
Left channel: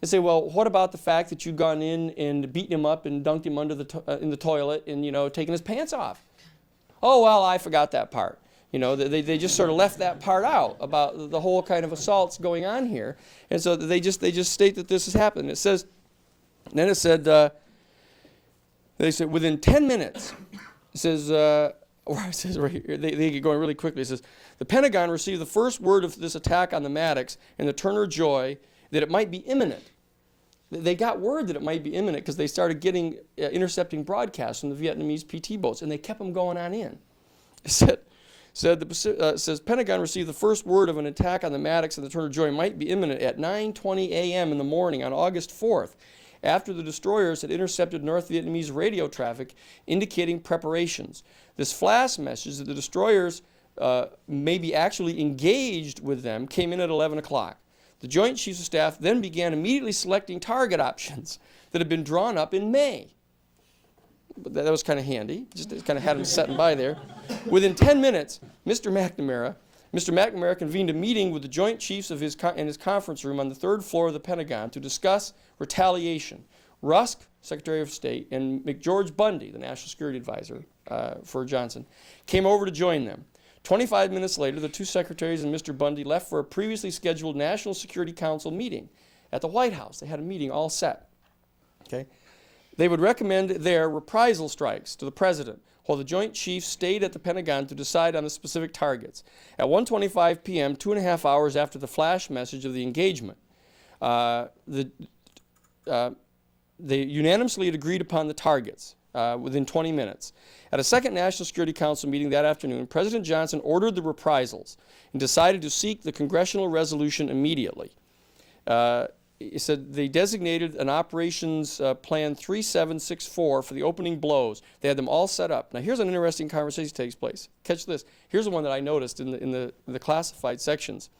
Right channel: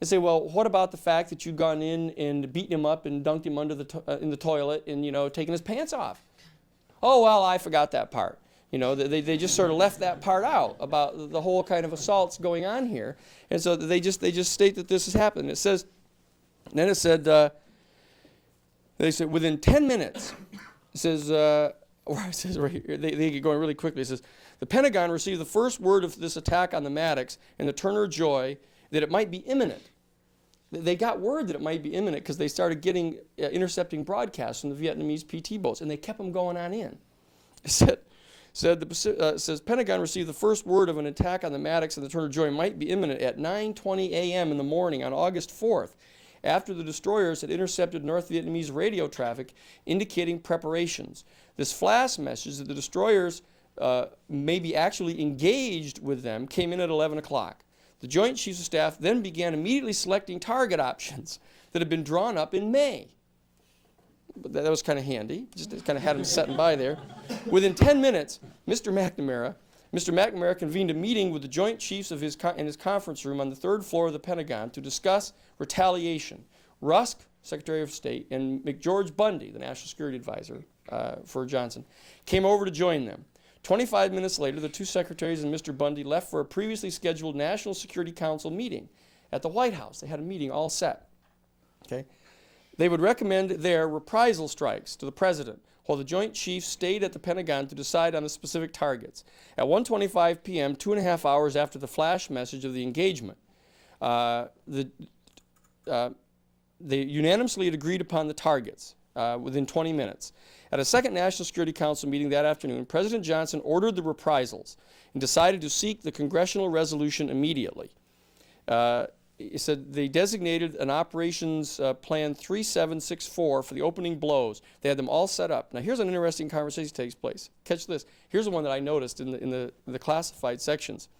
They say, well, what about the fact that you've gone in and beaten him up and dunked him under in the toilet and, you know, taken his pants off? Oh, well, I forgot that part. You know, they just sort of left that part out about the whole kind of assaults going on here. And so they just state that this has happened. It says, then it said, they said within 10 minutes, it says, it says right here, they get going really quickly. It says, the Pentagon received the first word of this attack on the Maddox and the Turner Joy that it might be imminent. They got word that it might be imminent because they started getting intercepting broadcasts from the Vietnamese PT boats, and they kept them going on in. It says Pentagon received the first word of an attack on the Maddox and the Turner Joy might be imminent at 9:20 a.m. in the morning on August 4th, after the destroyers had intercepted North Vietnamese radio traffic indicating preparations. This flash message that the destroyers may be actually engaged with them came in at 11 o'clock. The Joint Chiefs of Staff then began immediately selecting target options that had been drawn up in May. But that was kind of handy. Just kind of had them sitting by there. Within 10 minutes, Mr. McNamara convened a meeting with the Joint Chiefs in his conference room on the 3rd floor of the Pentagon to discuss retaliation. Rusk, Secretary of State, and McGeorge Bundy, the National Security Advisor for Johnson, came over to join them. 25 minutes later, the 2 secretaries and Mr. Bundy left for a previously scheduled National Security Council meeting at the White House. They had a meeting all set. Okay? They would recommend their reprisal strikes to the president, while the Joint Chiefs stayed at the Pentagon to decide on the specific targets. At 1:25 p.m., 2.5 hours after the flash message of the engagement, they unanimously had agreed upon the targets within 20 minutes. At a second National Security Council meeting that afternoon, President Johnson ordered the reprisals and decided to seek the congressional resolution immediately. He said they designated an operations plan 3764 for the opening blows. They had them all set up. Now here's an interesting conversation that takes place. Catch this. Here's the one that I noticed in the classified sections.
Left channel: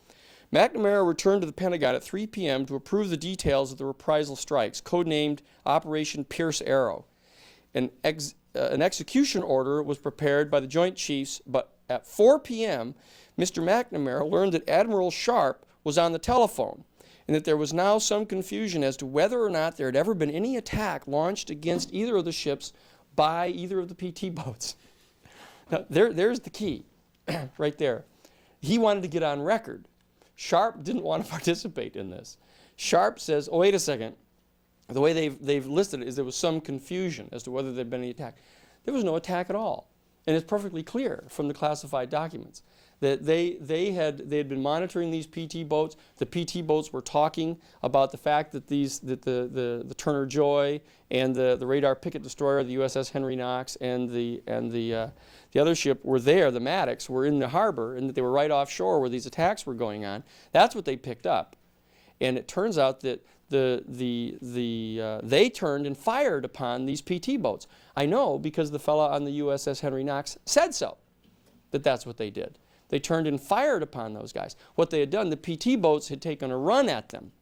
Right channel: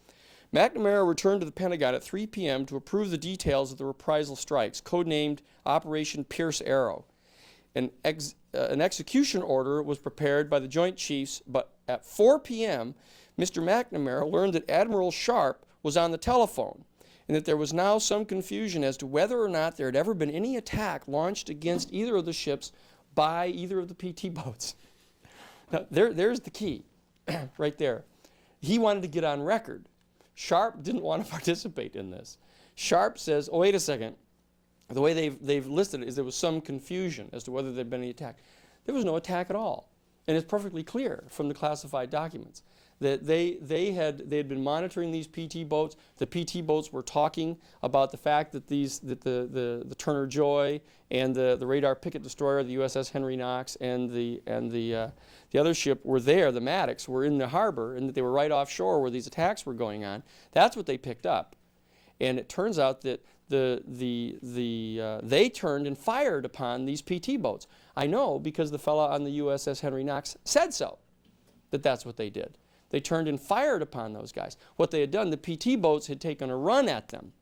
McNamara returned to the Pentagon at 3 p.m. to approve the details of the reprisal strikes, codenamed Operation Pierce Arrow. An execution order was prepared by the Joint Chiefs, but at 4 p.m., Mr. McNamara learned that Admiral Sharp was on the telephone and that there was now some confusion as to whether or not there had ever been any attack launched against either of the ships by either of the PT boats. Now, there's the key right there. He wanted to get on record. Sharp didn't want to participate in this. Sharp says, oh, wait a second. The way they've listed it is there was some confusion as to whether there had been any attack. There was no attack at all. And it's perfectly clear from the classified documents. that they had been monitoring these PT boats. The PT boats were talking about the fact that the Turner Joy and the radar picket destroyer, the USS Henry Knox, and the other ship were there. The Maddox were in the harbor, and that they were right offshore where these attacks were going on. That's what they picked up, and it turns out that they turned and fired upon these PT boats. I know because the fellow on the USS Henry Knox said so. That's what they did. They turned and fired upon those guys. What they had done, the PT boats had taken a run at them.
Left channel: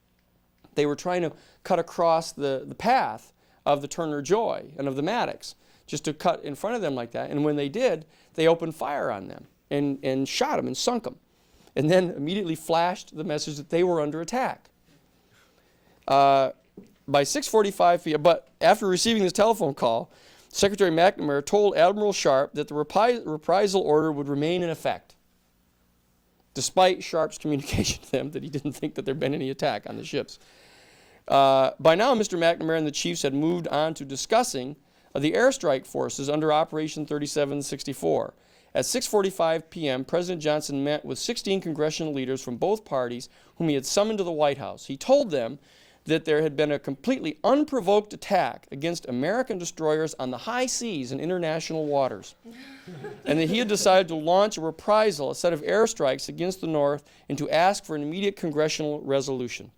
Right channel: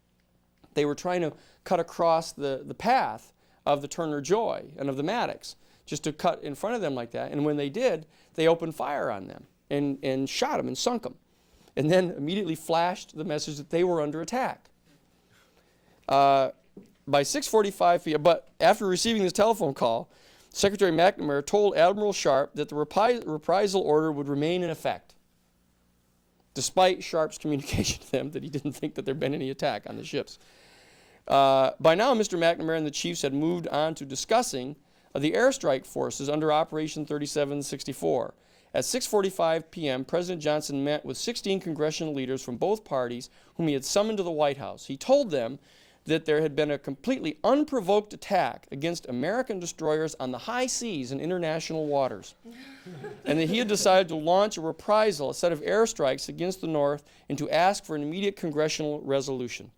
They were trying to cut across the path of the Turner Joy and of the Maddox, just to cut in front of them like that. And when they did, they opened fire on them and shot them and sunk them. And then immediately flashed the message that they were under attack. By 6:45 p.m., but after receiving this telephone call, Secretary McNamara told Admiral Sharp that the reprisal order would remain in effect, despite Sharp's communication to them that he didn't think that there had been any attack on the ships. By now, Mr. McNamara and the chiefs had moved on to discussing the airstrike forces under Operation 3764. At 6:45 p.m., President Johnson met with 16 congressional leaders from both parties whom he had summoned to the White House. He told them that there had been a completely unprovoked attack against American destroyers on the high seas in international waters, and that he had decided to launch a reprisal, a set of airstrikes against the North, and to ask for an immediate congressional resolution.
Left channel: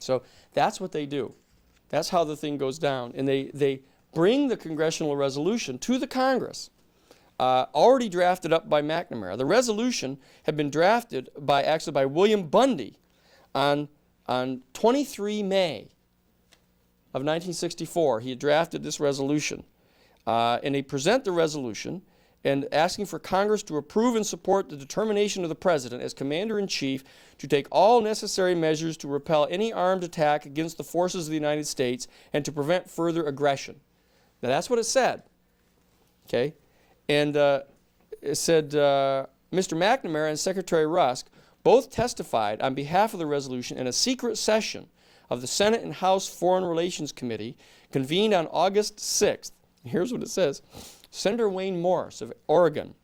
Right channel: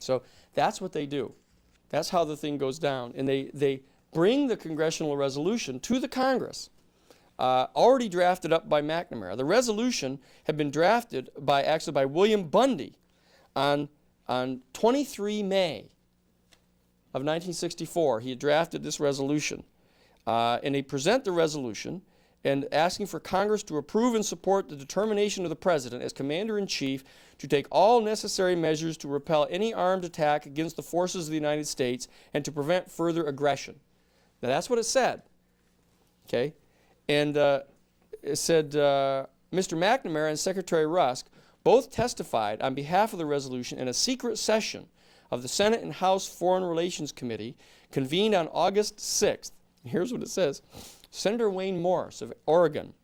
So that's what they do. That's how the thing goes down. And they bring the congressional resolution to the Congress, already drafted up by McNamara. The resolution had been drafted by William Bundy on 23 May of 1964. He had drafted this resolution. And they present the resolution and asking for Congress to approve and support the determination of the President as Commander-in-Chief to take all necessary measures to repel any armed attack against the forces of the United States and to prevent further aggression. Now that's what it said. Okay? And it said Mr. McNamara and Secretary Rusk both testified on behalf of the resolution in a secret session of the Senate and House Foreign Relations Committee convened on August 6th. Here's what it says. Senator Wayne Morse of Oregon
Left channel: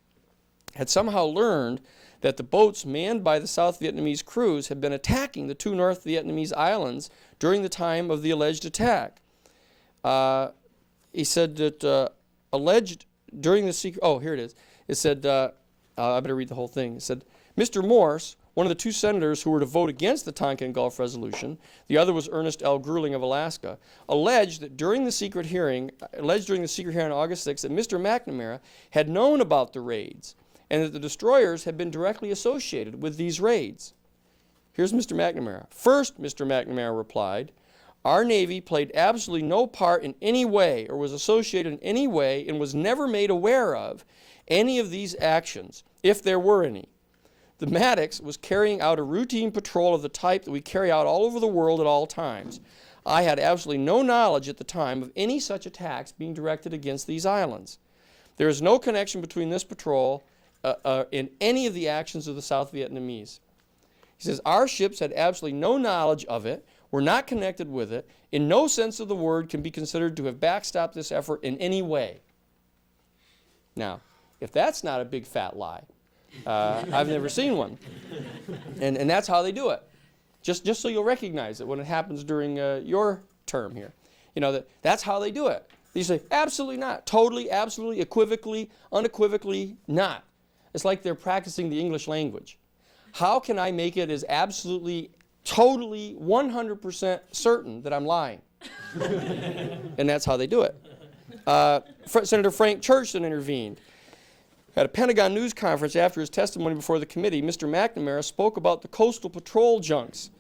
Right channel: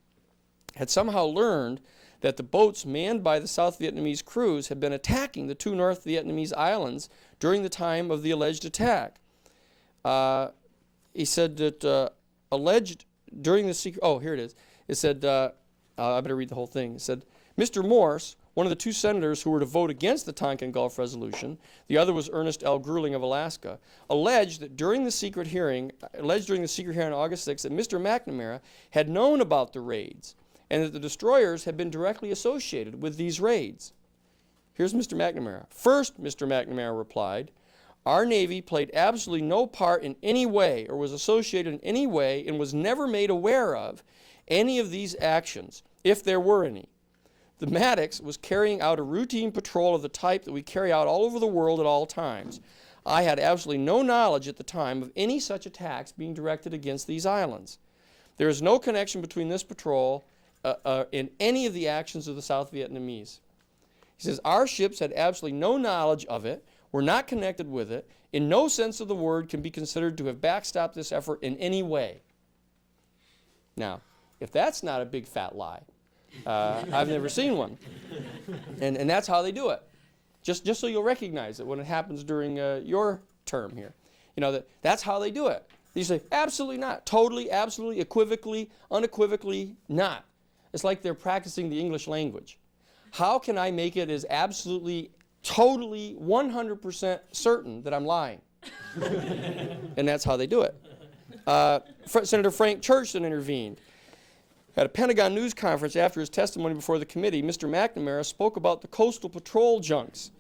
had somehow learned that the boats manned by the South Vietnamese crews had been attacking the two North Vietnamese islands during the time of the alleged attack. He said that alleged during the secret, oh, here it is. It said, I better read the whole thing. It said, Mr. Morse, one of the two senators who were to vote against the Tonkin Gulf Resolution, the other was Ernest L. Grueling of Alaska, alleged during the secret hearing on August 6th that Mr. McNamara had known about the raids and that the destroyers had been directly associated with these raids. Here's Mr. McNamara. First, Mr. McNamara replied, our Navy played absolutely no part in any way or was associated in any way and was never made aware of any of these actions, if there were any. The Maddox was carrying out a routine patrol of the type that we carry out all over the world at all times. I had absolutely no knowledge at the time of any such attacks being directed against these islands. There is no connection between this patrol and any of the actions of the South Vietnamese. He says, our ships had absolutely no knowledge of it, were not connected with it, in no sense of the word can be considered to have backstopped this effort in any way. Now, if that's not a big fat lie, I've never seen one. And that's how they do it. Just so you'll recognize it when it happens during your term here. You know, that's how they do it. You say, absolutely not. Totally, absolutely, equivocally, unequivocally not. It's like they're practicing the English language. How can I make it as absolutely, totally, 100% certain that I'm lying? And that's how they do it. Senator Frank Church then intervened. At a Pentagon news conference after his testimony before the committee, Mr. McNamara spoke about the coastal patrol junks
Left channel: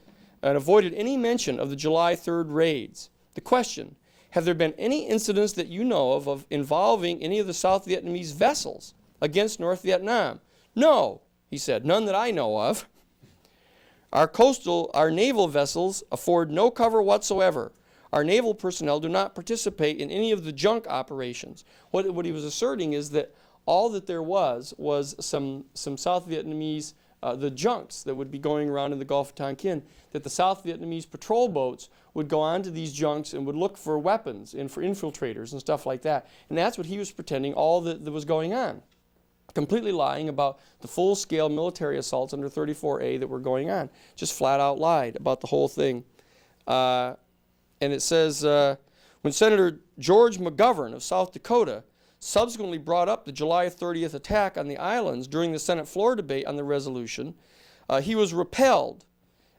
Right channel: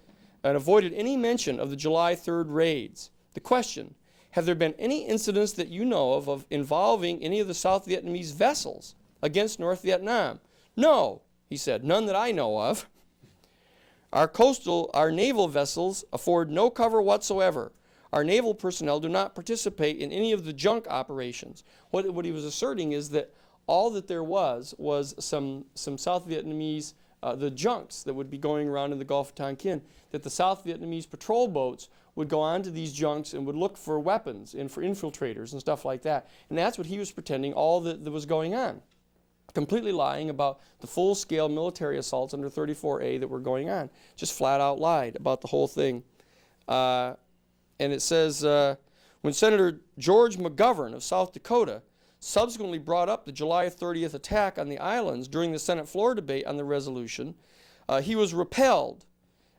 and avoided any mention of the July 3rd raids. The question, have there been any incidents that you know of involving any of the South Vietnamese vessels against North Vietnam? No, he said, none that I know of. Our naval vessels afford no cover whatsoever. Our naval personnel do not participate in any of the junk operations. What he was asserting is that all that there was some South Vietnamese, the junks that would be going around in the Gulf of Tonkin, that the South Vietnamese patrol boats would go onto these junks and would look for weapons and for infiltrators and stuff like that. And that's what he was pretending all that was going on. completely lying about the full-scale military assaults under 34A that were going on. Just flat out lied about the whole thing. And it says, when Senator George McGovern of South Dakota subsequently brought up the July 30th attack on the islands during the Senate floor debate on the resolution, he was repelled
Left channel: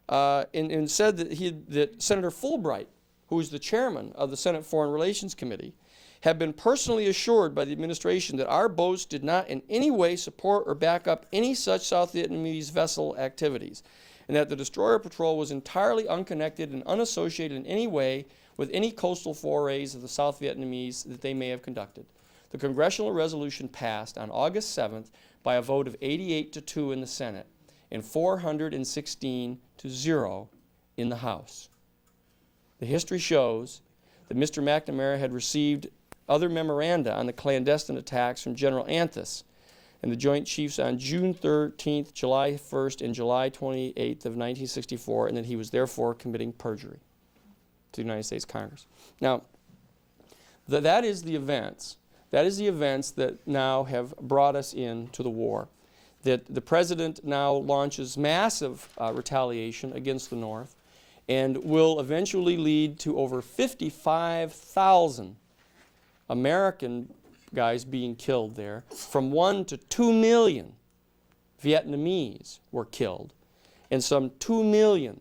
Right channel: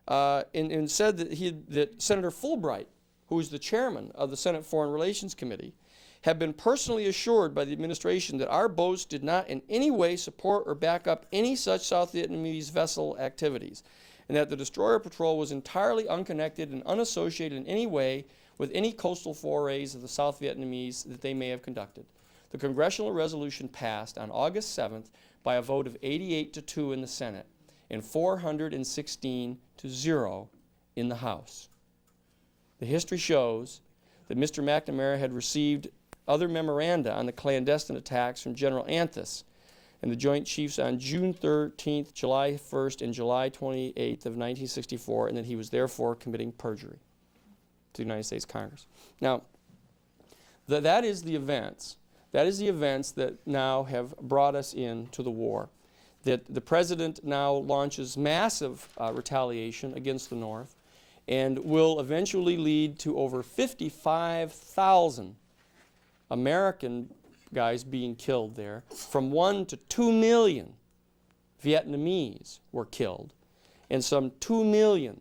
and said that Senator Fulbright, who is the chairman of the Senate Foreign Relations Committee, had been personally assured by the administration that our boats did not in any way support or back up any such South Vietnamese vessel activities, and that the destroyer patrol was entirely unconnected and unassociated in any way with any coastal forays of the South Vietnamese that they may have conducted. The congressional resolution passed on August 7th by a vote of 88-2 in the Senate and 416-0 in the House. The history shows that Mr. McNamara had received other memoranda on the clandestine attacks from General Anthus and the Joint Chiefs on June 13th, July 1st, and July 28th of 1964, and that he was therefore committing perjury to the United States Congress. Now, that is the events. That is the events that now have brought us into the war. That the president now launches massive retaliation against the North and will eventually lead to over 55,000 American guys being killed there. From 1 to 2 million Vietnamese were killed, and some 2 million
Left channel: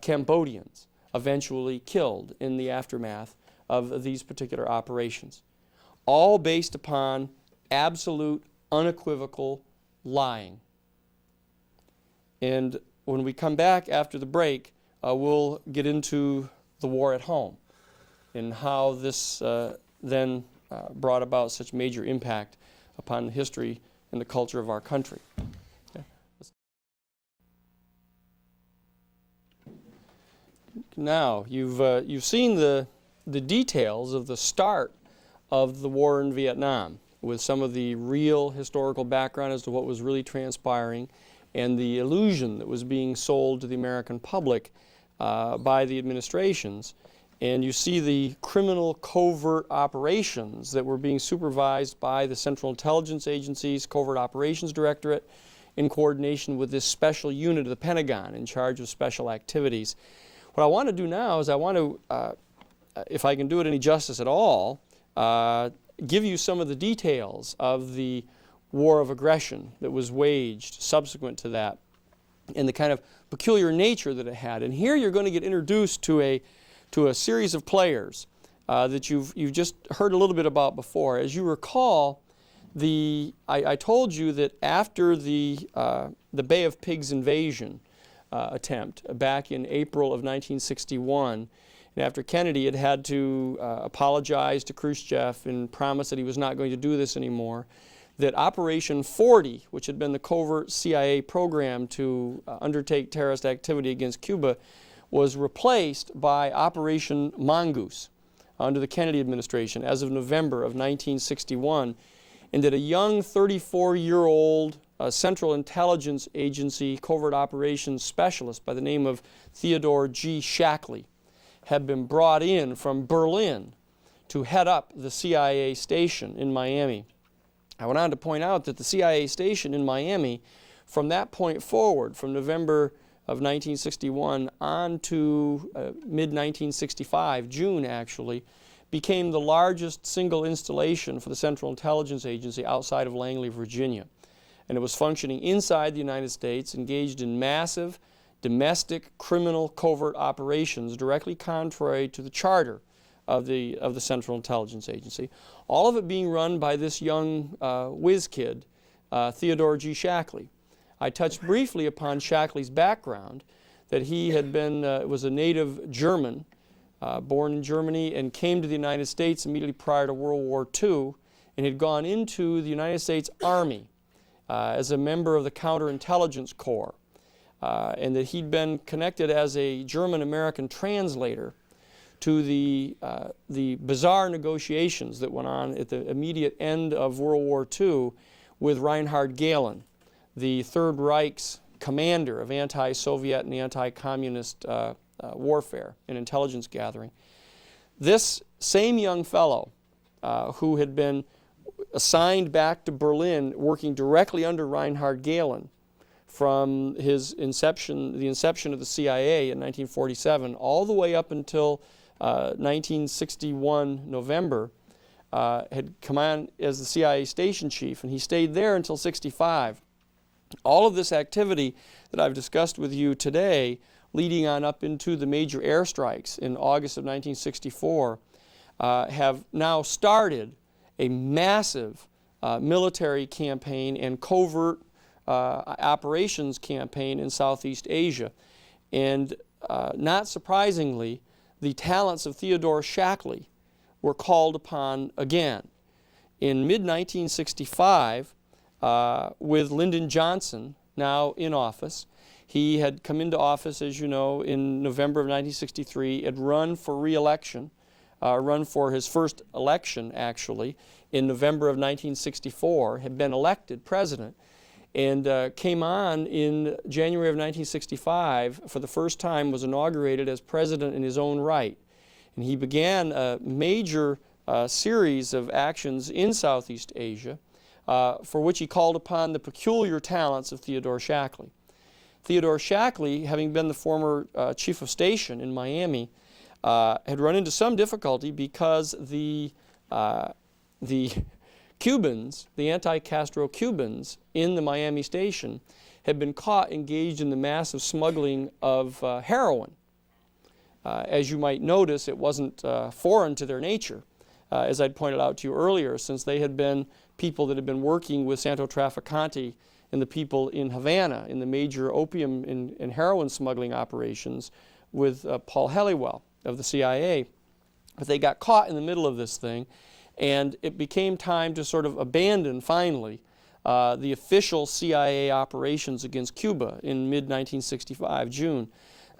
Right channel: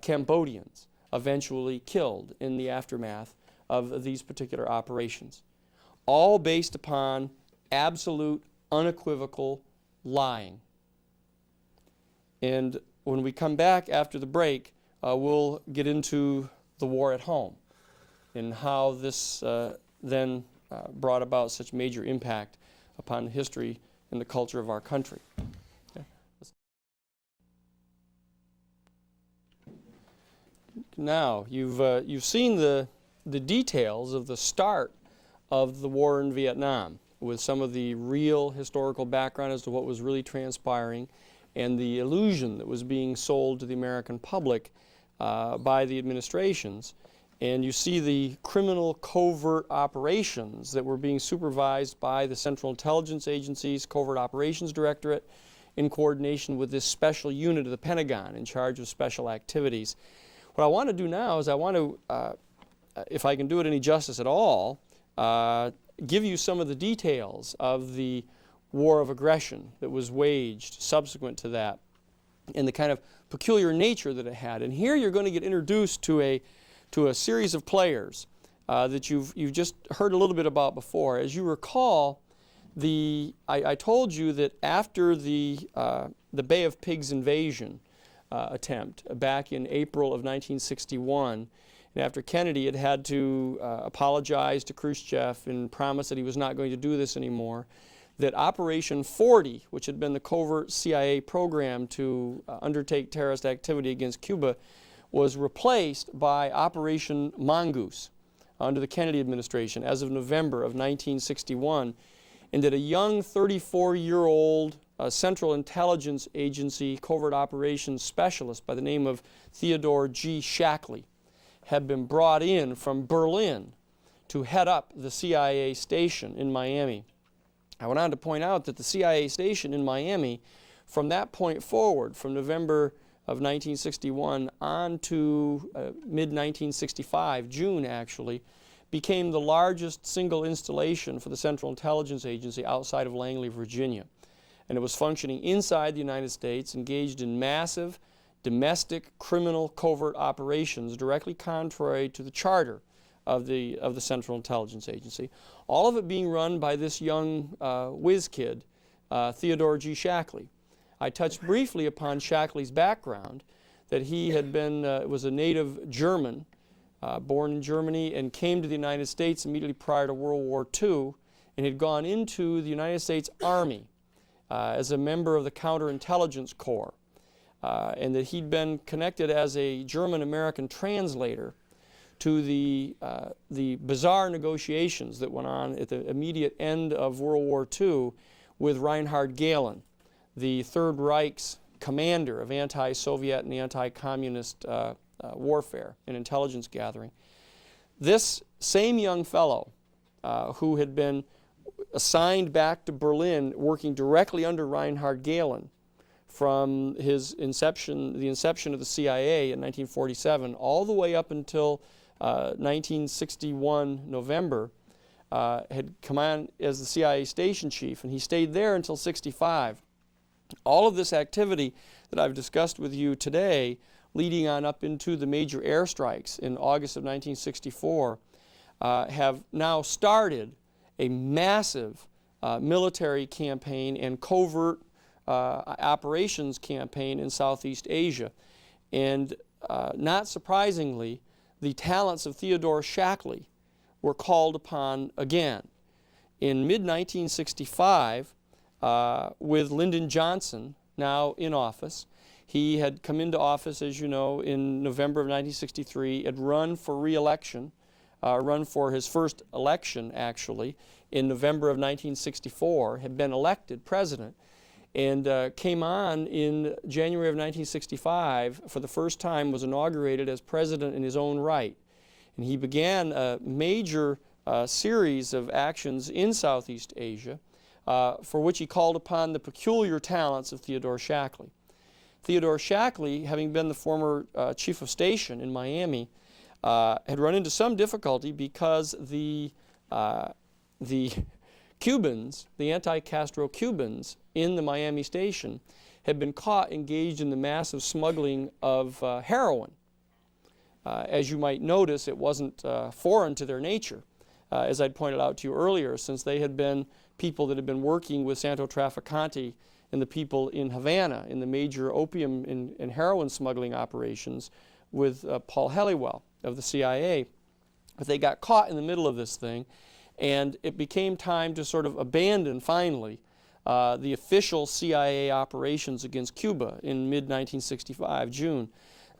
Cambodians eventually killed in the aftermath of these particular operations. All based upon absolute, unequivocal lying. And when we come back after the break, we'll get into the war at home and how this then brought about such major impact upon the history and the culture of our country. Okay. Now, you've seen the details of the start of the war in Vietnam, with some of the real historical background as to what was really transpiring and the illusion that was being sold to the American public by the administrations. And you see the criminal covert operations that were being supervised by the Central Intelligence Agency's Covert Operations Directorate in coordination with this special unit of the Pentagon in charge of special activities. What I want to do now is I want to, if I can do it any justice at all, give you some of the details of the war of aggression that was waged subsequent to that and the kind of peculiar nature that it had. And here you're going to get introduced to a series of players that you've just heard a little bit about before. As you recall, I told you that after the Bay of Pigs invasion attempt back in April of 1961, and after Kennedy had to apologize to Khrushchev and promise that he was not going to do this anymore, that Operation 40, which had been the covert CIA program to undertake terrorist activity against Cuba, was replaced by Operation Mongoose under the Kennedy administration as of November of 1961, and that a young 34-year-old Central Intelligence Agency covert operations specialist by the name of Theodore G. Shackley had been brought in from Berlin to head up the CIA station in Miami. I went on to point out that the CIA station in Miami, from that point forward, from November of 1961 on to mid-1965, June actually, became the largest single installation for the Central Intelligence Agency outside of Langley, Virginia. And it was functioning inside the United States, engaged in massive domestic criminal covert operations directly contrary to the charter of the Central Intelligence Agency. All of it being run by this young whiz kid, Theodore G. Shackley. I touched briefly upon Shackley's background, that he had been, was a native German, born in Germany, and came to the United States immediately prior to World War II, and had gone into the United States Army as a member of the Counterintelligence Corps, and that he'd been connected as a German-American translator to the bizarre negotiations that went on at the immediate end of World War II with Reinhard Gehlen, the Third Reich's commander of anti-Soviet and anti-communist warfare and intelligence gathering. This same young fellow who had been assigned back to Berlin, working directly under Reinhard Gehlen from his inception, the inception of the CIA in 1947, all the way up until 1961 November, had come on as the CIA station chief, and he stayed there until 65. All of this activity that I've discussed with you today, leading on up into the major airstrikes in August of 1964, have now started a massive military campaign and covert operations campaign in Southeast Asia. And not surprisingly, the talents of Theodore Shackley were called upon again. In mid-1965, with Lyndon Johnson now in office, he had come into office, as you know, in November of 1963, had run for re-election, run for his first election, actually, in November of 1964, had been elected president, and came on in January of 1965, for the first time was inaugurated as president in his own right. And he began a major series of actions in Southeast Asia, for which he called upon the peculiar talents of Theodore Shackley. Theodore Shackley, having been the former chief of station in Miami, had run into some difficulty because the Cubans, the anti-Castro Cubans in the Miami station, had been caught engaged in the massive smuggling of heroin. As you might notice, it wasn't foreign to their nature, as I'd pointed out to you earlier, since they had been people that had been working with Santo Trafficante and the people in Havana in the major opium and heroin smuggling operations with Paul Helliwell of the CIA. But they got caught in the middle of this thing, and it became time to sort of abandon, finally, the official CIA operations against Cuba in mid-1965, June.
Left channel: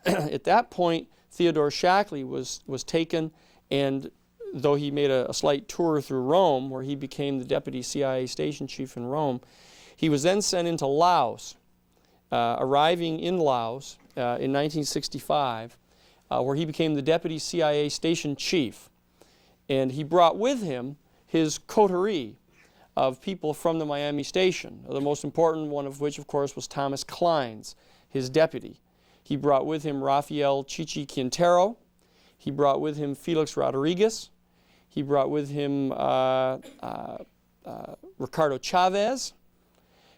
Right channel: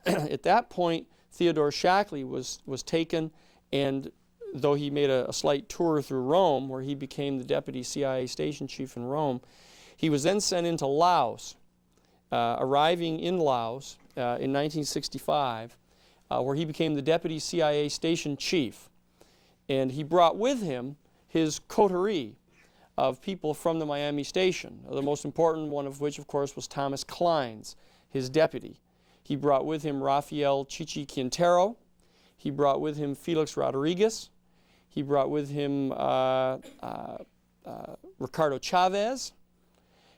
At that point, Theodore Shackley was taken, and though he made a slight tour through Rome, where he became the deputy CIA station chief in Rome, he was then sent into Laos, arriving in Laos in 1965, where he became the deputy CIA station chief. And he brought with him his coterie of people from the Miami station, the most important one of which, of course, was Thomas Kleins, his deputy. He brought with him Rafael Chichi Quintero. He brought with him Felix Rodriguez. He brought with him Ricardo Chavez.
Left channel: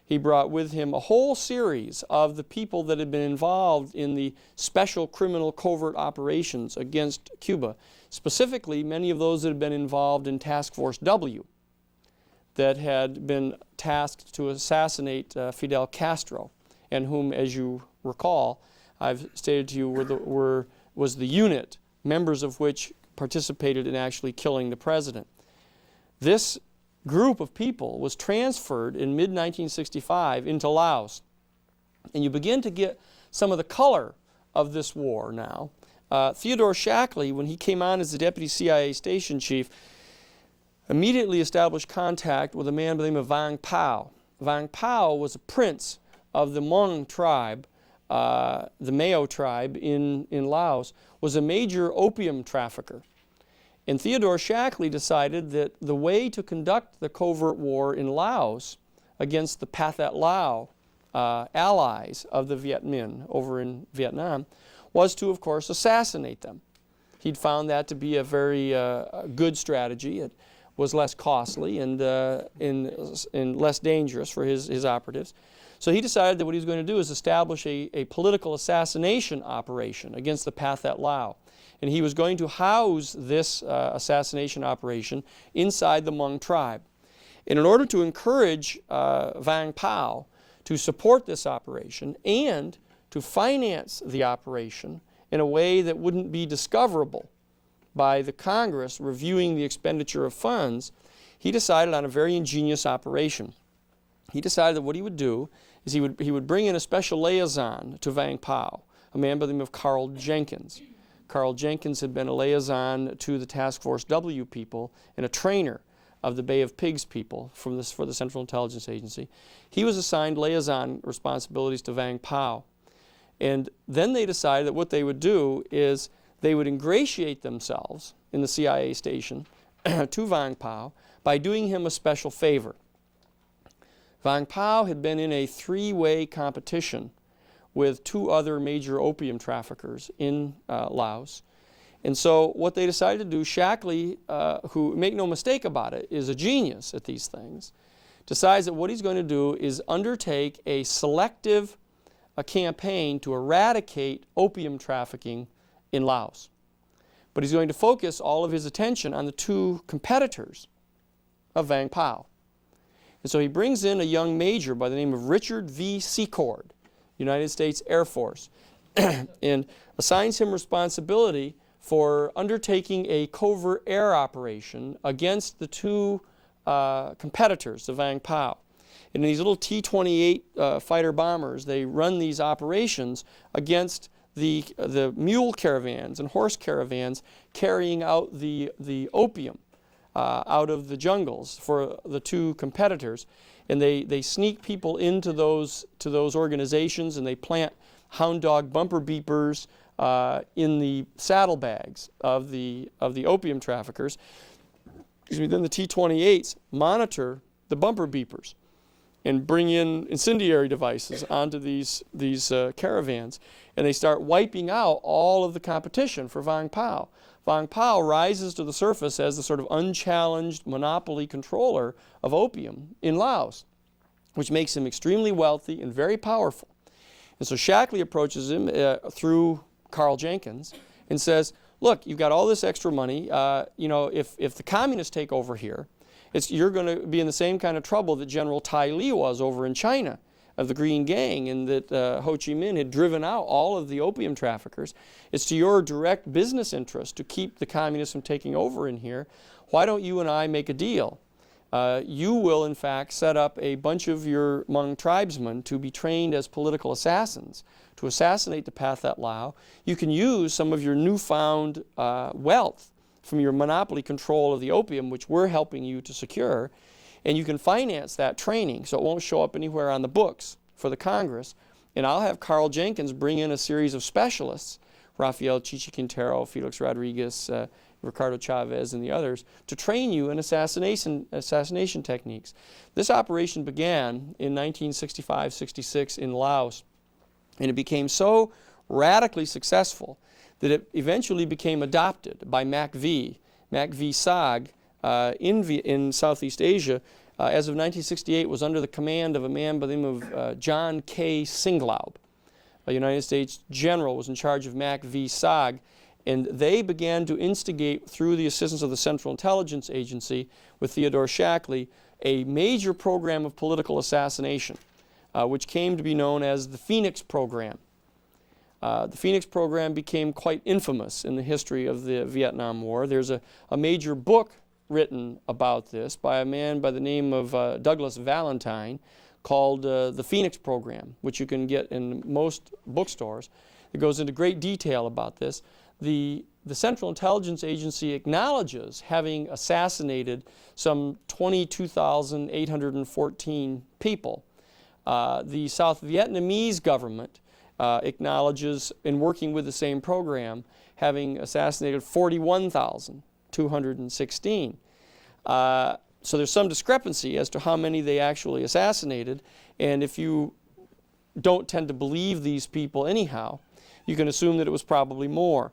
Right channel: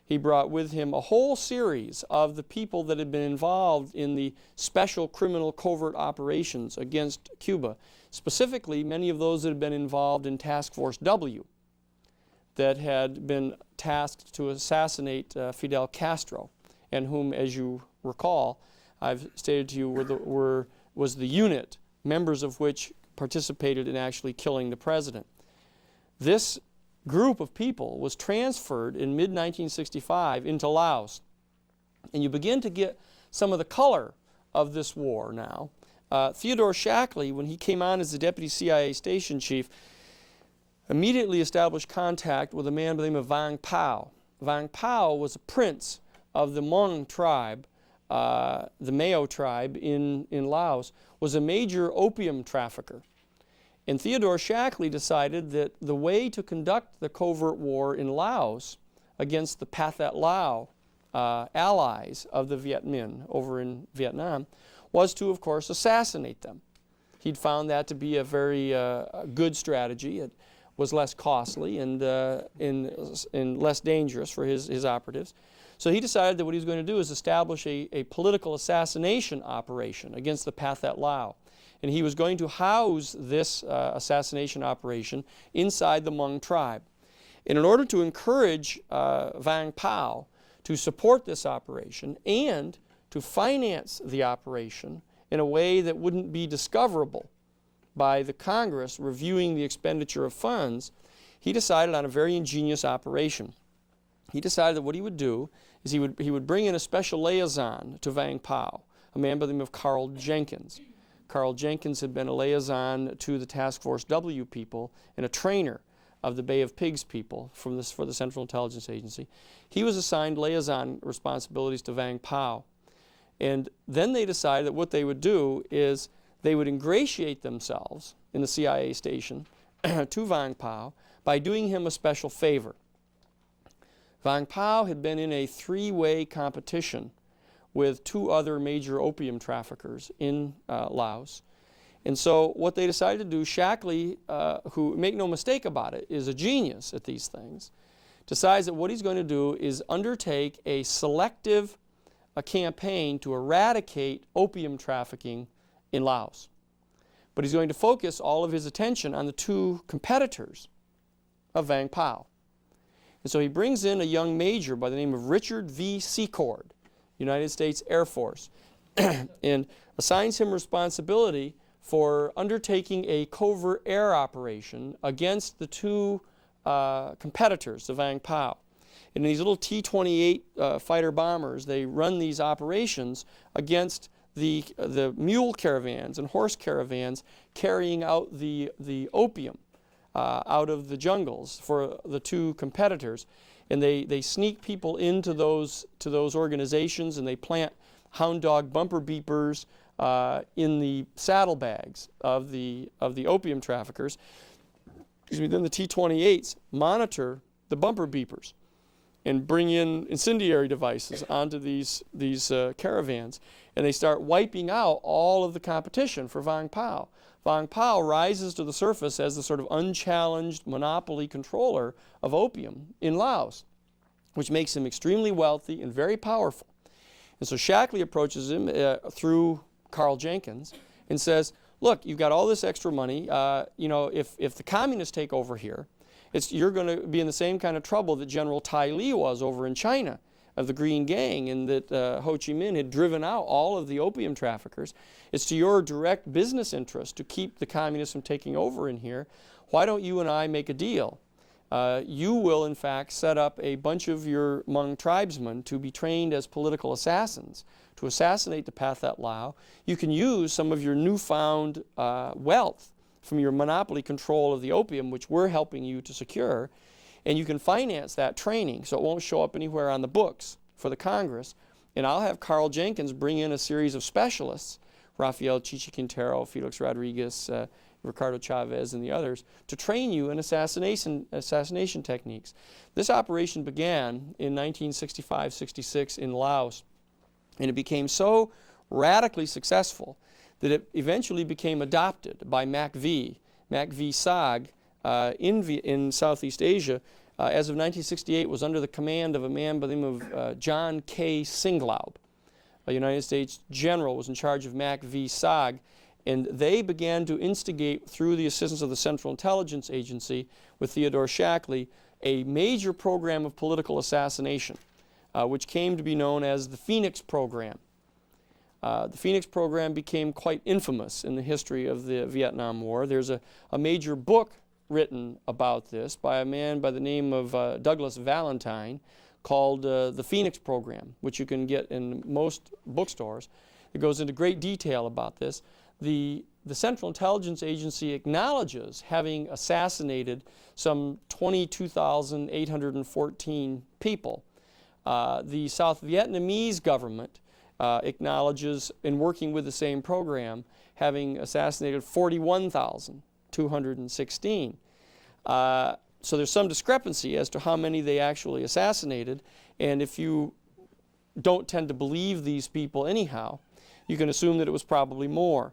He brought with him a whole series of the people that had been involved in the special criminal covert operations against Cuba, specifically many of those that had been involved in Task Force W, that had been tasked to assassinate Fidel Castro, and whom, as you recall, I've stated to you was the unit, members of which participated in actually killing the president. This group of people was transferred in mid-1965 into Laos. And you begin to get some of the color of this war now. Theodore Shackley, when he came on as the deputy CIA station chief, immediately established contact with a man by the name of Vang Pao. Vang Pao was a prince of the Hmong tribe, the Mao tribe in Laos, was a major opium trafficker. And Theodore Shackley decided that the way to conduct the covert war in Laos against the Pathet Lao allies of the Viet Minh over in Vietnam was to, of course, assassinate them. He'd found that to be a very good strategy. It was less costly and less dangerous for his operatives. So he decided that what he was going to do is establish a political assassination operation against the Pathet Lao. And he was going to house this assassination operation inside the Hmong tribe. And in order to encourage Vang Pao to support this operation and to finance the operation in a way that wouldn't be discoverable by the Congress reviewing the expenditure of funds, he decided on a very ingenious operation. He decided that what he would do is he would bring in a special liaison to Vang Pao, a man by the name of Carl Jenkins. Carl Jenkins had been a liaison to the Task Force W people and a trainer of the Bay of Pigs people for the Central Intelligence Agency. He was assigned liaison responsibilities to Vang Pao. And then they decided that what they would do is they would ingratiate themselves in the CIA station to Vang Pao by doing him a special favor. Vang Pao had been in a three-way competition with two other major opium traffickers in Laos. And so what they decided to do, Shackley, who, make no mistake about it, is a genius at these things, decides that what he's going to do is undertake a selective campaign to eradicate opium trafficking in Laos. But he's going to focus all of his attention on the two competitors of Vang Pao. And so he brings in a young major by the name of Richard V. Secord, United States Air Force, and assigns him responsibility for undertaking a covert air operation against the two competitors of Vang Pao. In these little T-28 fighter bombers, they run these operations against the mule caravans and horse caravans carrying out the opium out of the jungles for the two competitors. And they sneak people into those organizations, and they plant hound dog bumper beepers in the saddlebags of the opium traffickers. Then the T-28s monitor the bumper beepers and bring in incendiary devices onto these caravans, and they start wiping out all of the competition for Vang Pao. Vang Pao rises to the surface as the sort of unchallenged monopoly controller of opium in Laos, which makes him extremely wealthy and very powerful. And so Shackley approaches him through Carl Jenkins and says, look, you've got all this extra money. If the communists take over here, you're going to be in the same kind of trouble that General Tai Li was over in China of the Green Gang, and that Ho Chi Minh had driven out all of the opium traffickers. It's to your direct business interest to keep the communists from taking over in here. Why don't you and I make a deal? You will, in fact, set up a bunch of your Hmong tribesmen to be trained as political assassins to assassinate the Pathet Lao. You can use some of your newfound wealth from your monopoly control of the opium, which we're helping you to secure, and you can finance that training so it won't show up anywhere on the books for the Congress. And I'll have Carl Jenkins bring in a series of specialists, Rafael Chichi Quintero, Felix Rodriguez, Ricardo Chavez, and the others, to train you in assassination techniques. This operation began in 1965-66 in Laos, and it became so radically successful that it eventually became adopted by MACV SAG in Southeast Asia. As of 1968, was under the command of a man by the name of John K. Singlaub. A United States general was in charge of MACV SAG, and they began to instigate, through the assistance of the Central Intelligence Agency with Theodore Shackley, a major program of political assassination, which came to be known as the Phoenix Program. The Phoenix Program became quite infamous in the history of the Vietnam War. There's a major book written about this by a man by the name of Douglas Valentine called The Phoenix Program, which you can get in most bookstores. It goes into great detail about this. The Central Intelligence Agency acknowledges having assassinated some 22,814 people. The South Vietnamese government acknowledges, in working with the same program, having assassinated 41,216. So there's some discrepancy as to how many they actually assassinated, and if you don't tend to believe these people anyhow, you can assume that it was probably more.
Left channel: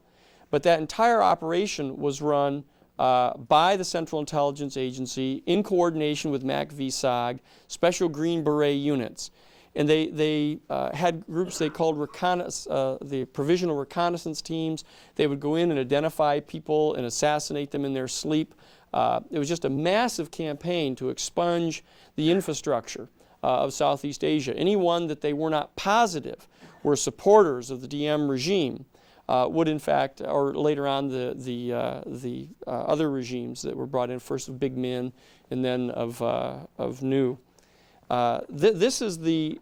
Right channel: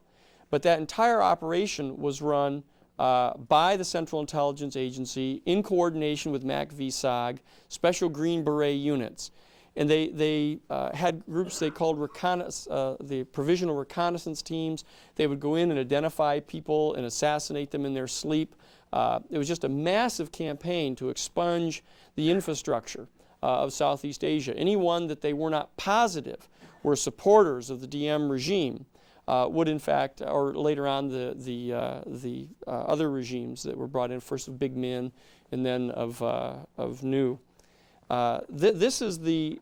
But that entire operation was run by the Central Intelligence Agency in coordination with MACV SAG, Special Green Beret units. And they had groups they called the Provisional Reconnaissance Teams. They would go in and identify people and assassinate them in their sleep. It was just a massive campaign to expunge the infrastructure of Southeast Asia. Anyone that they were not positive were supporters of the Diem regime would, in fact, or later on the other regimes that were brought in, first of Big Min and then of New. This is the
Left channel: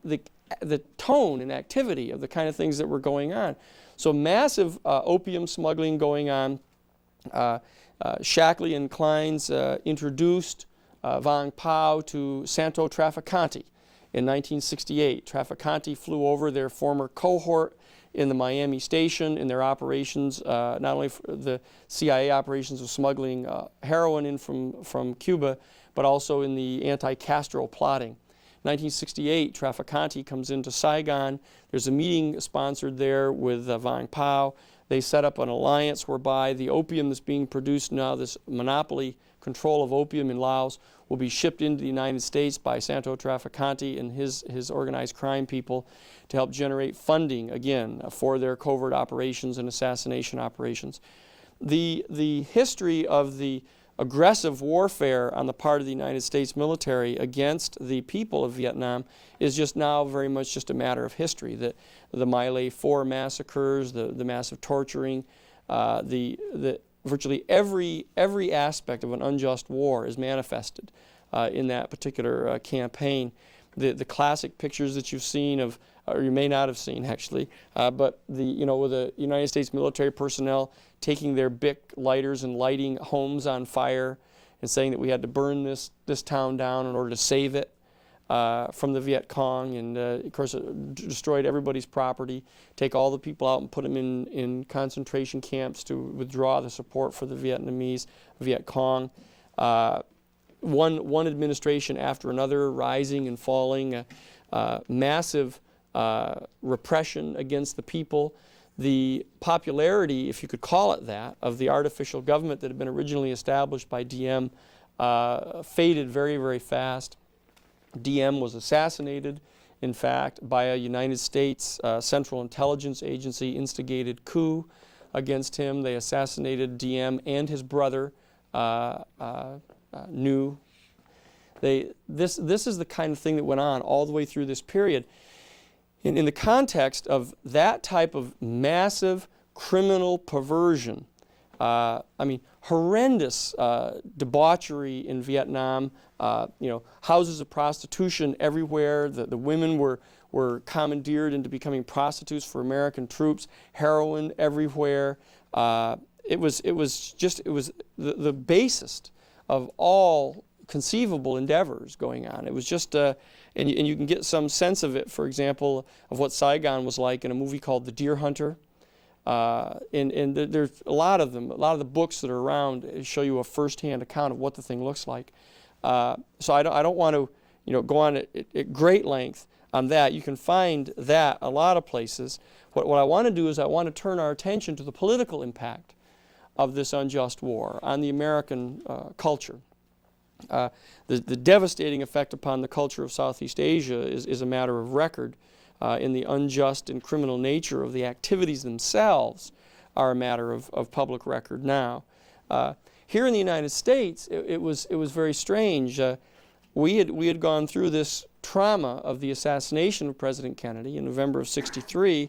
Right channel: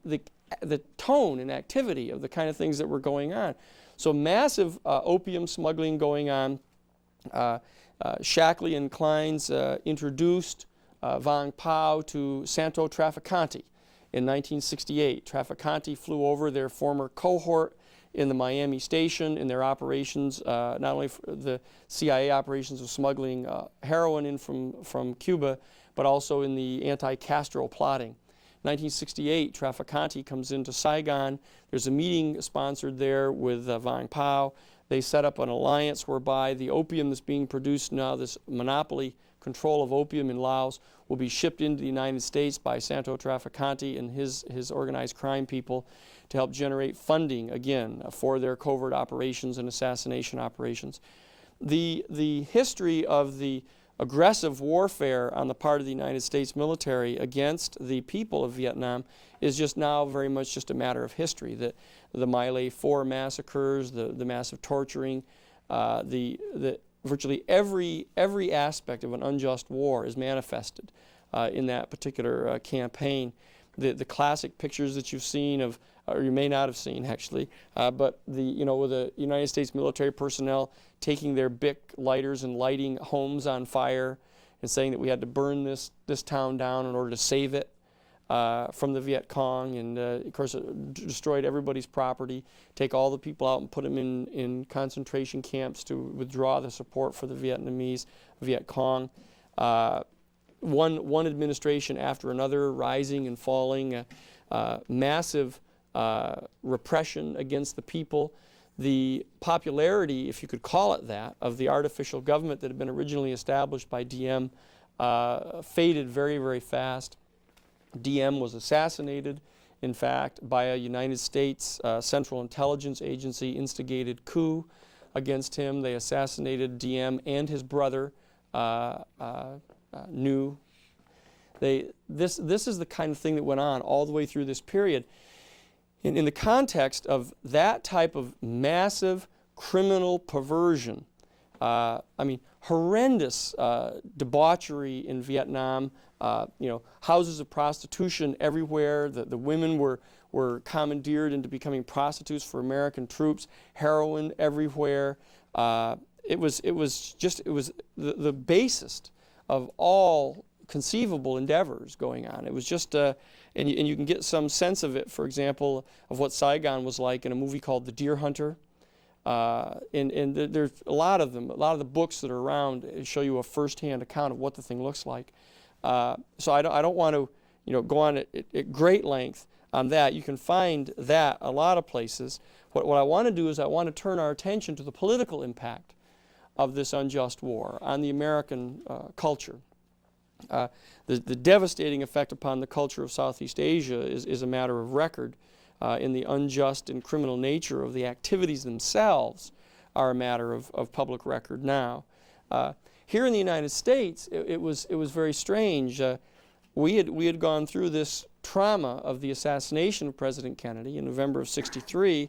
tone and activity of the kind of things that were going on. So massive opium smuggling going on. Shackley and Kleins introduced Vang Pao to Santo Trafficante in 1968. Trafficante flew over their former cohort in the Miami station in their operations, not only for the CIA operations of smuggling heroin in from Cuba, but also in the anti-Castro plotting. 1968, Traficante comes into Saigon. There's a meeting sponsored there with Vang Pao. They set up an alliance whereby the opium that's being produced now, this monopoly control of opium in Laos, will be shipped into the United States by Santo Traficante and his organized crime people to help generate funding, again, for their covert operations and assassination operations. The history of the aggressive warfare on the part of the United States military against the people of Vietnam is just now very much just a matter of history. The My Lai 4 massacres, the massive torturing, virtually every aspect of an unjust war is manifested in that particular campaign. The classic pictures that you've seen of, or you may not have seen actually, but with the United States military personnel taking their Bic lighters and lighting homes on fire and saying that we had to burn this town down in order to save it from the Viet Cong, and of course it destroyed everybody's property, take all the people out and put them in concentration camps to withdraw the support for the Vietnamese Viet Cong. One administration after another rising and falling, massive repression against the people. The popularity, if you could call it that, of the artificial government that had been originally established by Diem faded very, very fast. Diem was assassinated, in fact, by a United States Central Intelligence Agency instigated coup against him. They assassinated Diem and his brother, New. This is the kind of thing that went on all the way through this period. In the context of that type of massive criminal perversion, horrendous debauchery in Vietnam, houses of prostitution everywhere. The women were commandeered into becoming prostitutes for American troops. Heroin everywhere. It was the basest of all conceivable endeavors going on. It was just and you can get some sense of it, for example, of what Saigon was like in a movie called The Deer Hunter. There's a lot of them. A lot of the books that are around show you a first-hand account of what the thing looks like. So I don't want to go on at great length on that. You can find that a lot of places. What I want to do is I want to turn our attention to the political impact of this unjust war on the American culture. The devastating effect upon the culture of Southeast Asia is a matter of record. In the unjust and criminal nature of the activities themselves are a matter of public record now. Here in the United States, it was very strange. We had gone through this trauma of the assassination of President Kennedy in November of '63,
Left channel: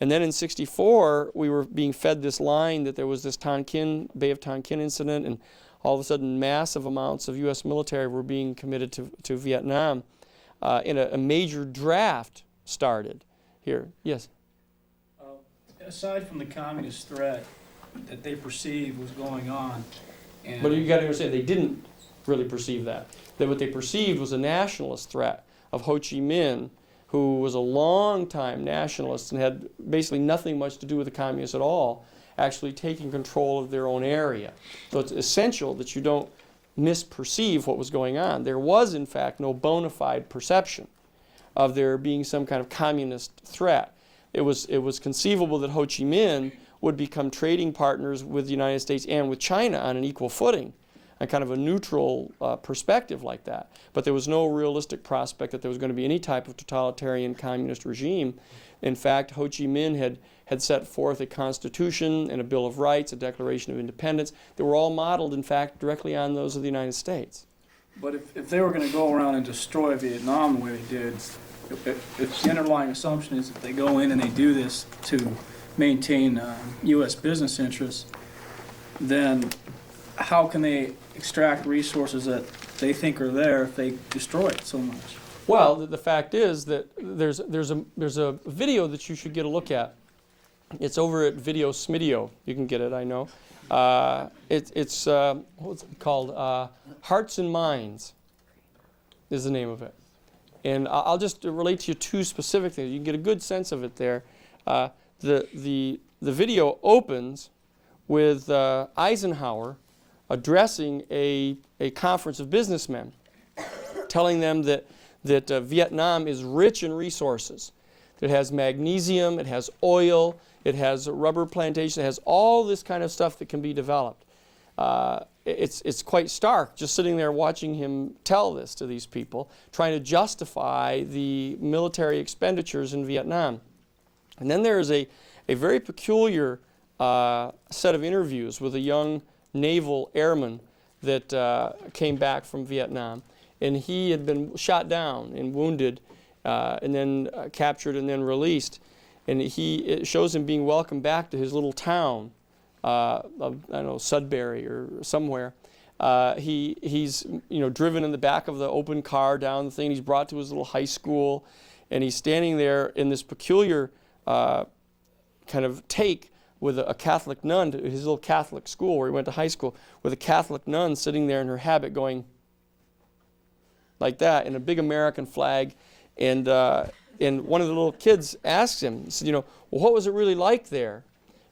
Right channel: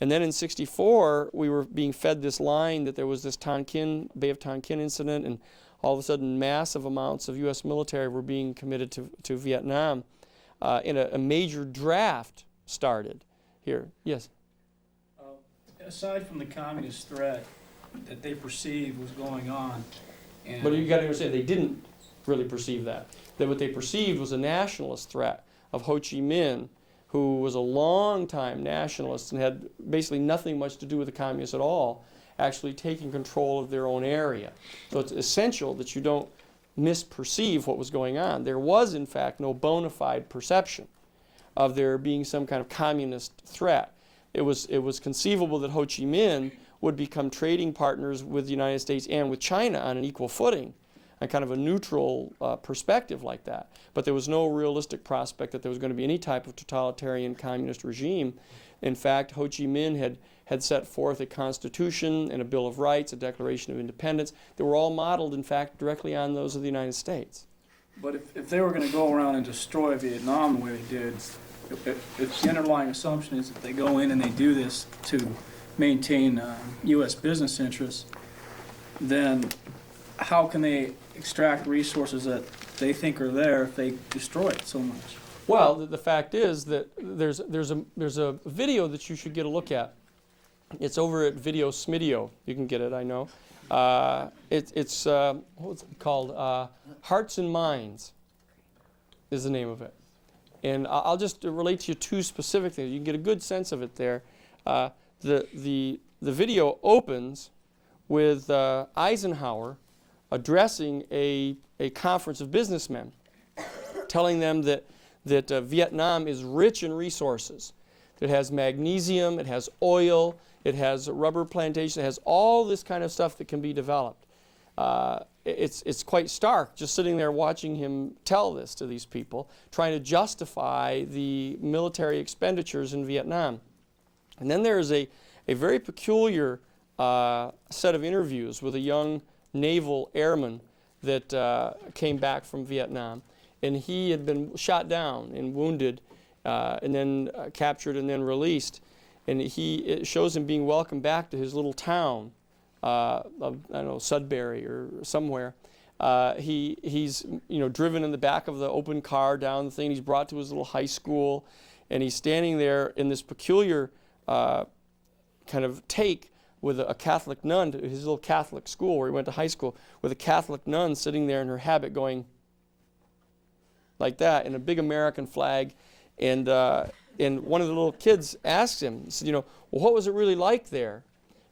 and then in '64 we were being fed this line that there was this Tonkin, Bay of Tonkin incident, and all of a sudden massive amounts of U.S. military were being committed to Vietnam, and a major draft started here. Yes? Aside from the communist threat that they perceived was going on. But you got to understand, they didn't really perceive that. That what they perceived was a nationalist threat of Ho Chi Minh, who was a long-time nationalist and had basically nothing much to do with the communists at all, actually taking control of their own area. So it's essential that you don't misperceive what was going on. There was, in fact, no bona fide perception of there being some kind of communist threat. It was conceivable that Ho Chi Minh would become trading partners with the United States and with China on an equal footing, a kind of a neutral perspective like that. But there was no realistic prospect that there was going to be any type of totalitarian communist regime. In fact, Ho Chi Minh had set forth a constitution and a Bill of Rights, a Declaration of Independence, that were all modeled, in fact, directly on those of the United States. But if they were going to go around and destroy Vietnam the way they did, if the underlying assumption is that they go in and they do this to maintain U.S. business interests, then how can they extract resources that they think are there if they destroy it so much? Well, the fact is that there's a video that you should get a look at. It's over at Video Smidio. You can get it, I know. It's what's it called? Hearts and Minds is the name of it. And I'll just relate to you two specific things. You can get a good sense of it there. the video opens with Eisenhower addressing a conference of businessmen, telling them that Vietnam is rich in resources. It has magnesium, it has oil, it has rubber plantation, it has all this kind of stuff that can be developed. It's quite stark just sitting there watching him tell this to these people, trying to justify the military expenditures in Vietnam. And then there is a very peculiar set of interviews with a young naval airman that came back from Vietnam. And he had been shot down and wounded and then captured and then released. And it shows him being welcomed back to his little town of, I don't know, Sudbury or somewhere. He's driven in the back of the open car down the thing. He's brought to his little high school, and he's standing there in this peculiar kind of take with a Catholic nun to his little Catholic school where he went to high school, with a Catholic nun sitting there in her habit going like that, and a big American flag. And one of the little kids asked him, he said, well, what was it really like there?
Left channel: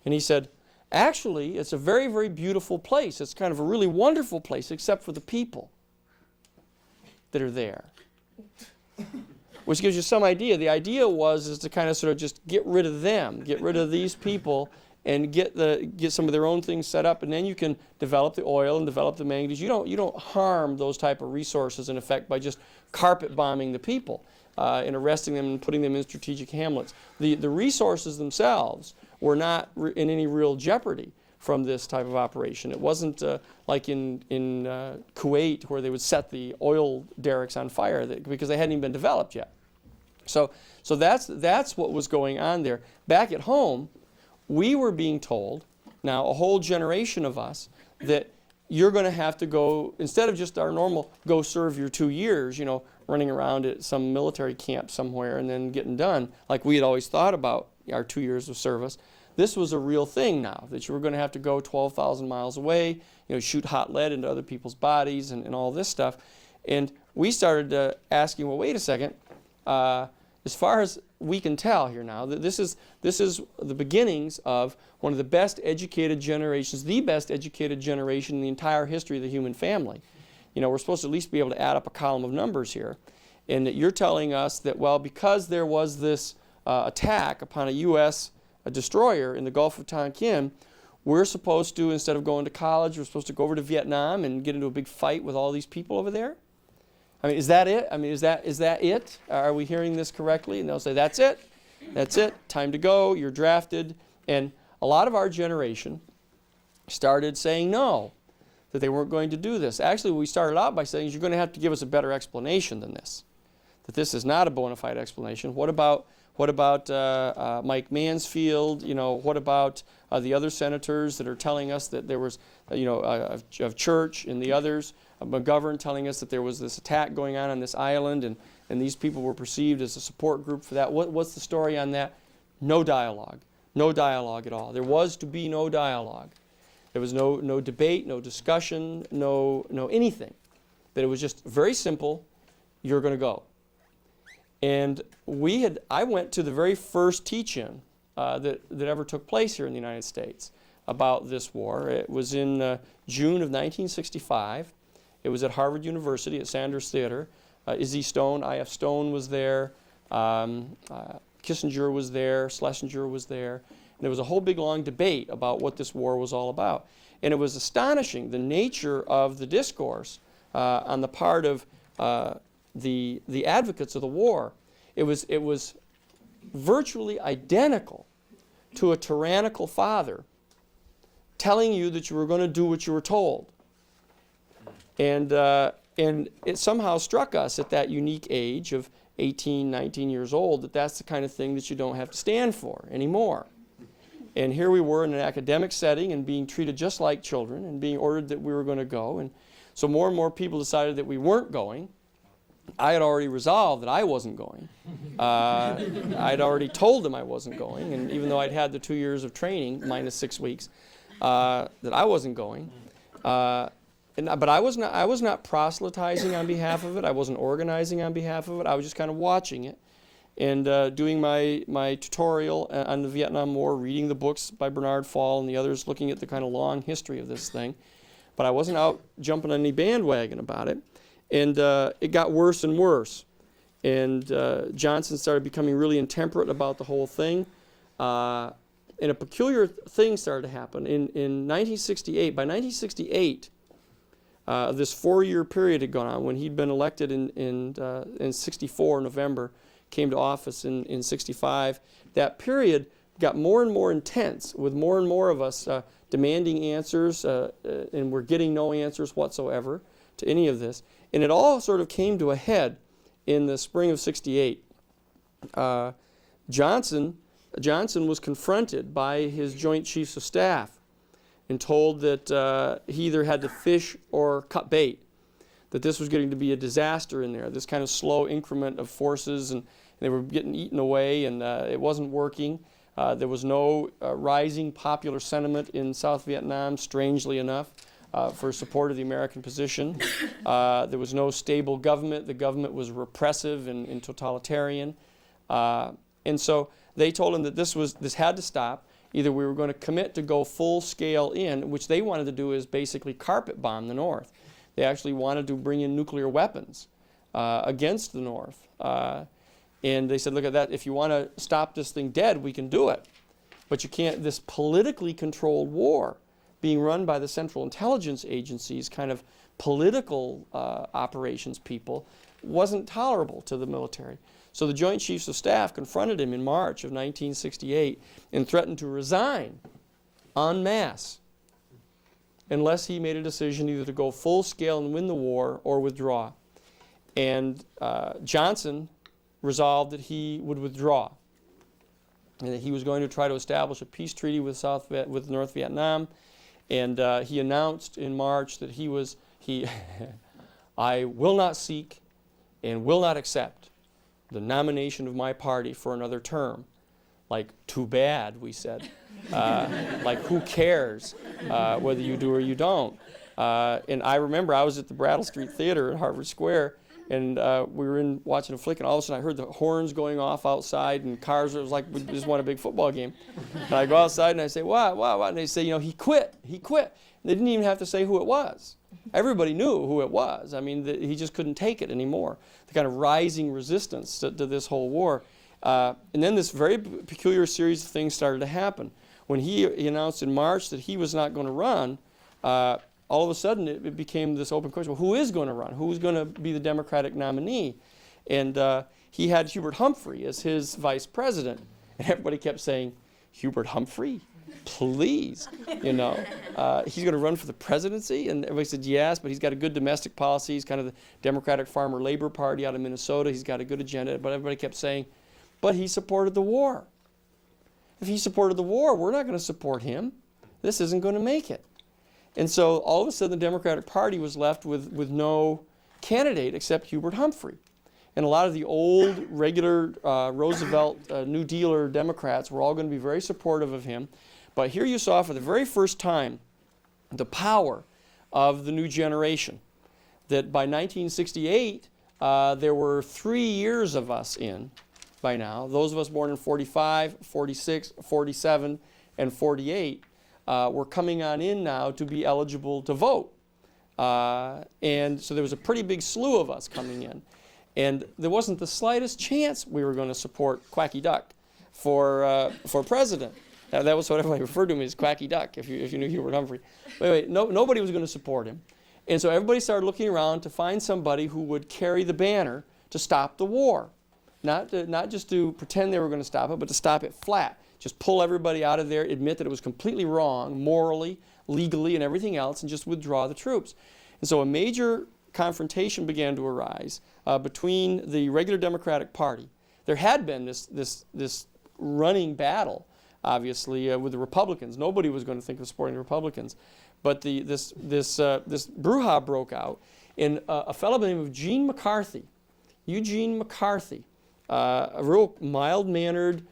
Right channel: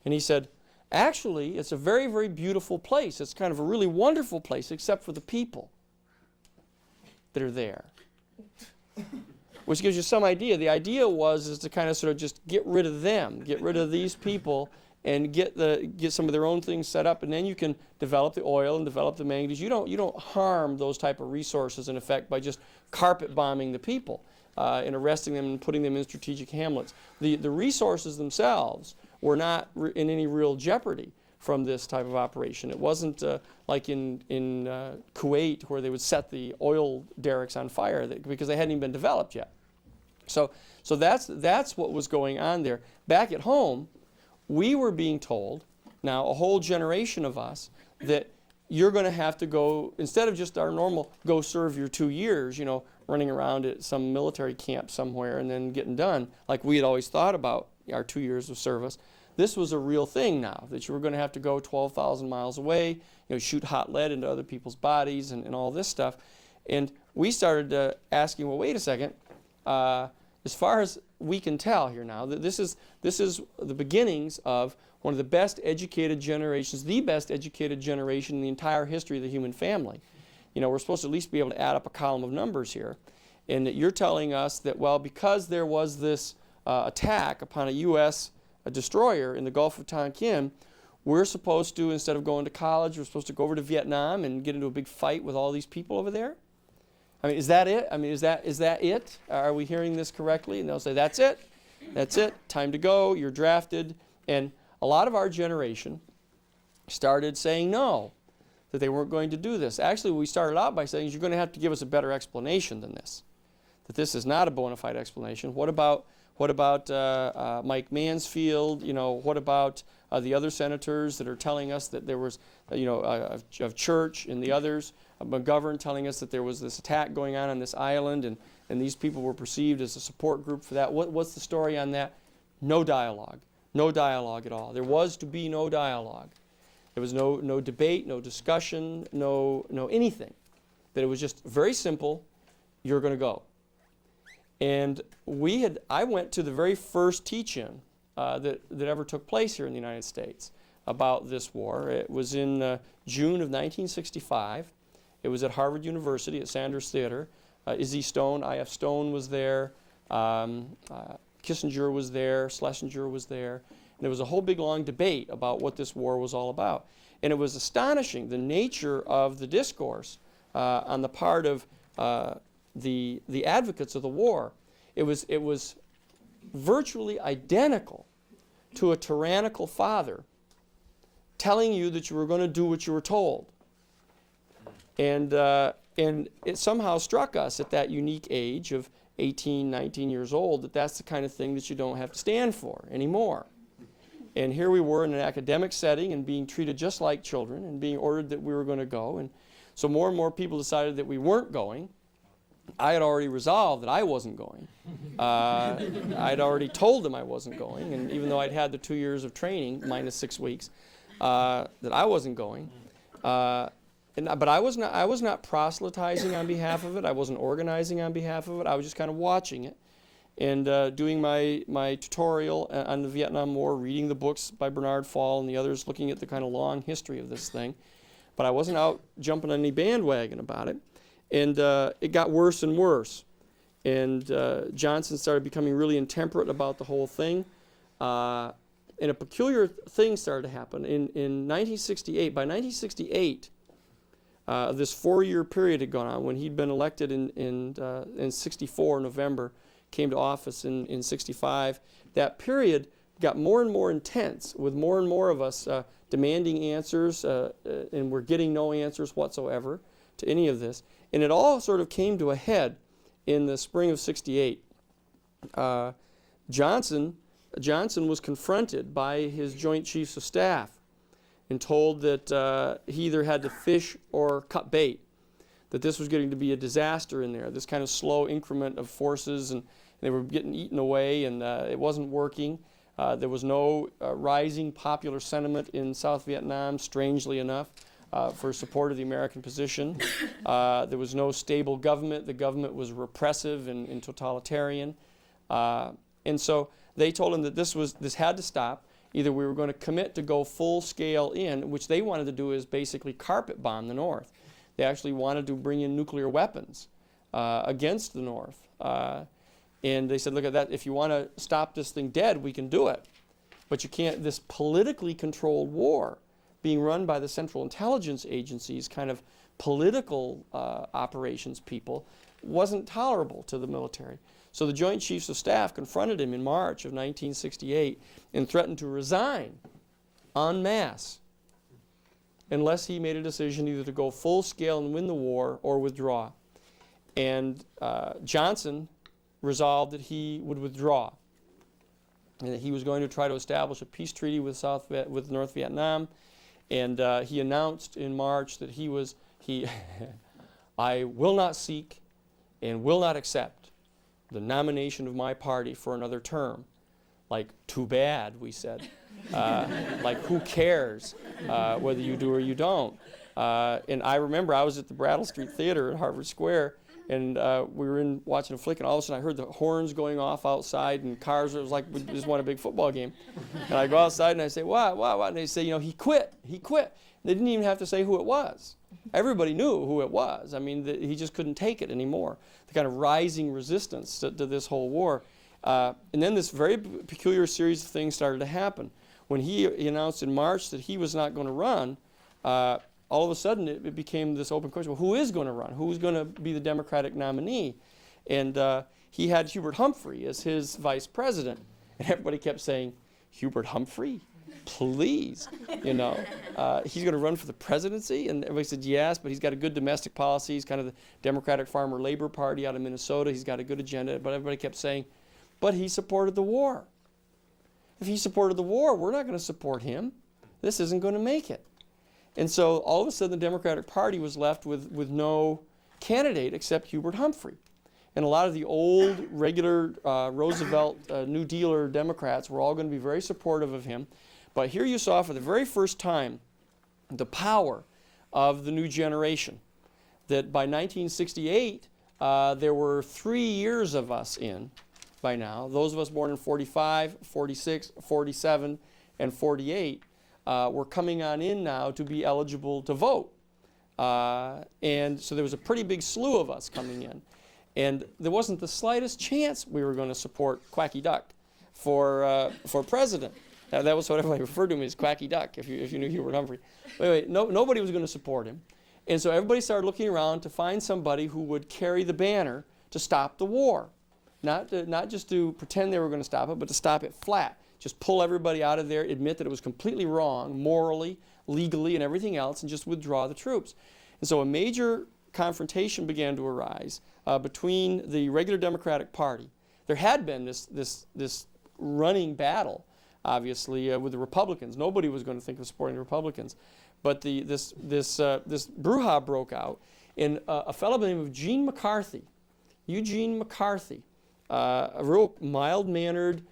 And he said, actually, it's a very, very beautiful place. It's kind of a really wonderful place, except for the people that are there. Which gives you some idea. The idea is to kind of sort of just get rid of them, get rid of these people, and get some of their own things set up, and then you can develop the oil and develop the manganese. You don't harm those type of resources in effect by just carpet bombing the people and arresting them and putting them in strategic hamlets. The resources themselves were not in any real jeopardy from this type of operation. It wasn't like in Kuwait where they would set the oil derricks on fire because they hadn't even been developed yet. So that's what was going on there. Back at home, we were being told, now a whole generation of us, that you're going to have to go, instead of just our normal go serve your 2 years, running around at some military camp somewhere and then getting done, like we had always thought about our 2 years of service. This was a real thing now, that you were going to have to go 12,000 miles away, shoot hot lead into other people's bodies and all this stuff. And we started asking, well, wait a second, as far as we can tell here now, that this is the beginnings of one of the best educated generations, the best educated generation in the entire history of the human family. We're supposed to at least be able to add up a column of numbers here. And that you're telling us that, well, because there was this attack upon a U.S. destroyer in the Gulf of Tonkin, we're supposed to, instead of going to college, we're supposed to go over to Vietnam and get into a big fight with all these people over there? I mean, is that it? I mean, is that it? Are we hearing this correctly? And they'll say, that's it. That's it. Time to go. You're drafted. And a lot of our generation started saying no, that they weren't going to do this. Actually, we started out by saying, you're going to have to give us a better explanation than this, that this is not a bona fide explanation. What about Mike Mansfield? What about the other senators that are telling us that there was, of Church and the others, McGovern telling us that there was this attack going on this island, and these people were perceived as a support group for that. What's the story on that? No dialogue. No dialogue at all. There was to be no dialogue. There was no debate, no discussion, no anything. That it was just very simple, you're going to go. And I went to the very first teach-in that ever took place here in the United States about this war. It was in June of 1965. It was at Harvard University at Sanders Theater. Izzy Stone, I.F. Stone was there. Kissinger was there. Schlesinger was there. There was a whole big long debate about what this war was all about. And it was astonishing, the nature of the discourse on the part of the advocates of the war. It was virtually identical to a tyrannical father telling you that you were going to do what you were told. And it somehow struck us at that unique age of 18, 19 years old that that's the kind of thing that you don't have to stand for anymore. And here we were in an academic setting and being treated just like children and being ordered that we were going to go. And so more and more people decided that we weren't going. I had already resolved that I wasn't going. I'd already told them I wasn't going, and even though I'd had the 2 years of training, minus 6 weeks, that I wasn't going. But I was not proselytizing on behalf of it. I wasn't organizing on behalf of it. I was just kind of watching it. and doing my tutorial on the Vietnam War, reading the books by Bernard Fall and the others, looking at the kind of long history of this thing. But I wasn't out jumping on any bandwagon about it. And it got worse and worse. And Johnson started becoming really intemperate about the whole thing. And a peculiar thing started to happen. In 1968, by 1968, this 4-year period had gone on when he'd been elected in 64, November, came to office in 65. That period got more and more intense, with more and more of us demanding answers, and we're getting no answers whatsoever to any of this. And it all sort of came to a head in the spring of 68. Johnson was confronted by his Joint Chiefs of Staff and told that he either had to fish or cut bait, that this was going to be a disaster in there, this kind of slow increment of forces, and they were getting eaten away, and it wasn't working. There was no rising popular sentiment in South Vietnam, strangely enough, for support of the American position. There was no stable government. The government was repressive and totalitarian. And so they told him that this had to stop. Either we were going to commit to go full scale in, which they wanted to do is basically carpet bomb the North. They actually wanted to bring in nuclear weapons against the North. And they said, look at that, if you want to stop this thing dead, we can do it. But you can't, this politically controlled war being run by the Central Intelligence Agency's kind of political operations people wasn't tolerable to the military. So the Joint Chiefs of Staff confronted him in March of 1968 and threatened to resign en masse unless he made a decision either to go full scale and win the war or withdraw. And Johnson resolved that he would withdraw, and that he was going to try to establish a peace treaty with North Vietnam. And he announced in March that I will not seek and will not accept the nomination of my party for another term. Like, too bad, we said. Like, who cares whether you do or you don't? And I remember I was at the Brattle Street Theater at Harvard Square, and we were watching a flick, and all of a sudden I heard the horns going off outside, and cars. It was like we just won a big football game. And I go outside and I say, what? And they say, he quit. They didn't even have to say who it was. Everybody knew who it was. I mean, he just couldn't take it anymore. The kind of rising resistance to this whole war. And then this very peculiar series of things started to happen. When he announced in March that he was not going to run, all of a sudden it became this open question: well, who is going to run? Who's going to be the Democratic nominee? And he had Hubert Humphrey as his vice president, and everybody kept saying, "Hubert Humphrey, please, he's going to run for the presidency?" And everybody said yes, but he's got a good domestic policy. He's kind of the Democratic Farmer Labor Party out of Minnesota. He's got a good agenda. But everybody kept saying, "But he supported the war. If he supported the war, we're not going to support him. This isn't going to make it." And so all of a sudden the Democratic Party was left with no candidate except Hubert Humphrey. And a lot of the old, regular Roosevelt New Dealer Democrats were all going to be very supportive of him. But here you saw for the very first time the power of the new generation. That by 1968, there were 3 years of us in by now. Those of us born in 45, 46, 47, and 48 were coming on in now to be eligible to vote. And so there was a pretty big slew of us coming in. And there wasn't the slightest chance we were going to support Quacky Duck for president. That was what everybody referred to him as, Quacky Duck, if you knew Hubert Humphrey. But anyway, nobody was going to support him. And so everybody started looking around to find somebody who would carry the banner to stop the war. Not just to pretend they were going to stop it, but to stop it flat. Just pull everybody out of there, admit that it was completely wrong, morally, legally, and everything else, and just withdraw the troops. And so a major confrontation began to arise between the regular Democratic Party. There had been this running battle, obviously, with the Republicans. Nobody was going to think of supporting the Republicans. But this brouhaha broke out, and a fellow by the name of Eugene McCarthy, a real mild-mannered,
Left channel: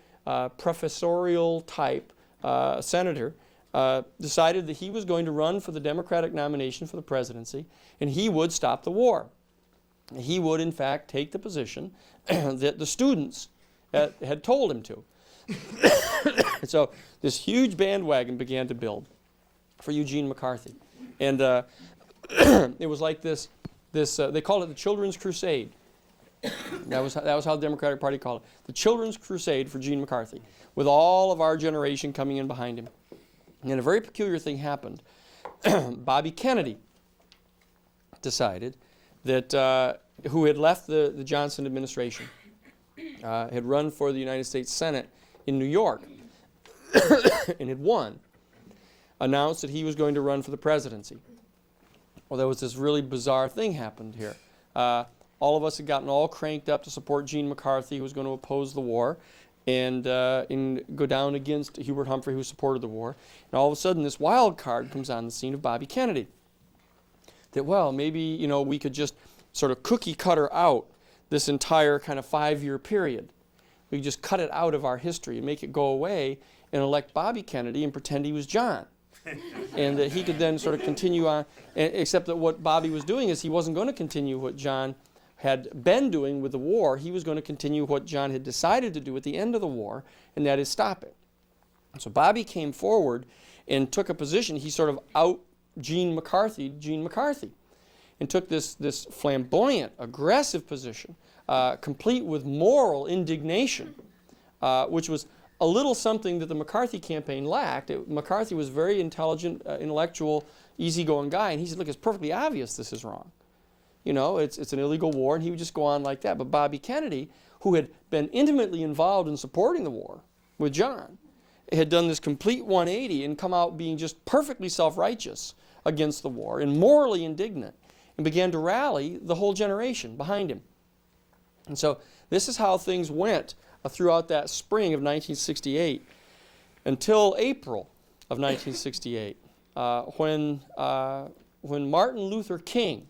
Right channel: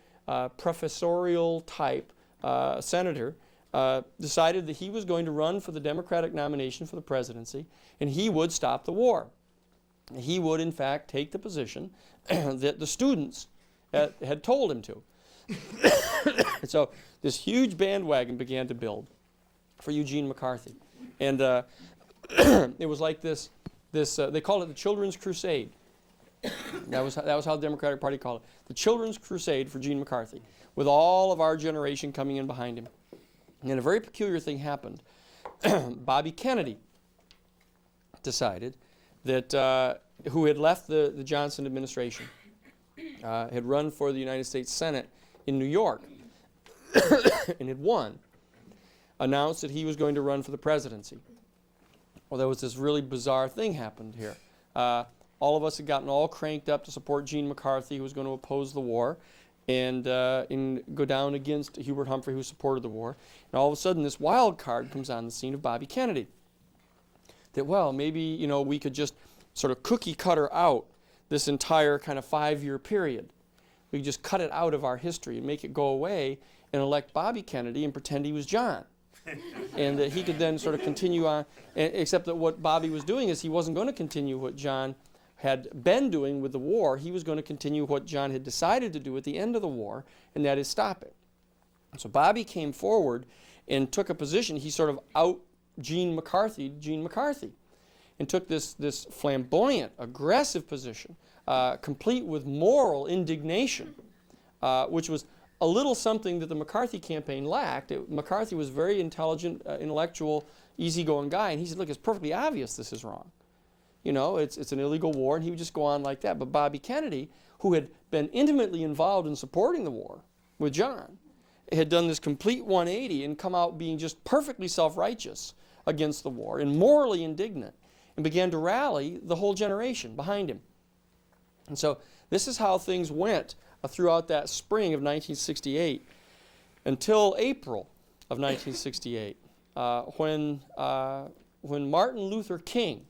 professorial type senator, decided that he was going to run for the Democratic nomination for the presidency, and he would stop the war. He would, in fact, take the position that the students had told him to. And so this huge bandwagon began to build for Eugene McCarthy. And it was like this they called it the Children's Crusade. That was how the Democratic Party called it. The Children's Crusade for Gene McCarthy, with all of our generation coming in behind him. And a very peculiar thing happened. Bobby Kennedy decided that, who had left the Johnson administration, had run for the United States Senate in New York, and had won, announced that he was going to run for the presidency. Well, there was this really bizarre thing happened here. All of us had gotten all cranked up to support Gene McCarthy, who was going to oppose the war, and go down against Hubert Humphrey, who supported the war. And all of a sudden, this wild card comes on the scene of Bobby Kennedy. That, well, maybe, we could just sort of cookie cutter out this entire kind of 5-year period. We could just cut it out of our history and make it go away and elect Bobby Kennedy and pretend he was John. And that he could then sort of continue on, except that what Bobby was doing is he wasn't going to continue what John had been doing with the war. He was going to continue what John had decided to do at the end of the war, and that is stop it. So Bobby came forward and took a position. He sort of out Gene McCarthy, and took this flamboyant, aggressive position, complete with moral indignation, which was a little something that the McCarthy campaign lacked. McCarthy was a very intelligent, intellectual, easygoing guy, and he said, look, it's perfectly obvious this is wrong. It's an illegal war, and he would just go on like that. But Bobby Kennedy, who had been intimately involved in supporting the war with John, had done this complete 180 and come out being just perfectly self-righteous against the war and morally indignant, and began to rally the whole generation behind him. And so this is how things went throughout that spring of 1968 until April of 1968, when Martin Luther King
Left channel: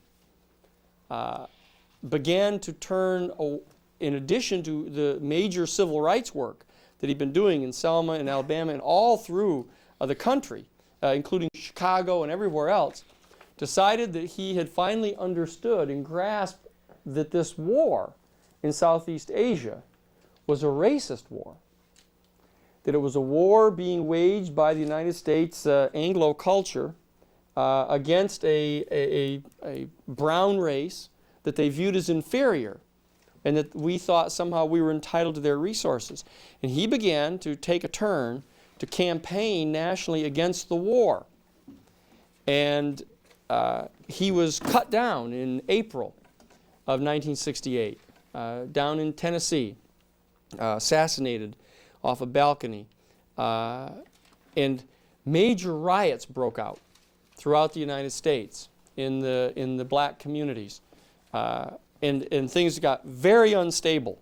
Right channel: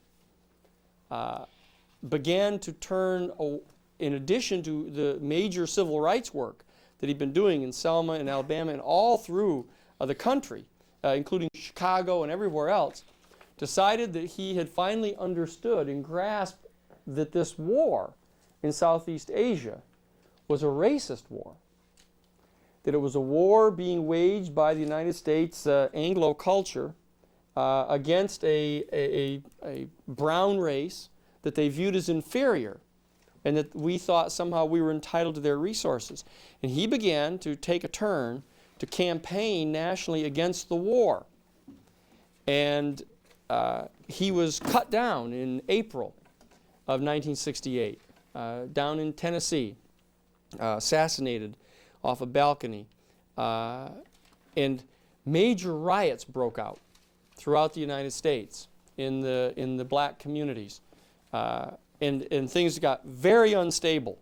began to turn, in addition to the major civil rights work that he'd been doing in Selma and Alabama and all through the country, including Chicago and everywhere else, decided that he had finally understood and grasped that this war in Southeast Asia was a racist war. That it was a war being waged by the United States Anglo culture against a brown race that they viewed as inferior, and that we thought somehow we were entitled to their resources. And he began to take a turn to campaign nationally against the war. And he was cut down in April of 1968, down in Tennessee, assassinated off a balcony, and major riots broke out throughout the United States in the black communities, and things got very unstable.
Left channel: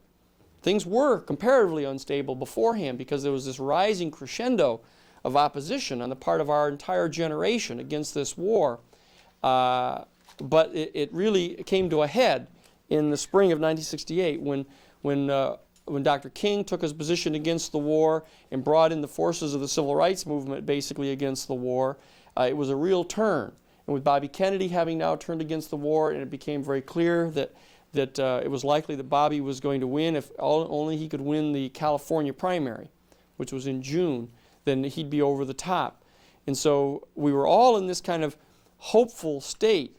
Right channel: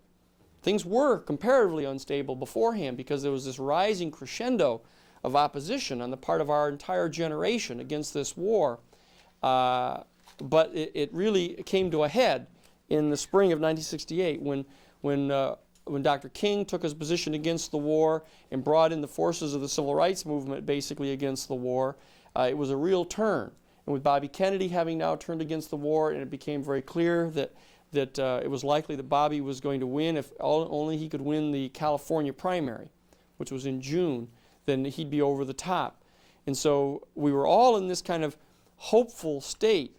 Things were comparatively unstable beforehand because there was this rising crescendo of opposition on the part of our entire generation against this war. But it really came to a head in the spring of 1968 when Dr. King took his position against the war and brought in the forces of the civil rights movement basically against the war. It was a real turn. And with Bobby Kennedy having now turned against the war, and it became very clear that it was likely that Bobby was going to win if only he could win the California primary, which was in June, then he'd be over the top. And so we were all in this kind of hopeful state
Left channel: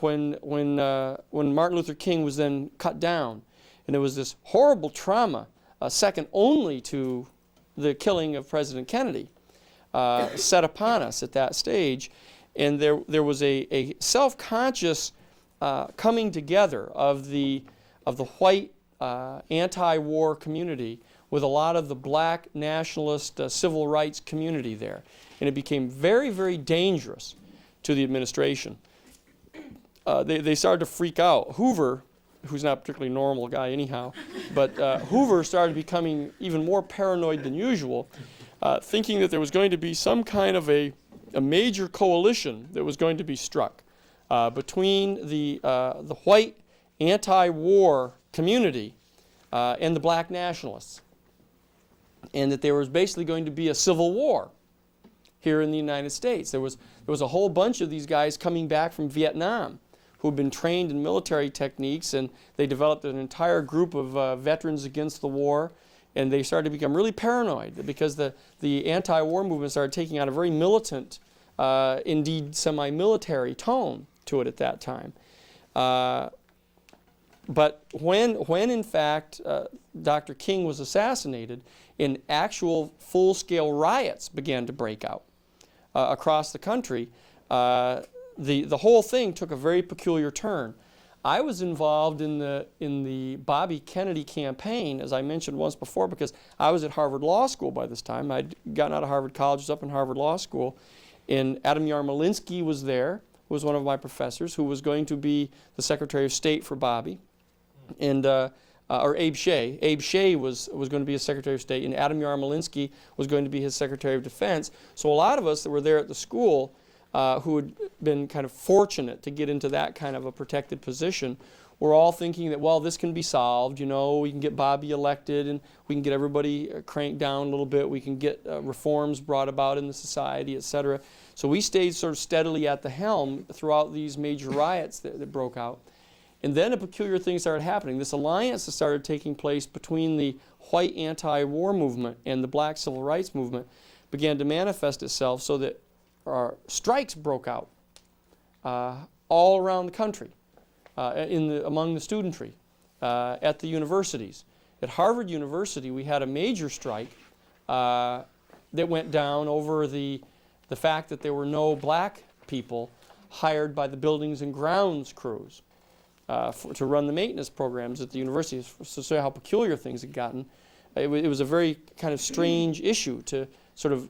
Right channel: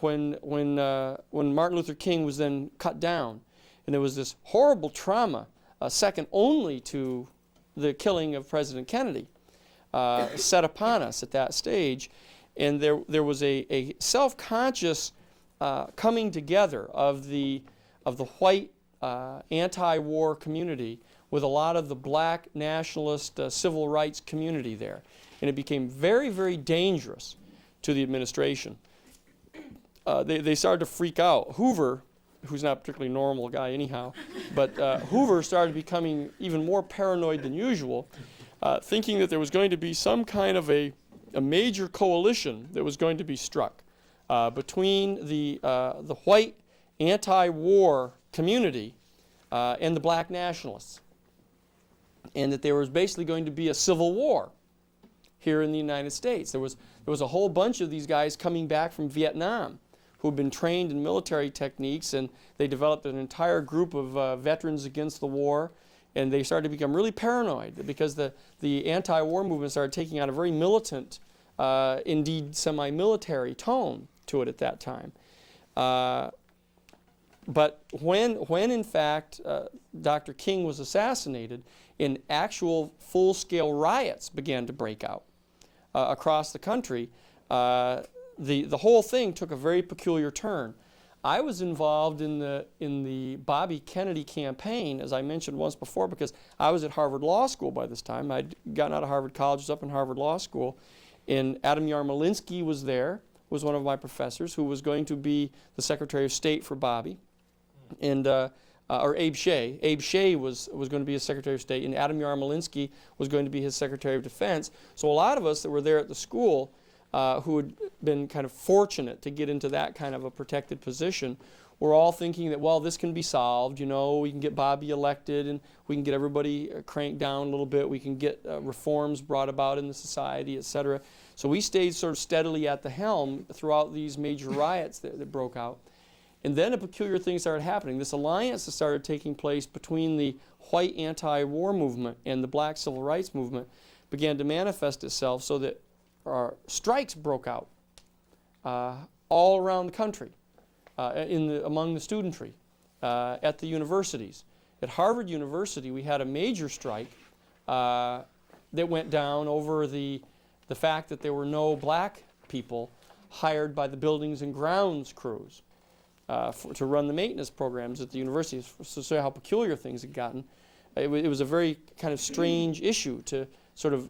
when Martin Luther King was then cut down. And there was this horrible trauma, second only to the killing of President Kennedy, set upon us at that stage. And there was a self-conscious coming together of the white anti-war community with a lot of the black nationalist civil rights community there. And it became very, very dangerous to the administration. They started to freak out. Hoover, who's not a particularly normal guy anyhow, but Hoover started becoming even more paranoid than usual, thinking that there was going to be some kind of a major coalition that was going to be struck between the white anti-war community and the black nationalists, and that there was basically going to be a civil war here in the United States. There was a whole bunch of these guys coming back from Viet Nam who had been trained in military techniques, and they developed an entire group of veterans against the war, And they started to become really paranoid because the anti-war movement started taking on a very militant, indeed semi-military tone to it at that time. But when in fact Dr. King was assassinated, and actual full-scale riots began to break out across the country, the whole thing took a very peculiar turn. I was involved in the Bobby Kennedy campaign, as I mentioned once before, because I was at Harvard Law School by this time. I'd gotten out of Harvard College, was up in Harvard Law School, and Adam Yarmolinsky was there, who was one of my professors, who was going to be the Secretary of State for Bobby, and or Abe Shea. Abe Shea was going to be his Secretary of State, and Adam Yarmolinsky was going to be his Secretary of Defense. So a lot of us that were there at the school, who had been kind of fortunate to get into that kind of a protected position, were all thinking that, well, this can be solved, you know, we can get Bobby elected and we can get everybody cranked down a little bit, we can get reforms brought about in the society, etc. So we stayed sort of steadily at the helm throughout these major riots that broke out. And then a peculiar thing started happening. This alliance that started taking place between the white anti-war movement and the black civil rights movement began to manifest itself so that strikes broke out all around the country, among the studentry, at the universities. At Harvard University, we had a major strike that went down over the fact that there were no black people hired by the buildings and grounds crews to run the maintenance programs at the universities, to say how peculiar things had gotten. It was a very kind of strange issue to sort of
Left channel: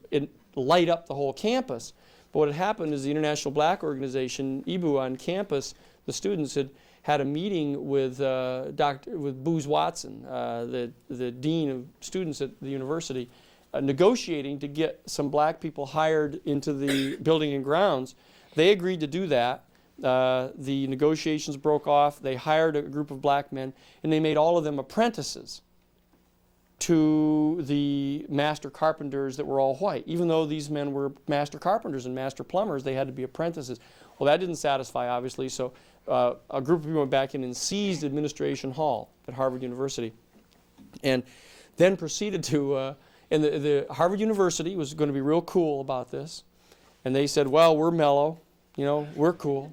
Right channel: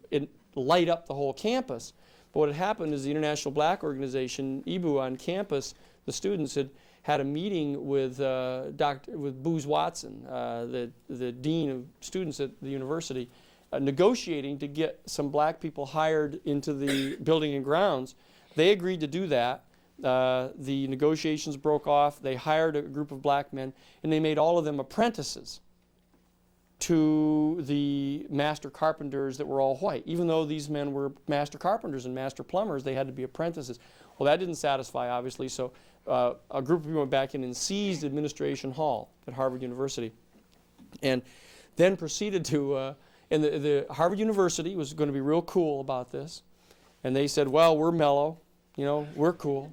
light up the whole campus. But what had happened is the International Black Organization, IBU, on campus, the students had a meeting with Booz Watson, the dean of students at the university, negotiating to get some black people hired into the building and grounds. They agreed to do that. The negotiations broke off. They hired a group of black men, and they made all of them apprentices to the master carpenters that were all white. Even though these men were master carpenters and master plumbers, they had to be apprentices. Well, that didn't satisfy, obviously, so a group of people went back in and seized Administration Hall at Harvard University, and then proceeded to, and the Harvard University was going to be real cool about this, and they said, well, we're mellow, you know, we're cool,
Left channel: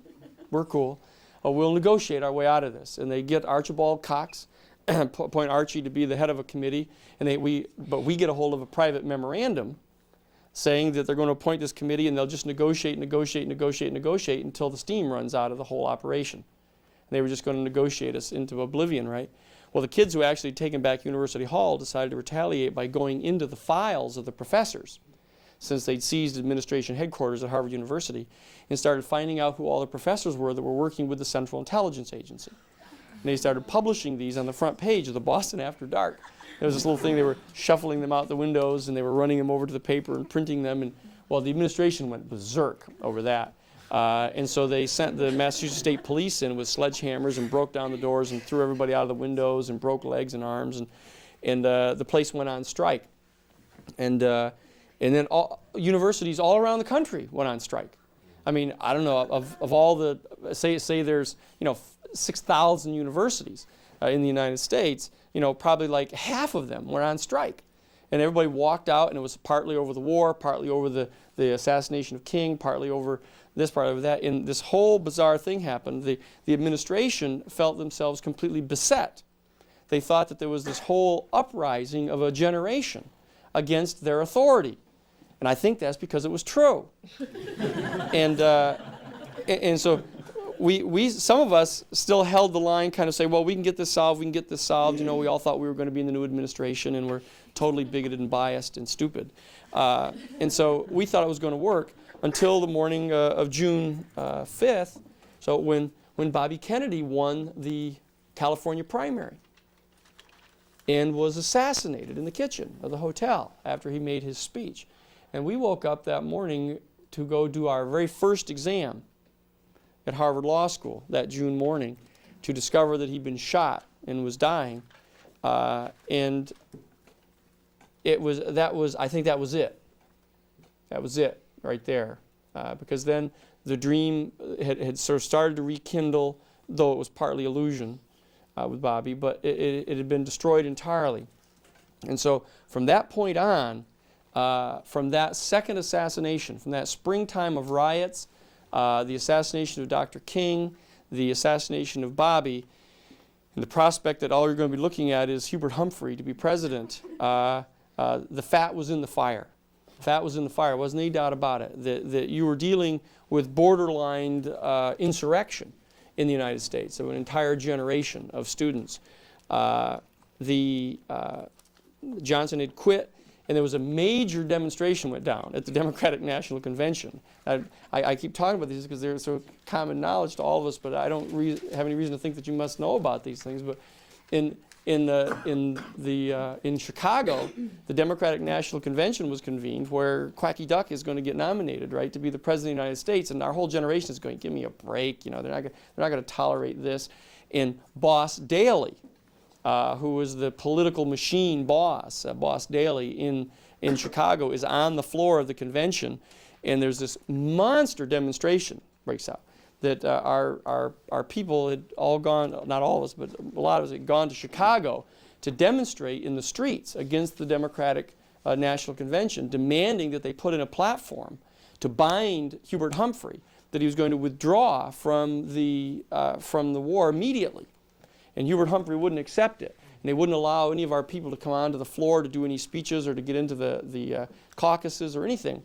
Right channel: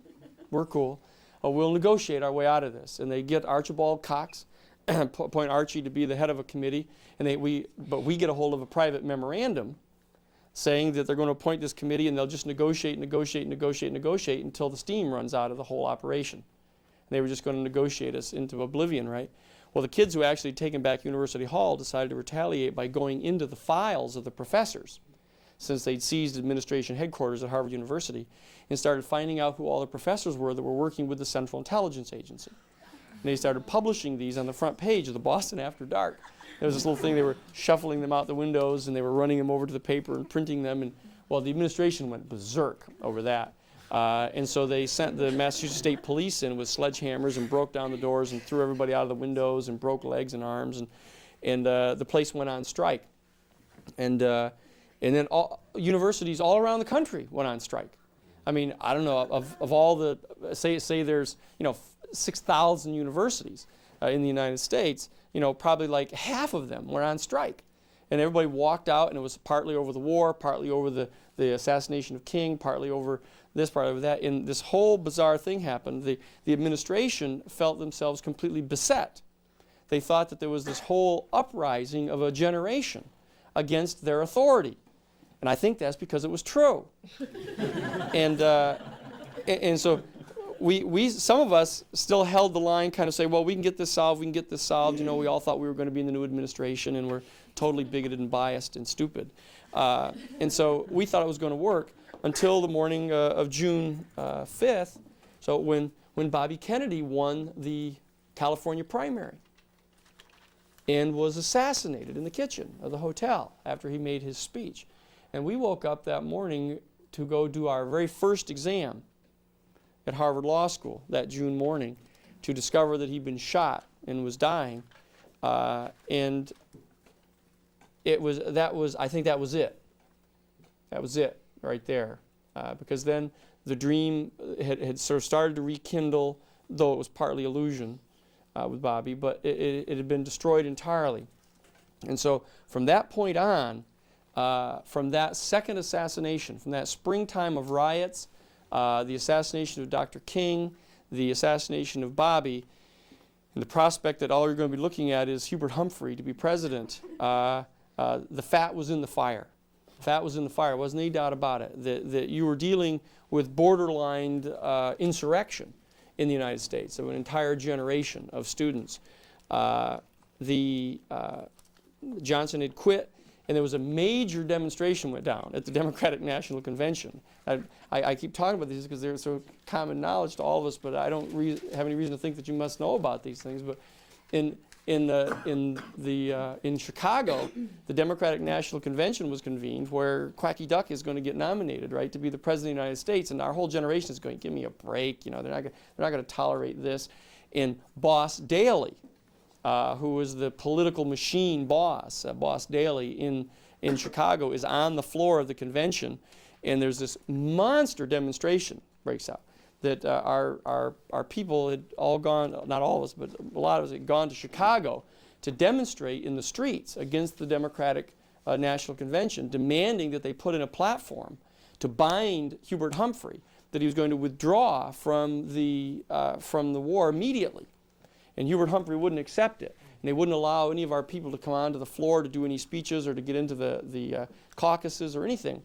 we'll negotiate our way out of this. And they get Archibald Cox, appoint Archie to be the head of a committee, and we get a hold of a private memorandum saying that they're going to appoint this committee and they'll just negotiate until the steam runs out of the whole operation. And they were just going to negotiate us into oblivion, right? Well, the kids who actually taken back University Hall decided to retaliate by going into the files of the professors, since they'd seized administration headquarters at Harvard University, and started finding out who all the professors were that were working with the Central Intelligence Agency. And they started publishing these on the front page of the Boston After Dark. There was this little thing, they were shuffling them out the windows and they were running them over to the paper and printing them, and well, the administration went berserk over that. And so they sent the Massachusetts State Police in with sledgehammers and broke down the doors and threw everybody out of the windows and broke legs and arms, and the place went on strike. And then universities all around the country went on strike. I mean, I don't know, of all the, say there's, 6,000 universities in the United States, probably like half of them were on strike. And everybody walked out, and it was partly over the war, partly over the assassination of King, partly over this, partly over that. And this whole bizarre thing happened. The administration felt themselves completely beset. They thought that there was this whole uprising of a generation against their authority. And I think that's because it was true. And so we some of us still held the line, kind of say, well, we can get this solved. We all thought we were going to be in the new administration, and we're totally bigoted and biased and stupid. And so we thought it was going to work until the morning of June 5th, so when Bobby Kennedy won the California primary and was assassinated in the kitchen of the hotel after he made his speech. And we woke up that morning to go do our very first exam at Harvard Law School that June morning to discover that he'd been shot and was dying. And I think that was it. That was it right there. Because then the dream had sort of started to rekindle, though it was partly illusion with Bobby, but it had been destroyed entirely. And so from that point on, from that second assassination, from that springtime of riots, the assassination of Dr. King, the assassination of Bobby, and the prospect that all you're going to be looking at is Hubert Humphrey to be president, the fat was in the fire. Fat was in the fire. Wasn't any doubt about it. That you were dealing with borderline insurrection in the United States of an entire generation of students. Johnson had quit, and there was a major demonstration went down at the Democratic National Convention. I keep talking about these because they're sort of common knowledge to all of us, but I don't have any reason to think that you must know about these things. But in Chicago, the Democratic National Convention was convened, where Quacky Duck is going to get nominated, right, to be the president of the United States, and our whole generation is going to give me a break. You know, they're not going to tolerate this. And Boss Daley, who was the political machine boss, Boss Daley in Chicago, is on the floor of the convention, and there's this monster demonstration breaks out that our people had all gone, not all of us, but a lot of us had gone to Chicago to demonstrate in the streets against the Democratic National Convention, demanding that they put in a platform to bind Hubert Humphrey, that he was going to withdraw from the war immediately. And Hubert Humphrey wouldn't accept it. And he wouldn't allow any of our people to come onto the floor to do any speeches or to get into the caucuses or anything.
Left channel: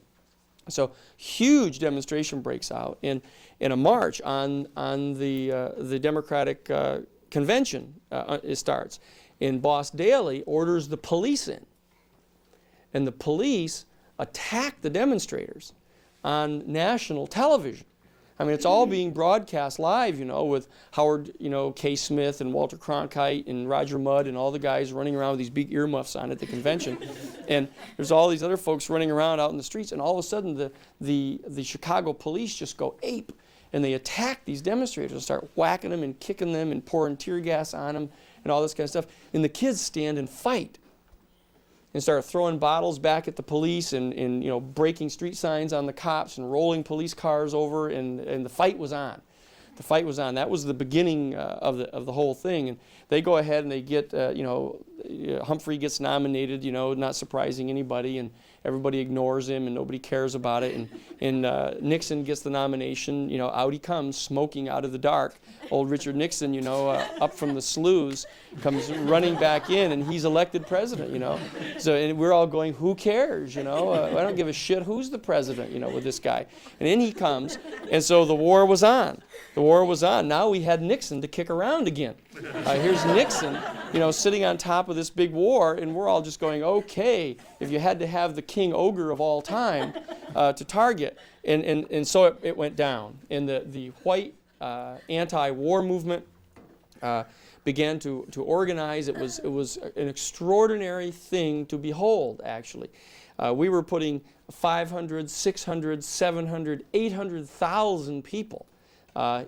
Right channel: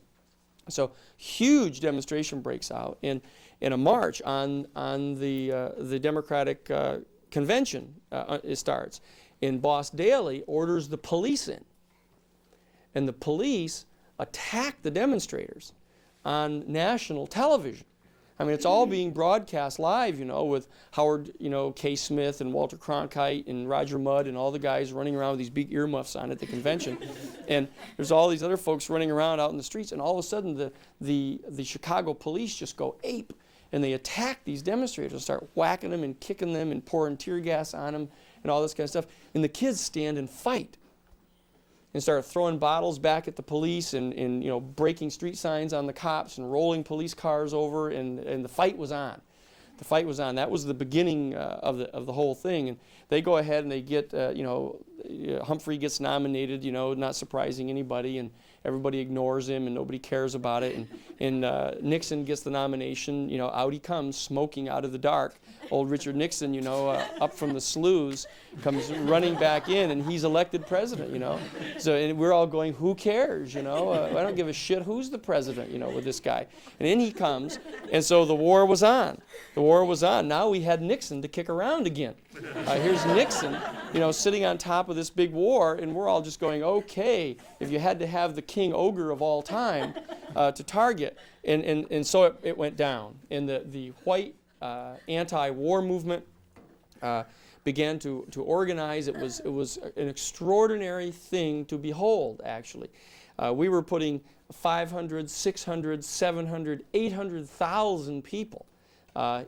So huge demonstration breaks out, and a march on the Democratic convention it starts. And Boss Daley orders the police in, and the police attack the demonstrators on national television. I mean, it's all being broadcast live, you know, with Howard, K. Smith and Walter Cronkite and Roger Mudd and all the guys running around with these big earmuffs on at the convention. And there's all these other folks running around out in the streets, and all of a sudden the Chicago police just go ape, and they attack these demonstrators and start whacking them and kicking them and pouring tear gas on them and all this kind of stuff. And the kids stand and fight and start throwing bottles back at the police and breaking street signs on the cops and rolling police cars over, and the fight was on. The fight was on. That was the beginning of the whole thing. And they go ahead and they get, Humphrey gets nominated, not surprising anybody, and everybody ignores him and nobody cares about it. And Nixon gets the nomination. Out he comes, smoking out of the dark. Old Richard Nixon, up from the sloughs, comes running back in, and he's elected president, So and we're all going, who cares, I don't give a shit who's the president, with this guy. And in he comes, and so the war was on. The war was on. Now we had Nixon to kick around again. Here's Nixon, sitting on top of this big war, and we're all just going, okay, if you had to have the king ogre of all time to target. And so it went down. And the white anti-war movement began to organize. It was an extraordinary thing to behold, actually. We were putting 500, 600, 700, 800,000 people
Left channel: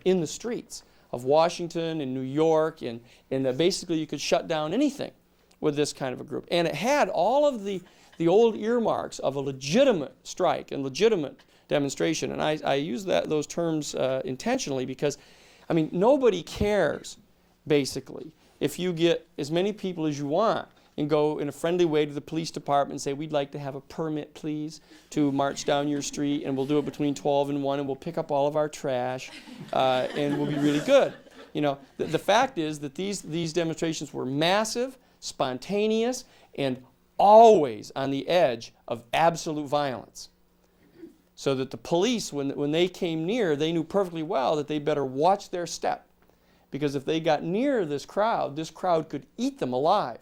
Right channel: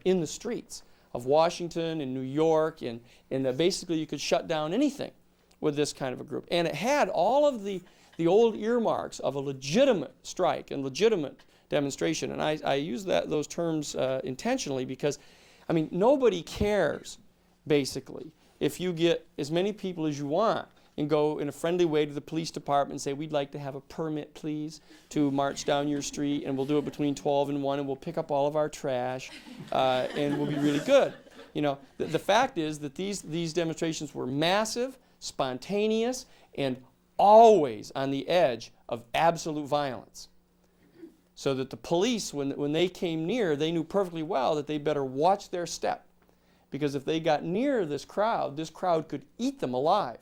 in the streets of Washington and New York, and basically you could shut down anything with this kind of a group. And it had all of the old earmarks of a legitimate strike and legitimate demonstration. And I use those terms intentionally because, nobody cares, basically, if you get as many people as you want and go in a friendly way to the police department and say, we'd like to have a permit, please, to march down your street, and we'll do it between 12 and 1, and we'll pick up all of our trash, and we'll be really good. The fact is that these demonstrations were massive, spontaneous, and always on the edge of absolute violence. So that the police, when they came near, they knew perfectly well that they better watch their step. Because if they got near this crowd could eat them alive,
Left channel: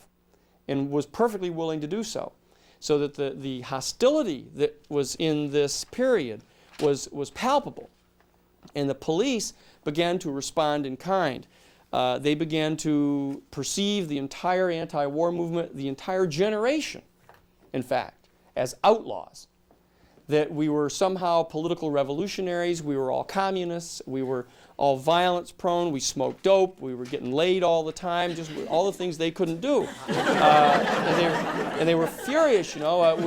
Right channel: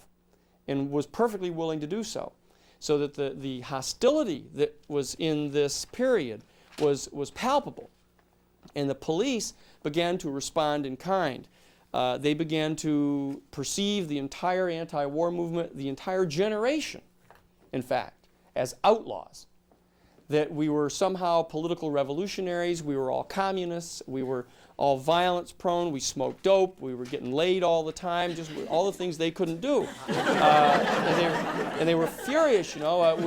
and was perfectly willing to do so. So that the hostility that was in this period was palpable. And the police began to respond in kind. They began to perceive the entire anti-war movement, the entire generation, in fact, as outlaws. That we were somehow political revolutionaries, we were all communists, we were all violence prone, we smoked dope, we were getting laid all the time, just all the things they couldn't do. And they were furious, we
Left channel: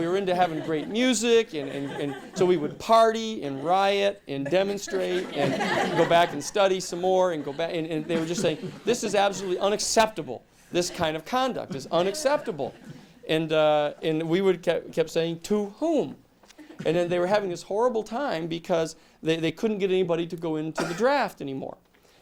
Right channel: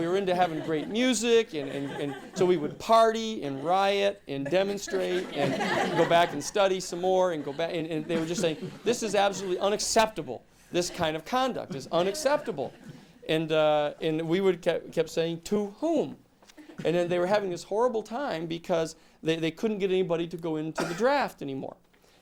were into having great music, and so we would party and riot and demonstrate and go back and study some more and go back, and they were just saying, this is absolutely unacceptable. This kind of conduct is unacceptable. And we would kept saying, to whom? And then they were having this horrible time because they couldn't get anybody to go into the draft anymore.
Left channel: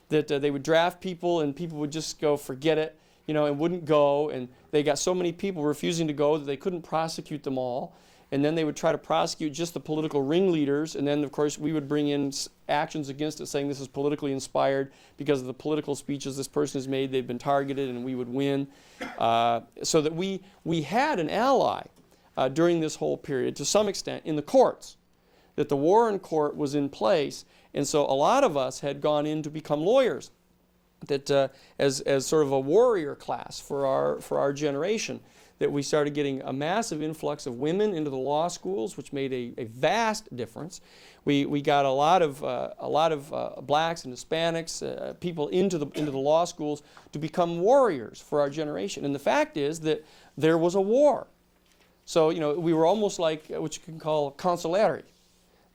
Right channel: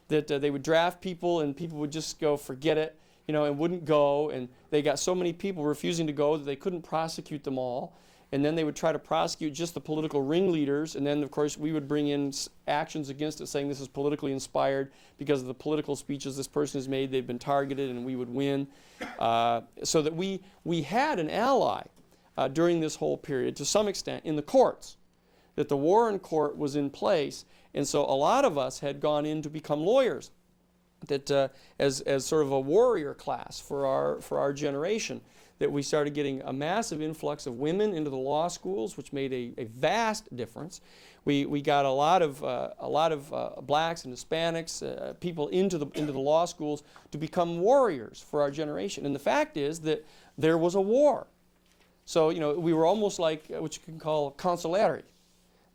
That they would draft people and people would just go, forget it, and wouldn't go. And they got so many people refusing to go that they couldn't prosecute them all. And then they would try to prosecute just the political ringleaders. And then, of course, we would bring in actions against it saying this is politically inspired because of the political speeches this person has made. They've been targeted and we would win. So that we had an ally during this whole period, to some extent, in the courts. That the Warren Court was in place. And so a lot of us had gone in to become lawyers. That as sort of a warrior class for our generation. That we started getting a massive influx of women into the law schools, which made a vast difference. We got a lot of blacks and Hispanics, people into the law schools to become warriors for our generation. And the fact is that there was a war. So we were almost like what you can call consulary,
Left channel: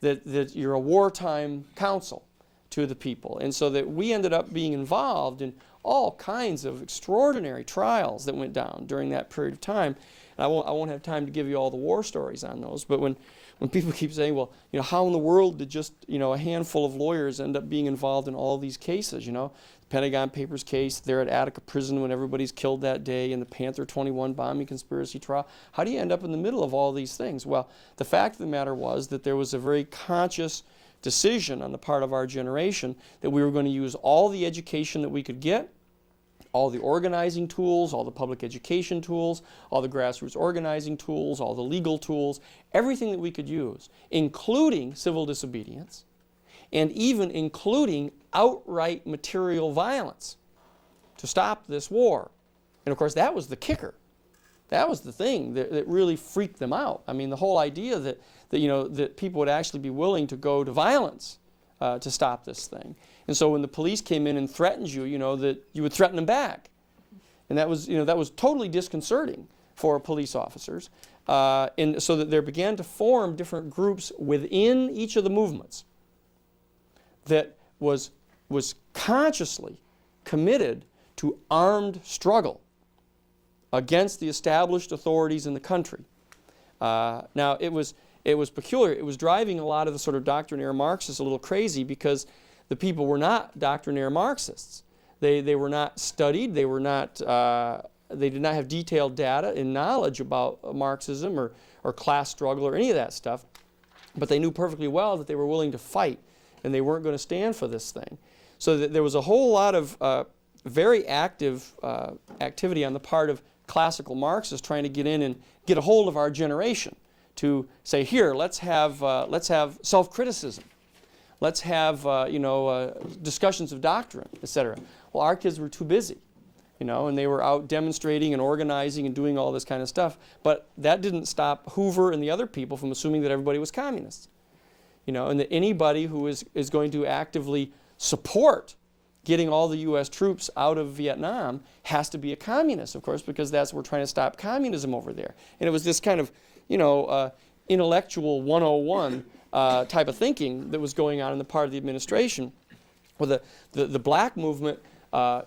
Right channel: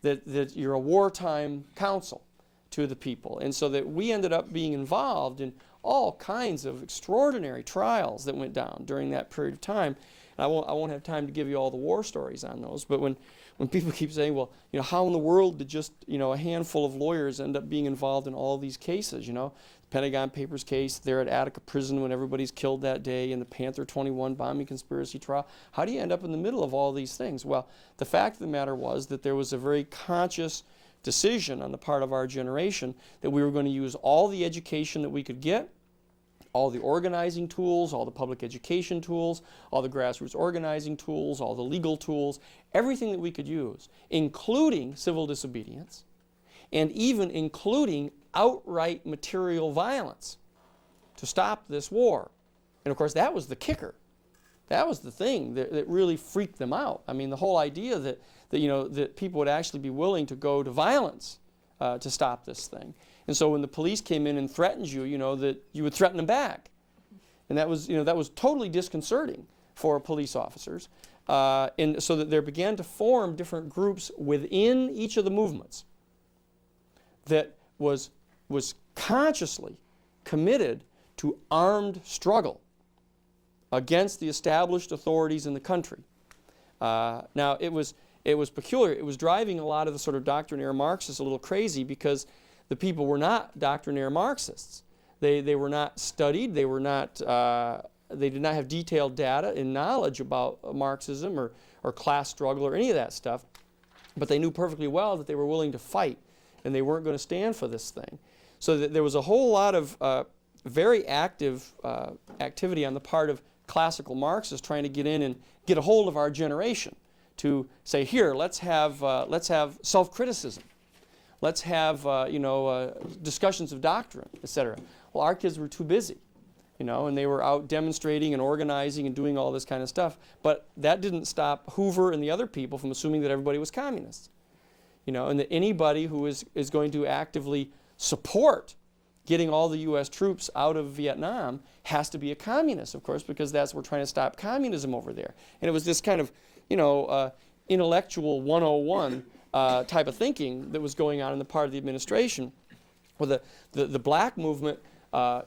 that you're a wartime counsel to the people, and so that we ended up being involved in all kinds of extraordinary trials that went down during that period of time. And I won't have time to give you all the war stories on those, but when people keep saying, well, how in the world did just, a handful of lawyers end up being involved in all these cases, the Pentagon Papers case, there at Attica Prison when everybody's killed that day, and the Panther 21 bombing conspiracy trial, how do you end up in the middle of all these things? Well, the fact of the matter was that there was a very conscious decision on the part of our generation that we were going to use all the education that we could get, all the organizing tools, all the public education tools, all the grassroots organizing tools, all the legal tools, everything that we could use, including civil disobedience, and even including outright material violence to stop this war. And of course, that was the kicker. That was the thing that really freaked them out. I mean, the whole idea that people would actually be willing to go to violence to stop this thing. And so when the police came in and threatened you, that you would threaten them back. And that was totally disconcerting for police officers. And so that there began to form different groups within each of the movements that was consciously committed to armed struggle against the established authorities in the country. Now, it was peculiar. It was driving a lot of the sort of doctrinaire Marxists a little crazy because the people were not doctrinaire Marxists. They were not studied. They did not have detailed data and knowledge about Marxism or class struggle or any of that stuff. But they knew perfectly well that they were willing to fight and they weren't going to stand for this thing. So that there was a whole lot of very active activity on the part of classical Marxists trying to get in and get a hold of our generation to say, here, let's have self-criticism. Let's have discussions of doctrine, etc. Well, our kids were too busy, and they were out demonstrating and organizing and doing all this kind of stuff. But that didn't stop Hoover and the other people from assuming that everybody was communists, and that anybody who is going to actively support getting all the U.S. troops out of Vietnam has to be a communist, of course, because we're trying to stop communism over there. And it was this kind of, intellectual 101 type of thinking that was going on in the part of the administration. Well, the black movement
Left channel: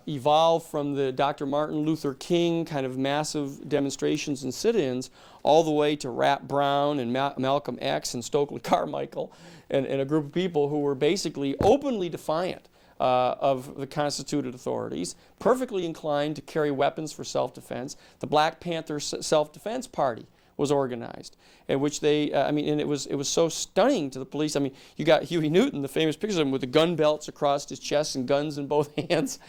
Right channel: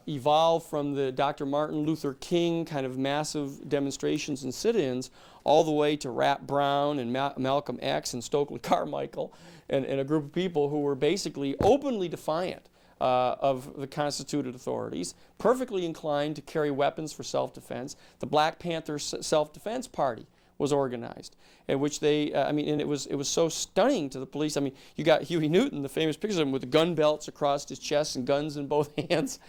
evolved from the Dr. Martin Luther King kind of massive demonstrations and sit-ins all the way to Rap Brown and Malcolm X and Stokely Carmichael and a group of people who were basically openly defiant of the constituted authorities, perfectly inclined to carry weapons for self-defense. The Black Panther Self-Defense Party was organized, in which they, and it was so stunning to the police. I mean, you got Huey Newton, the famous pictures of him with the gun belts across his chest and guns in both hands.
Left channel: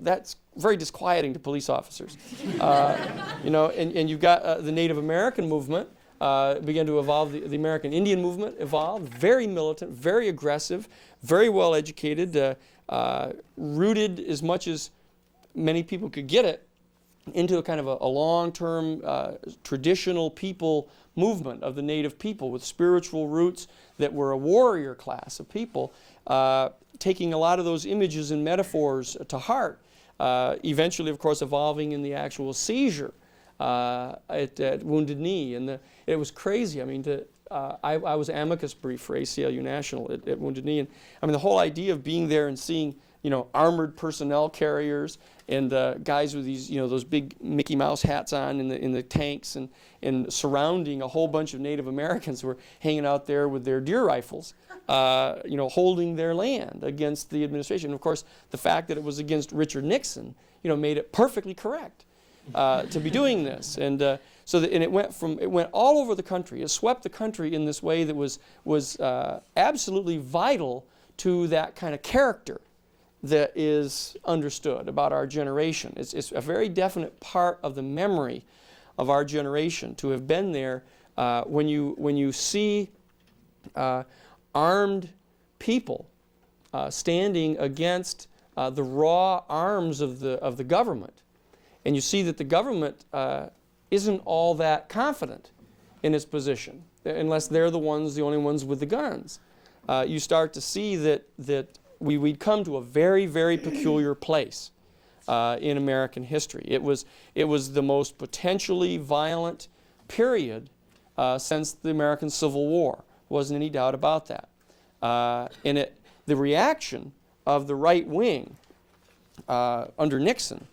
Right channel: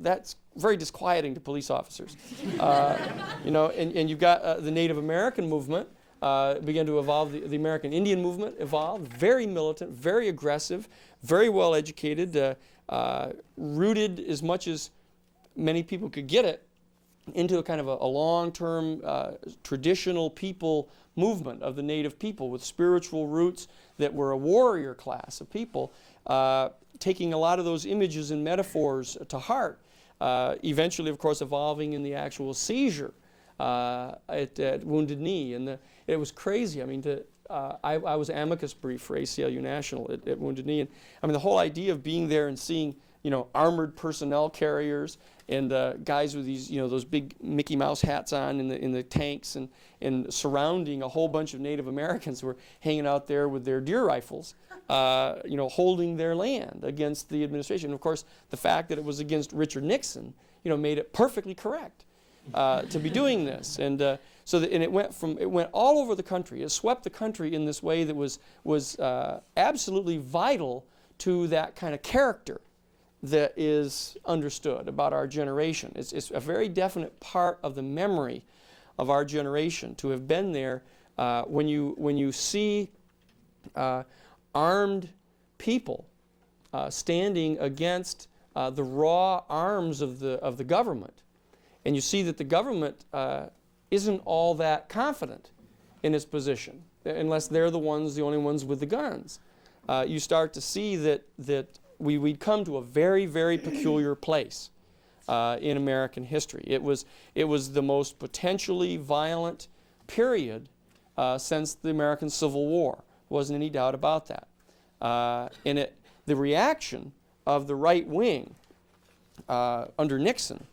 That's very disquieting to police officers. And you got the Native American movement began to evolve. The American Indian movement evolved, very militant, very aggressive, very well educated, rooted as much as many people could get it into a kind of a long-term traditional people movement of the native people with spiritual roots that were a warrior class of people, taking a lot of those images and metaphors to heart, eventually, of course, evolving in the actual seizure at Wounded Knee. And it was crazy. I mean, I was amicus brief for ACLU National at Wounded Knee. And I mean, the whole idea of being there and seeing armored personnel carriers and guys with these, those big Mickey Mouse hats on in the tanks and surrounding a whole bunch of Native Americans who were hanging out there with their deer rifles, holding their land against the administration. And of course, the fact that it was against Richard Nixon, made it perfectly correct to be doing this. And it went all over the country. It swept the country in this way that was absolutely vital to that kind of character that is understood about our generation. It's a very definite part of the memory of our generation to have been there when you see armed people standing against the raw arms of the government, and you see that the government isn't all that confident in its position unless they're the only ones with the guns. You start to see that we'd come to a very, very peculiar place in American history. It was the most potentially violent period since the American Civil War. Wasn't any doubt about that. And the reaction of the right wing under Nixon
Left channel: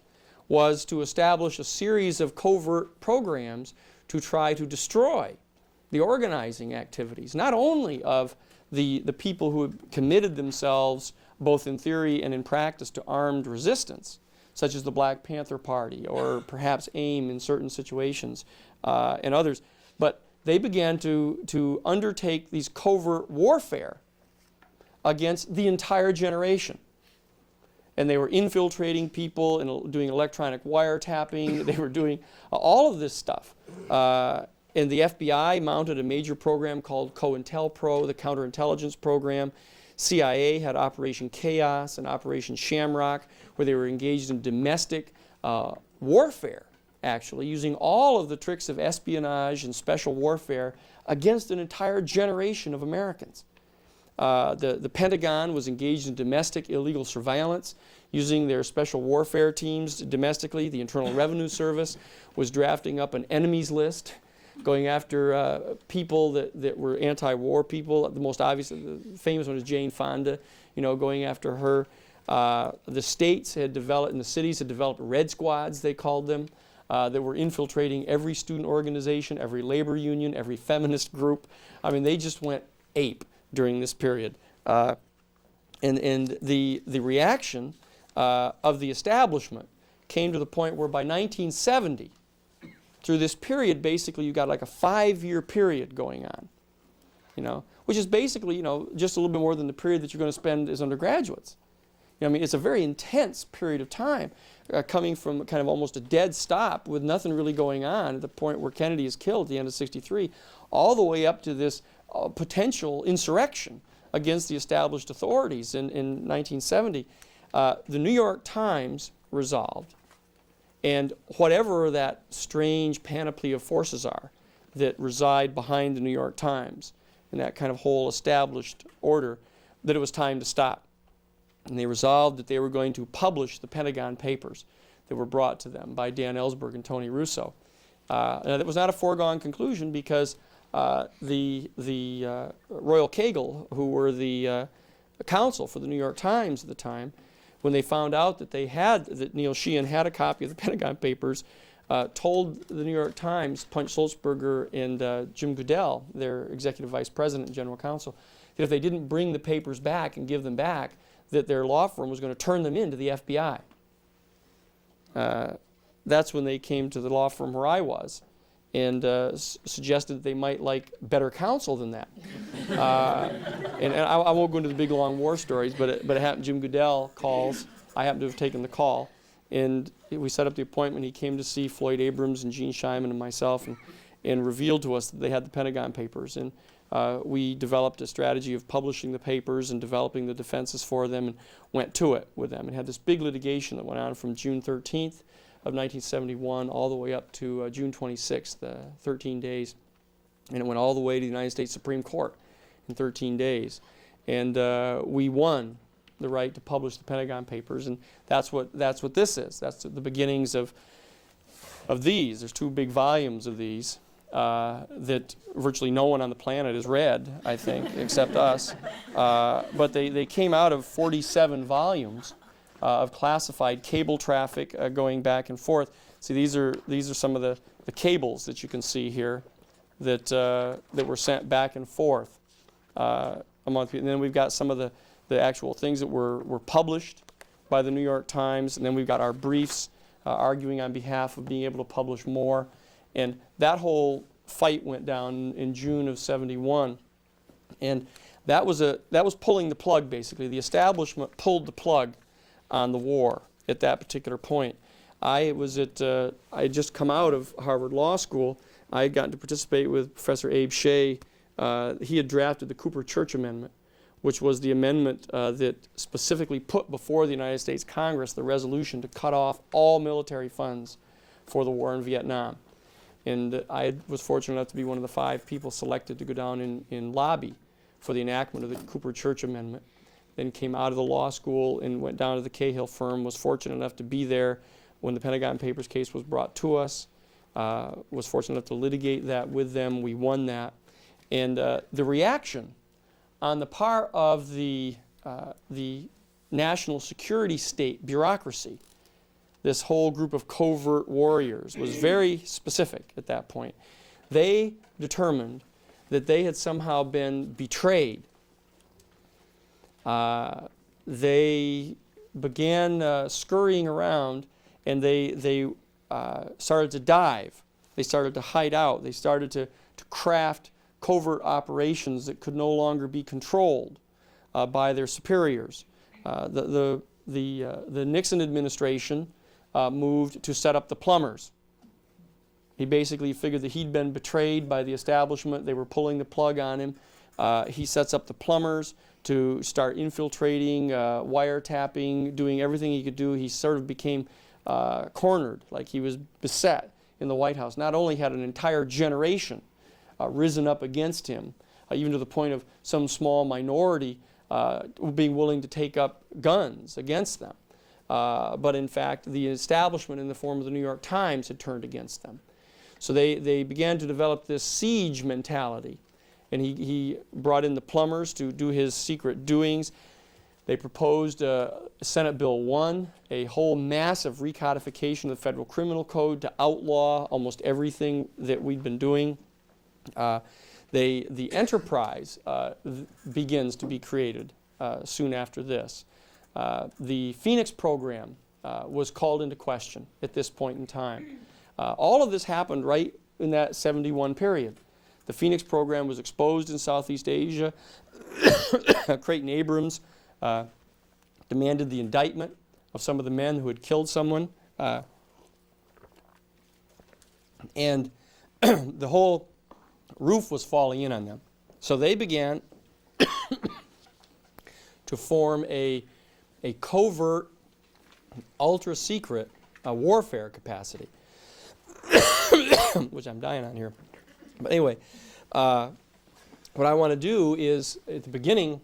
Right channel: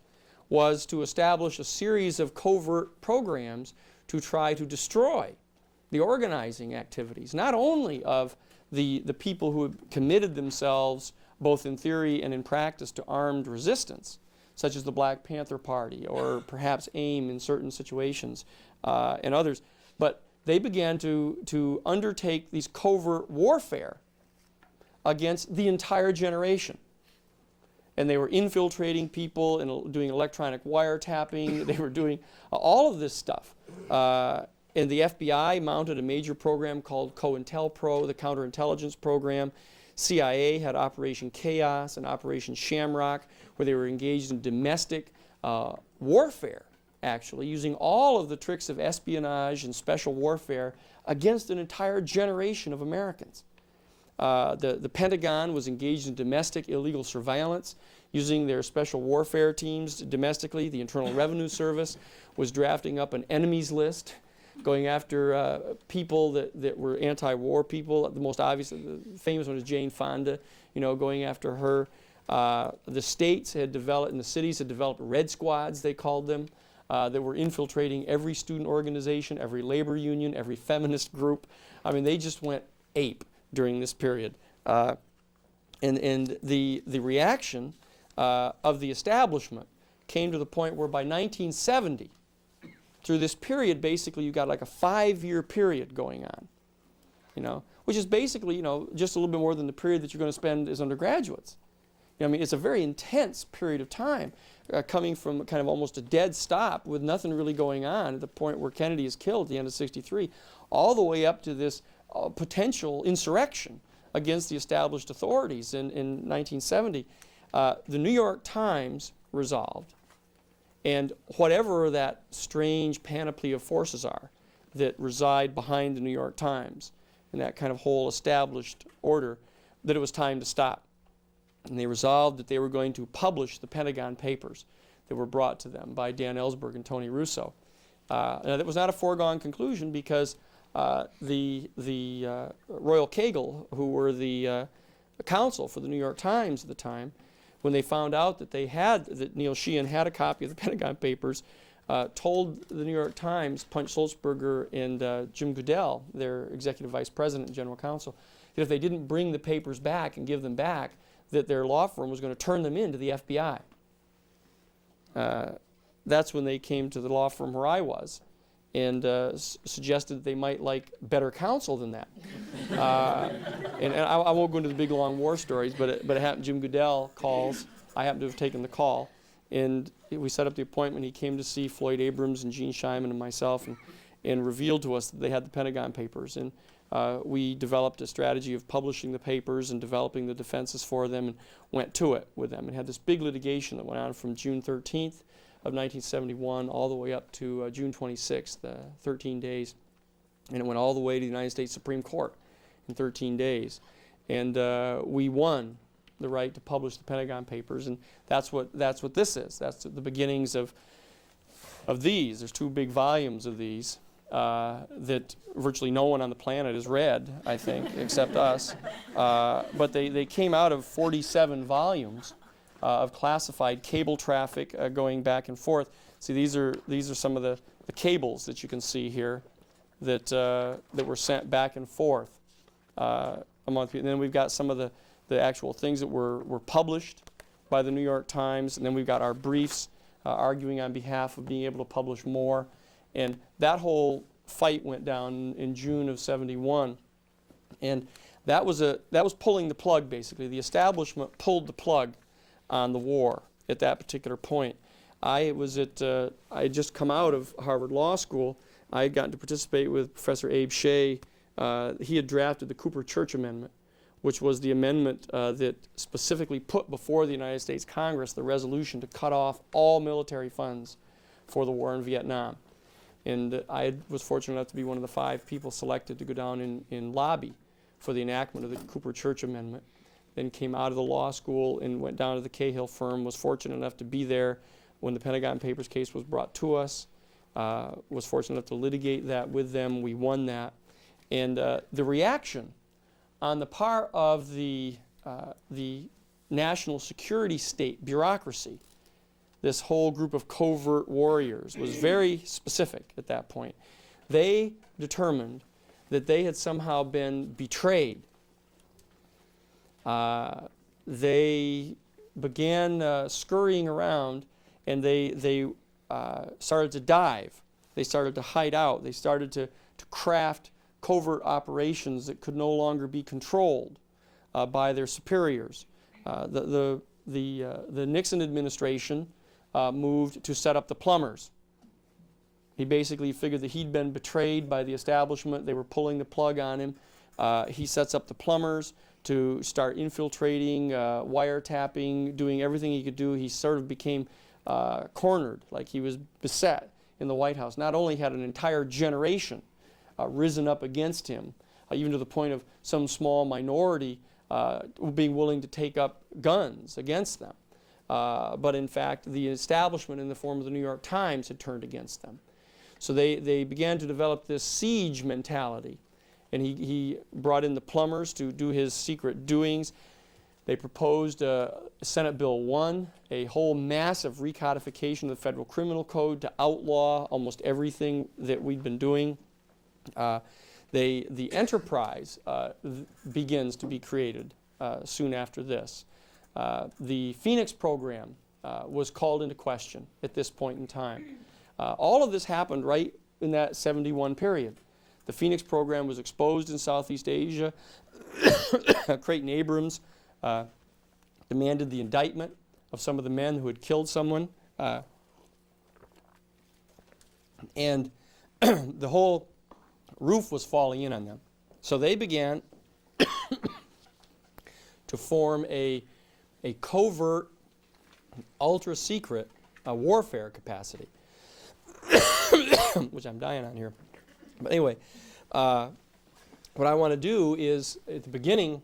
was to establish a series of covert programs to try to destroy the organizing activities, not only of the people who had committed themselves, both in theory and in practice, to armed resistance, such as the Black Panther Party or perhaps AIM in certain situations and others, but they began to undertake these covert warfare against the entire generation. And they were infiltrating people and doing electronic wiretapping. They were doing all of this stuff. And the FBI mounted a major program called COINTELPRO, the counterintelligence program. CIA had Operation Chaos and Operation Shamrock, where they were engaged in domestic warfare, actually, using all of the tricks of espionage and special warfare against an entire generation of Americans. The Pentagon was engaged in domestic illegal surveillance, using their special warfare teams domestically. The Internal Revenue Service was drafting up an enemies list, going after people that were anti-war people. The most obvious, the famous one is Jane Fonda, going after her. The states had developed, and the cities had developed red squads, they called them, that were infiltrating every student organization, every labor union, every feminist group. I mean, they just went ape during this period. And the reaction of the establishment came to the point where by 1970, through this period, basically, you got like a 5-year period going on, which is basically, just a little bit more than the period that you're going to spend as undergraduates. It's a very intense period of time, coming from kind of almost a dead stop with nothing really going on at the point where Kennedy is killed at the end of '63, all the way up to this potential insurrection against the established authorities in 1970. The New York Times resolved, and whatever that strange panoply of forces are that reside behind the New York Times and that kind of whole established order, that it was time to stop. And they resolved that they were going to publish the Pentagon Papers that were brought to them by Dan Ellsberg and Tony Russo. Now, that was not a foregone conclusion, because the Royal Kagel, who were the counsel for the New York Times at the time, when they found out that Neil Sheehan had a copy of the Pentagon Papers, told the New York Times, Punch Sulzberger and Jim Goodell, their executive vice president and general counsel, that if they didn't bring the papers back and give them back, that their law firm was going to turn them in to the FBI. That's when they came to the law firm where I was and suggested they might like better counsel than that. And I won't go into the big long war stories, but it happened. Jim Goodell calls. I happened to have taken the call, and we set up the appointment. He came to see Floyd Abrams and Gene Scheinman and myself, and revealed to us that they had the Pentagon Papers. And we developed a strategy of publishing the papers and developing the defenses for them, and went to it with them. And had this big litigation that went on from June 13th of 1971 all the way up to June 26th, 13 days. And it went all the way to the United States Supreme Court in 13 days. And we won the right to publish the Pentagon Papers, and that's what this is. That's the beginnings of these. There's 2 big volumes of these that virtually no one on the planet has read, I think, except us. But they came out of 47 volumes of classified cable traffic going back and forth. See, these are some of the cables that you can see here that were sent back and forth among people. And then we've got some of the actual things that were published by the New York Times, and then we've got our briefs arguing on behalf of being able to publish more. And that whole fight went down in June of '71, and that was pulling the plug, basically. The establishment pulled the plug on the war at that particular point. I had just come out of Harvard Law School. I had gotten to participate with Professor Abe Shea. He had drafted the Cooper-Church Amendment, which was the amendment that specifically put before the United States Congress the resolution to cut off all military funds for the war in Vietnam. And I was fortunate enough to be one of the 5 people selected to go down and lobby for the enactment of the Cooper-Church Amendment. Then came out of the law school and went down to the Cahill firm, was fortunate enough to be there when the Pentagon Papers case was brought to us, was fortunate enough to litigate that with them. We won that. And the reaction on the part of the national security state bureaucracy, this whole group of covert warriors, was very specific at that point. They determined that they had somehow been betrayed. They began scurrying around, and they started to dive. They started to hide out. They started to craft covert operations that could no longer be controlled by their superiors. The Nixon administration moved to set up the plumbers. He basically figured that he'd been betrayed by the establishment. They were pulling the plug on him. He sets up the plumbers to start infiltrating, wiretapping, doing everything he could do. He sort of became cornered, like he was beset in the White House. Not only had an entire generation risen up against him, even to the point of some small minority being willing to take up guns against them, but in fact the establishment in the form of the New York Times had turned against them. So they began to develop this siege mentality, and he brought in the plumbers to do his secret doings. They proposed Senate Bill 1, a whole massive recodification of the Federal Criminal Code to outlaw almost everything that we'd been doing. The enterprise begins to be created soon after this. The Phoenix program was called into question at this point in time. All of this happened right in that '71 period. The Phoenix program was exposed in Southeast Asia. Creighton Abrams demanded the indictment of some of the men who had killed someone. And the whole roof was falling in on them. So they began to form a covert, ultra-secret warfare capacity, which I'm dying on here. But anyway, what I want to do is, at the beginning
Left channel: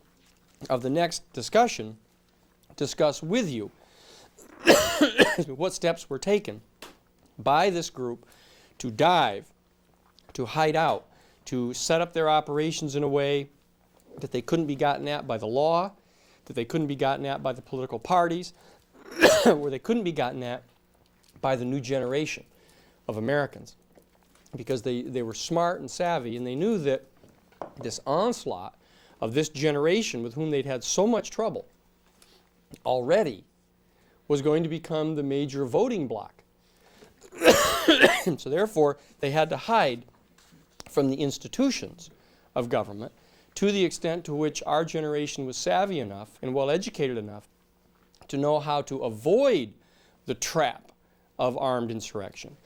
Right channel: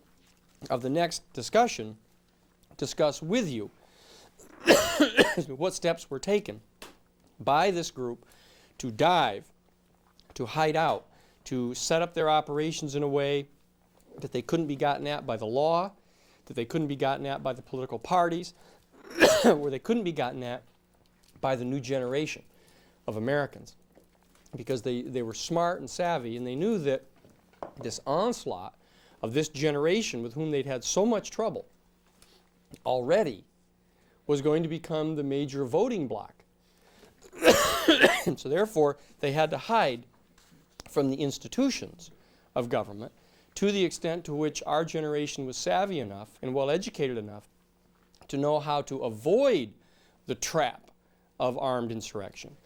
of the next discussion, discuss with you what steps were taken by this group to dive, to hide out, to set up their operations in a way that they couldn't be gotten at by the law, that they couldn't be gotten at by the political parties, where they couldn't be gotten at by the new generation of Americans. Because they were smart and savvy, and they knew that this onslaught of this generation with whom they'd had so much trouble already was going to become the major voting bloc. So therefore, they had to hide from the institutions of government to the extent to which our generation was savvy enough and well-educated enough to know how to avoid the trap of armed insurrection.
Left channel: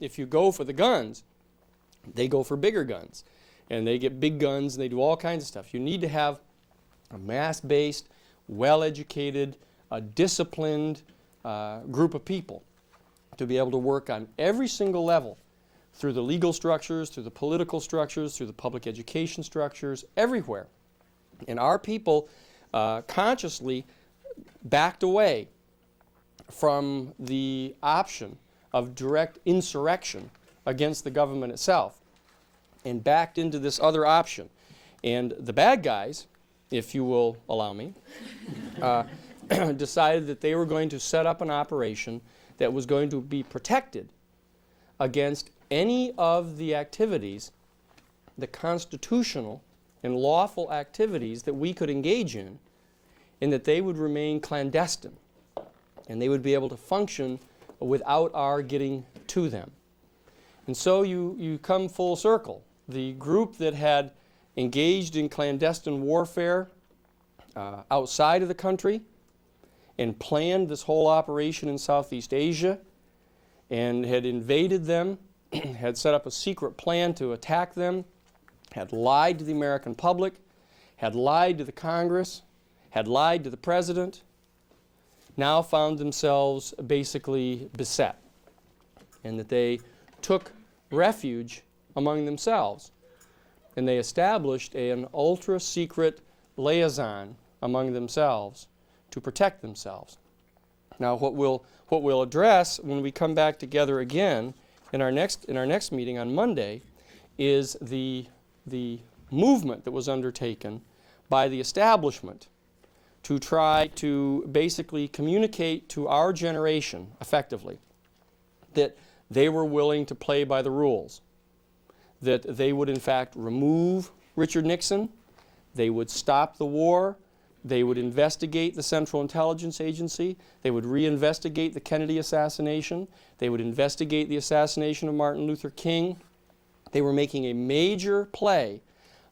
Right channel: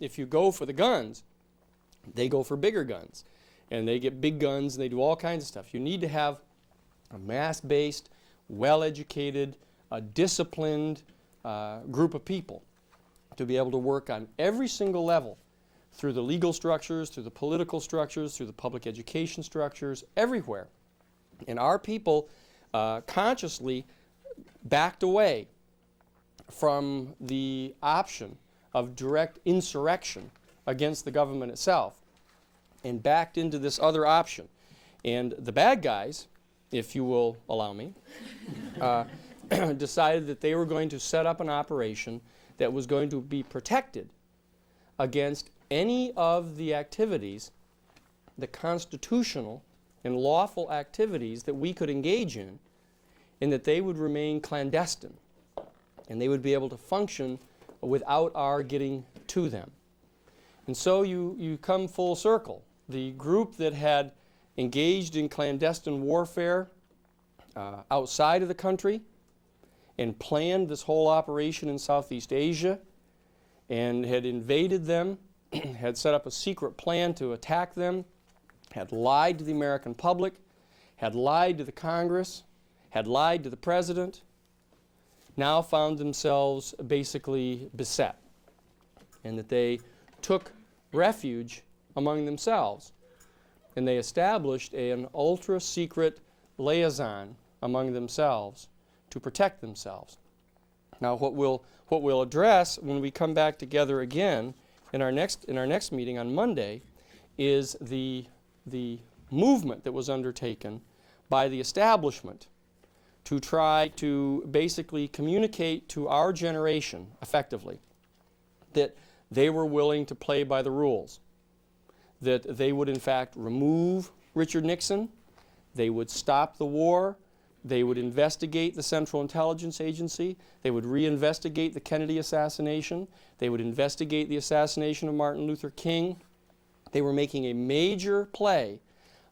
If you go for the guns, they go for bigger guns. And they get big guns, and they do all kinds of stuff. You need to have a mass-based, well-educated, disciplined group of people to be able to work on every single level, through the legal structures, through the political structures, through the public education structures, everywhere. And our people consciously backed away from the option of direct insurrection against the government itself and backed into this other option. And the bad guys, if you will allow me, decided that they were going to set up an operation that was going to be protected against any of the activities, the constitutional and lawful activities that we could engage in, and that they would remain clandestine, and they would be able to function without our getting to them. And so you come full circle. The group that had engaged in clandestine warfare outside of the country and planned this whole operation in Southeast Asia and had invaded them, had set up a secret plan to attack them, had lied to the American public, had lied to the Congress, had lied to the President, now found themselves basically beset, and that they took refuge among themselves, and they established an ultra-secret liaison among themselves to protect themselves. Now, what we'll address when we come back together again in our next meeting on Monday is the movement that was undertaken by the establishment to try to basically communicate to our generation effectively that they were willing to play by the rules, that they would in fact remove Richard Nixon, they would stop the war, they would investigate the Central Intelligence Agency, they would reinvestigate the Kennedy assassination, they would investigate the assassination of Martin Luther King. They were making a major play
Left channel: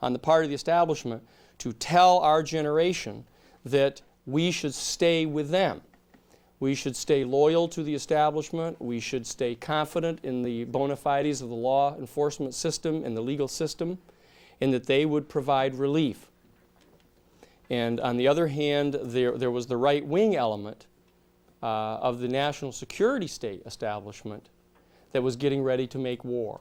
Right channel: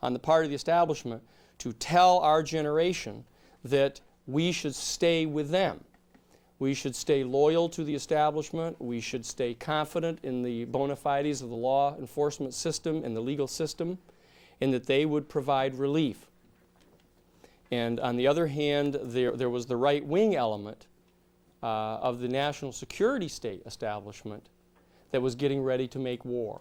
on the part of the establishment to tell our generation that we should stay with them. We should stay loyal to the establishment. We should stay confident in the bona fides of the law enforcement system and the legal system, and that they would provide relief. And on the other hand, there was the right-wing element of the national security state establishment that was getting ready to make war,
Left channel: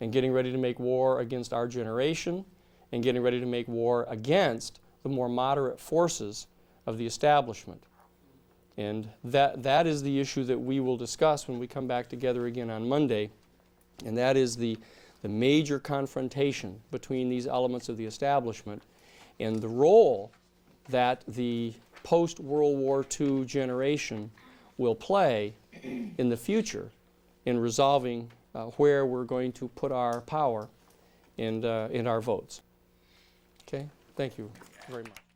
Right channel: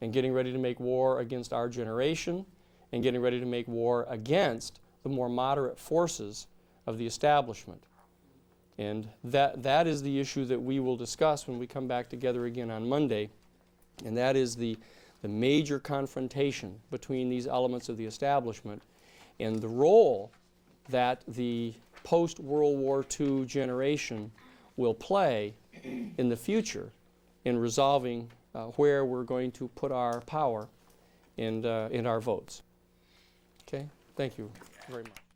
and getting ready to make war against our generation, and getting ready to make war against the more moderate forces of the establishment. And that is the issue that we will discuss when we come back together again on Monday, and that is the major confrontation between these elements of the establishment and the role that the post-World War II generation will play in the future in resolving where we're going to put our power and our votes. Okay, thank you very much.